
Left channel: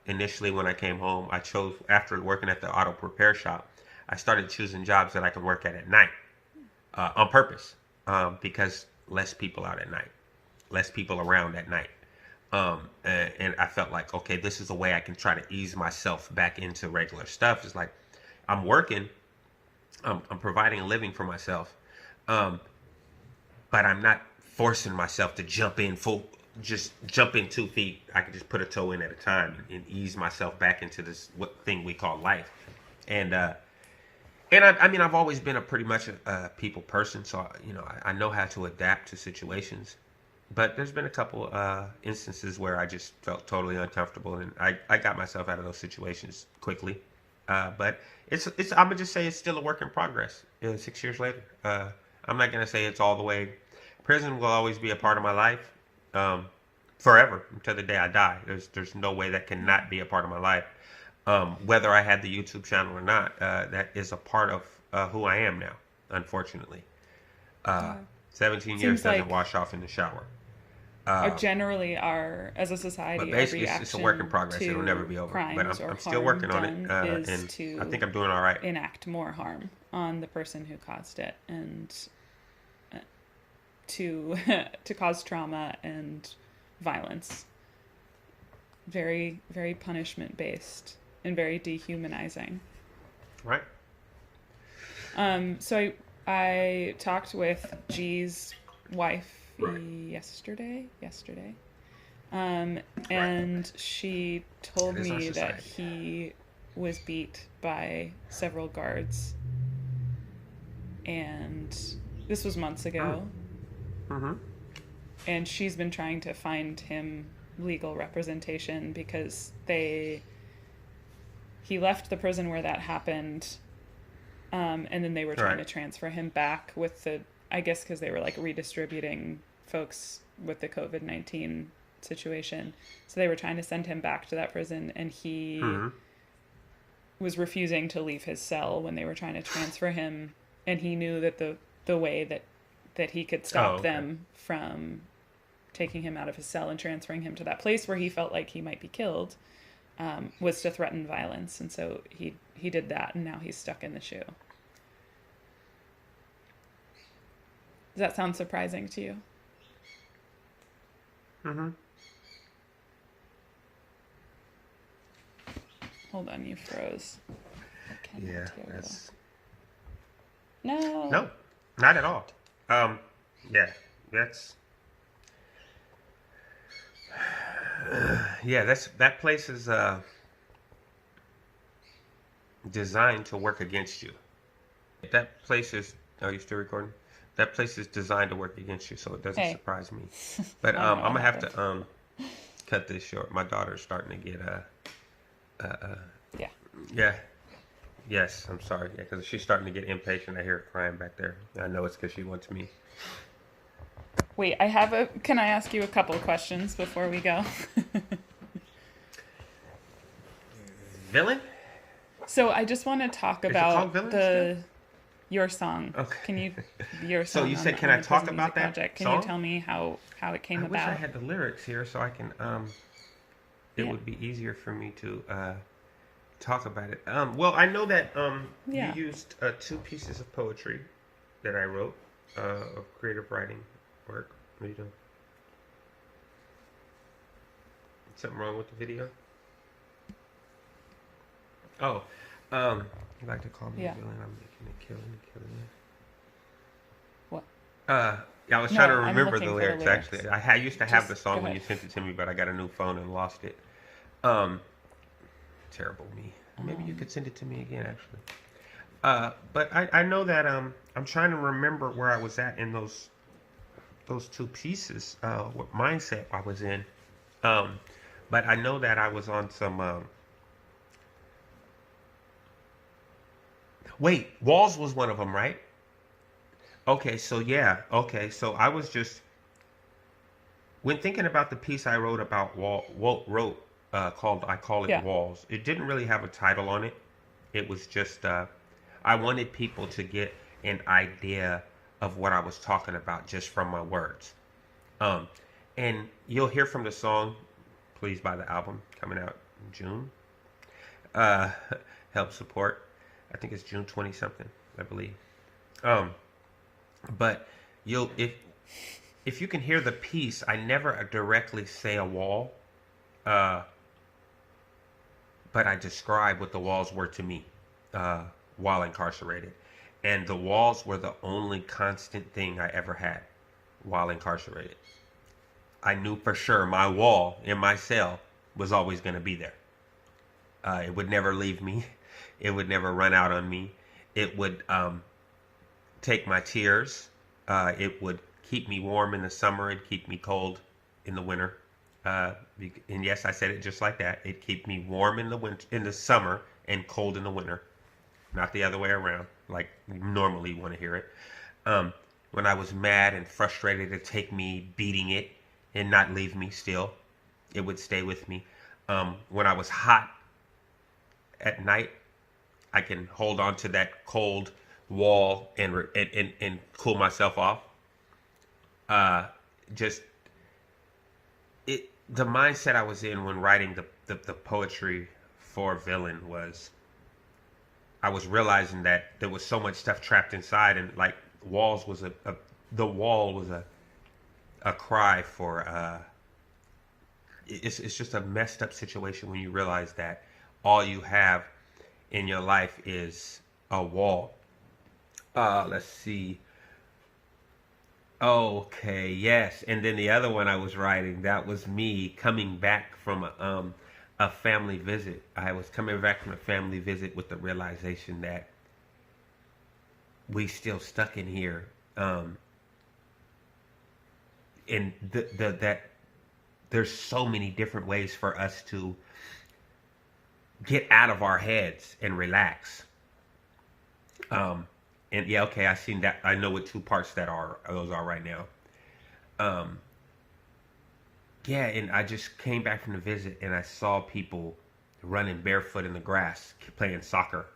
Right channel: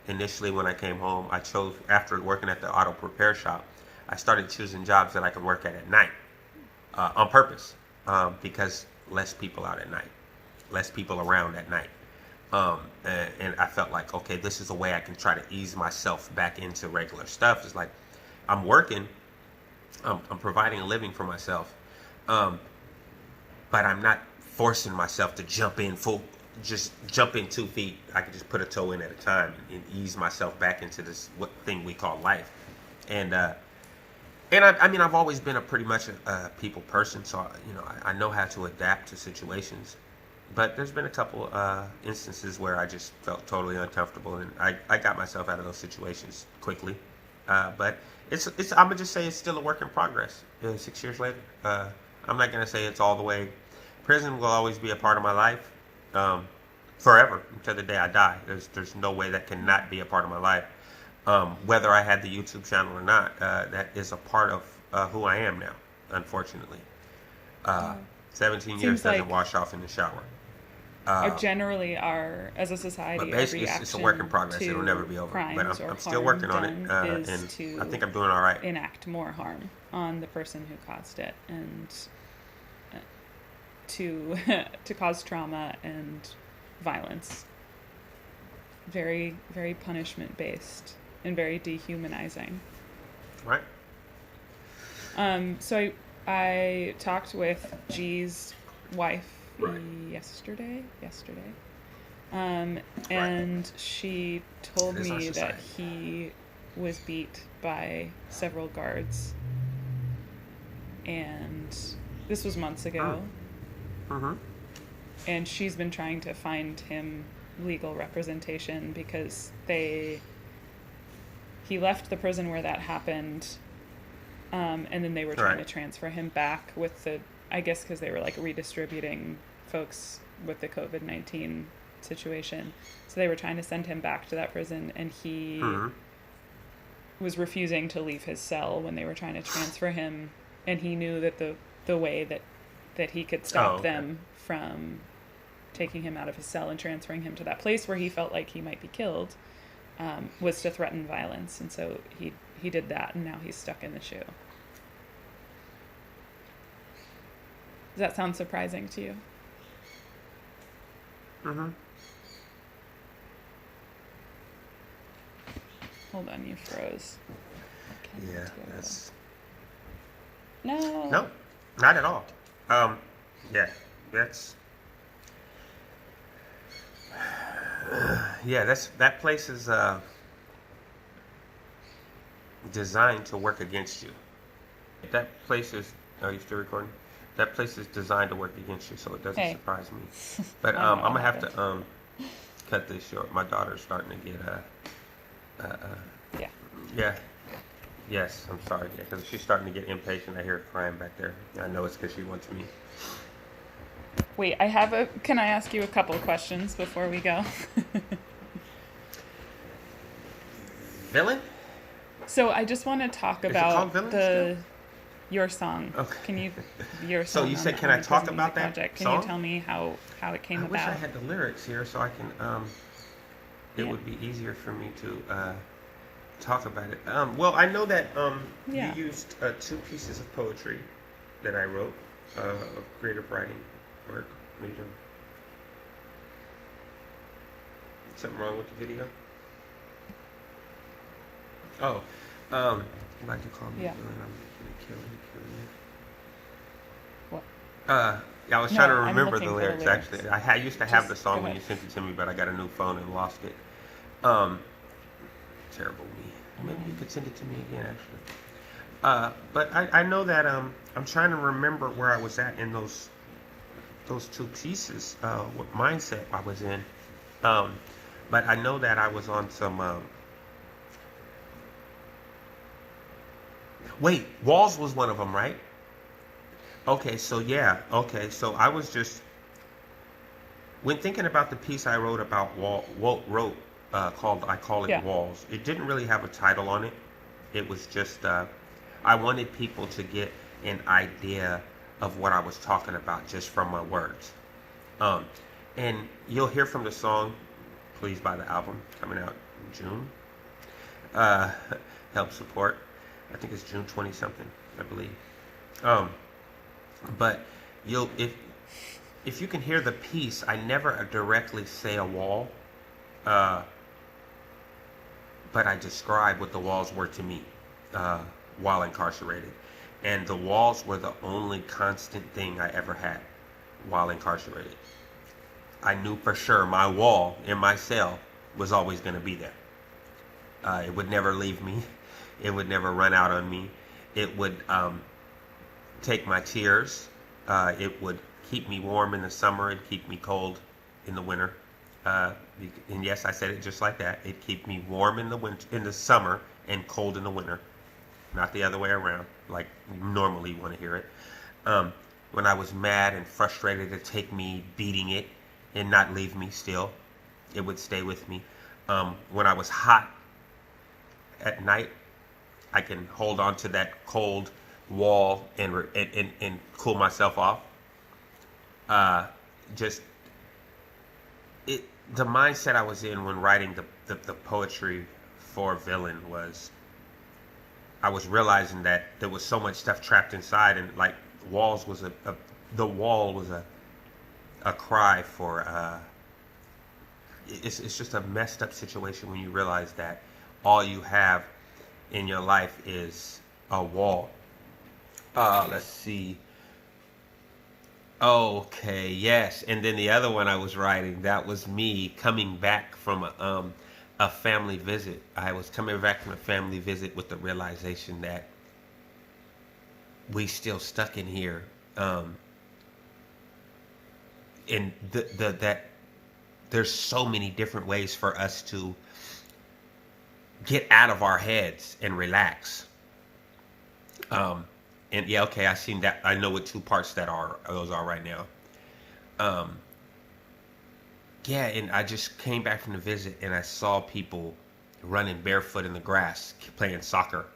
initially when I came home. I chose, after working at the auto repair shop, I started choosing jobs that I could work at night on purpose, because less people out at night, less people around at night. And I felt like, okay, this is a way I can try to ease myself back into regular stuff. It's like I'm working, I'm providing a living for myself, but I'm not forcing myself to jump in 2 feet. I could just put a toe in at a time and ease myself back into this thing we call life. And I mean, I've always been pretty much a people person, so I know how to adapt to situations. But there's been a couple instances where I just felt totally uncomfortable, and I got myself out of those situations quickly. But it's I'm gonna just say it's still a work in progress. 6 years later, I'm not gonna say it's all the way. Prison will always be a part of my life, forever until the day I die. There's no way that cannot be a part of my life. Whether I had the YouTube channel or not, that is a part of who I am now. Unfortunately, 17 years doesn't wash off in the shower. Generally, as a society, but basically, it's a work in progress. It'll never be over. But I'm still working on it, and I think I'm doing all right. Enact more harm on the person who caused it, and to cause trauma and violence. Very, very punishment based and very dehumanizing. Right. So I talked with G's wife yesterday, and she told me that he was beat by several guards, and this was months ago. Mm-hmm. And she's been trying to find him legal representation because he left the prison where that happened, and then they were trying to transfer him back with I guess because they were like redistributing folks with the COVID-19 situation. So they were trying to send him back to that prison, and he was refusing to leave his cell when they were trying to transfer him. And he knew that the way that he could stop them from taking him out of his cell and transferring him to that place where he felt like he might be killed, was to threaten violence. And so he did that, and now he's stuck in the shoe. Does that sound surprising to you? Mm-hmm. Hold on, you froze. Yeah, No, not at all. Yeah, that's that place is designed to work against you. That place is. Are you still recording? That place is designed to work against you, so it doesn't surprise me. But I'm gonna have to cut this short. My daughter's starting to get Yeah. Yes, I'm sorry. Yeah, because she's starting to get impatient. I hear her crying back there. I know it's because she wants me. Wait, can I ask you a couple questions before we go? Villain? So I just want to talk about your song. Okay. Can you your song? So you said, can I talk about that project? Can song? you tell me how it came about? I wish I had the lyrics here so I can. It would be easier for me to talk about it. Well, I know that you used 2 pieces of poetry that I wrote of creative writing work. What are you doing? Something wrong with the video? Oh, you like to call me villain? I'm gonna kill you. What? Yeah, I was trying to remember the lyrics. Actually, I used to have the song when you sent it to me, but I got a new phone and lost it. Terrible me. Maybe you could send it to me again, actually. But I know that I'm trying to remember where I was at in those 2 pieces, what mindset I was in. But I know that I was on some. Wait, walls was one of them, right? Okay, so yeah. Okay, so I was just when thinking about the piece I wrote about called I Call It Walls. It didn't really have a title on it. It was just, I wanted people to get an idea of what I was talking about just from my words. And you'll hear from the song, please buy the album, coming out in June. Help support. I think it's June 20 something, I believe. But if you can hear the piece, I never directly say a wall, but I describe what the walls were to me while incarcerated. And the walls were the only constant thing I ever had while incarcerated. I knew for sure my wall in my cell was always going to be there. It would never leave me. It would never run out on me. It would take my tears. It would keep me warm in the summer and keep me cold in the winter. And yes, I said it just like that. It keep me warm in the winter, in the summer, and cold in the winter. Not the other way around, like you normally want to hear it. When I was mad and frustrated, it'd take me beating it and not leave me still. It would stay with me. When I was hot at night, I can hold on to that cold wall and cool myself off. The mindset I was in when writing the poetry for Villain was, I was realizing that there was so much stuff trapped inside, and like walls was the wall was a cry for. It's just a messed up situation when you realize that all you have in your life is a wall. Let's see. Okay, yes. And then the other one I was writing, that was me coming back from a family visit. I was coming back from a family visit with the realization that we still stuck in here. And that there's so many different ways for us to get out of our heads and relax. And yeah, okay, I seen that. I know what two parts those are right now. Yeah, and I just came back from the visit and I saw people running barefoot in the grass, playing soccer.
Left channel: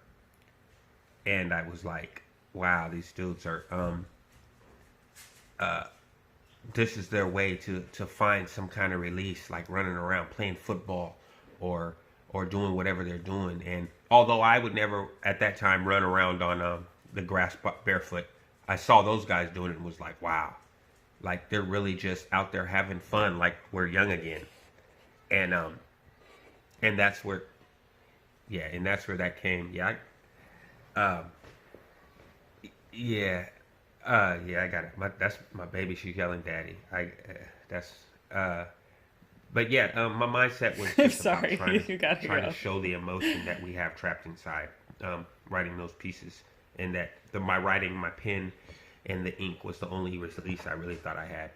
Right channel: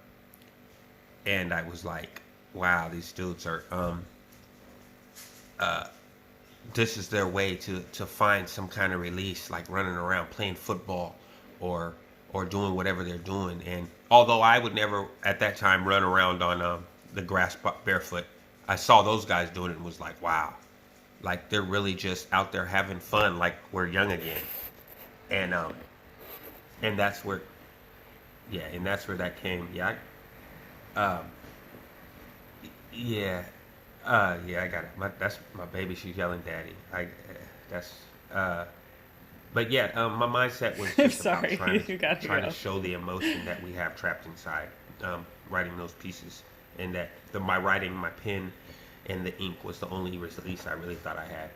And I was like, wow, these dudes are, this is their way to find some kind of release, like running around playing football or doing whatever they're doing. And although I would never at that time run around on the grass barefoot, I saw those guys doing it and was like, wow, like they're really just out there having fun, like we're young again. And that's where, yeah, and that's where that came. Yeah, I got it. That's my baby. She's yelling, "Daddy!" But yeah, my mindset was just sorry, about trying to show the emotion that we have trapped inside. Writing those pieces, and that my writing, my pen, and the ink was the only release I really thought I had.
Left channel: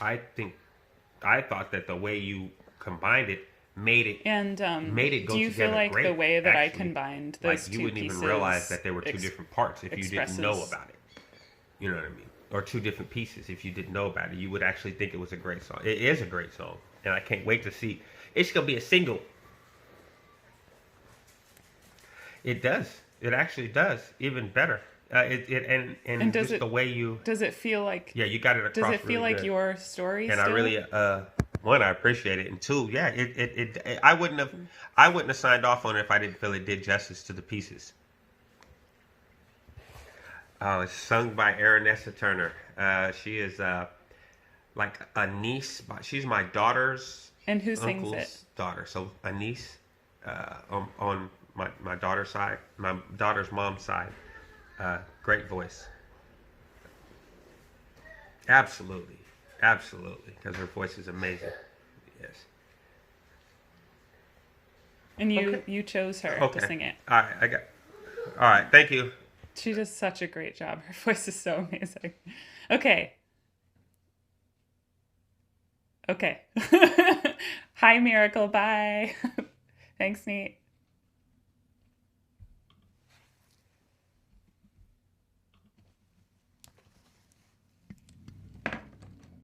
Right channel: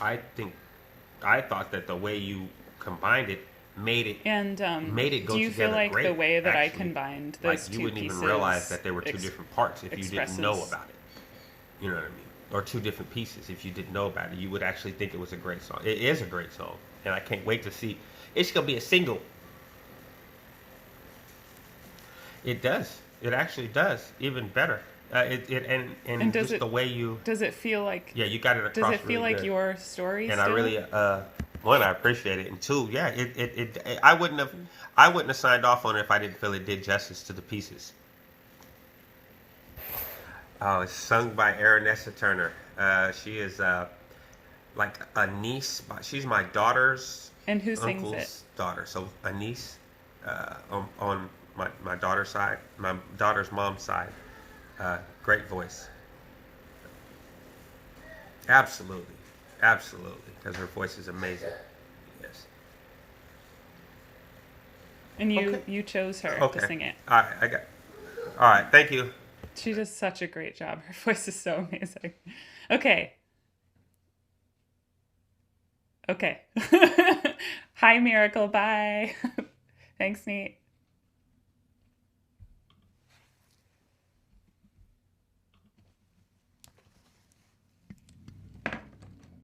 I thought that the way you combined it made it go do you feel like great, the way that actually. I combined those like, two you wouldn't pieces even realize that there were two different parts if you didn't know about it. You know what I mean? Or two different pieces if you didn't know about it. You would actually think it was a great song. It is a great song, and I can't wait to see. It's gonna be a single. It does. It actually does. Even better. And does just the way you. Does it feel like? Yeah, you got it across. Does it feel really like good. your story? And still? I really, one, I appreciate it, and two, yeah, I wouldn't have signed off on it if I didn't feel it did justice to the pieces. It's sung by Aaronessa Turner. She is like a niece. She's my daughter's and who sings uncle's it? daughter. So a niece on my daughter's side, my daughter's mom's side. Great voice. Absolutely, because her voice is amazing. Yes. And you chose her to sing it. All right. Thank you. She does such a great job. Her voice is so amazing. Okay. Hi, Miracle. Bye. Thanks, Nate.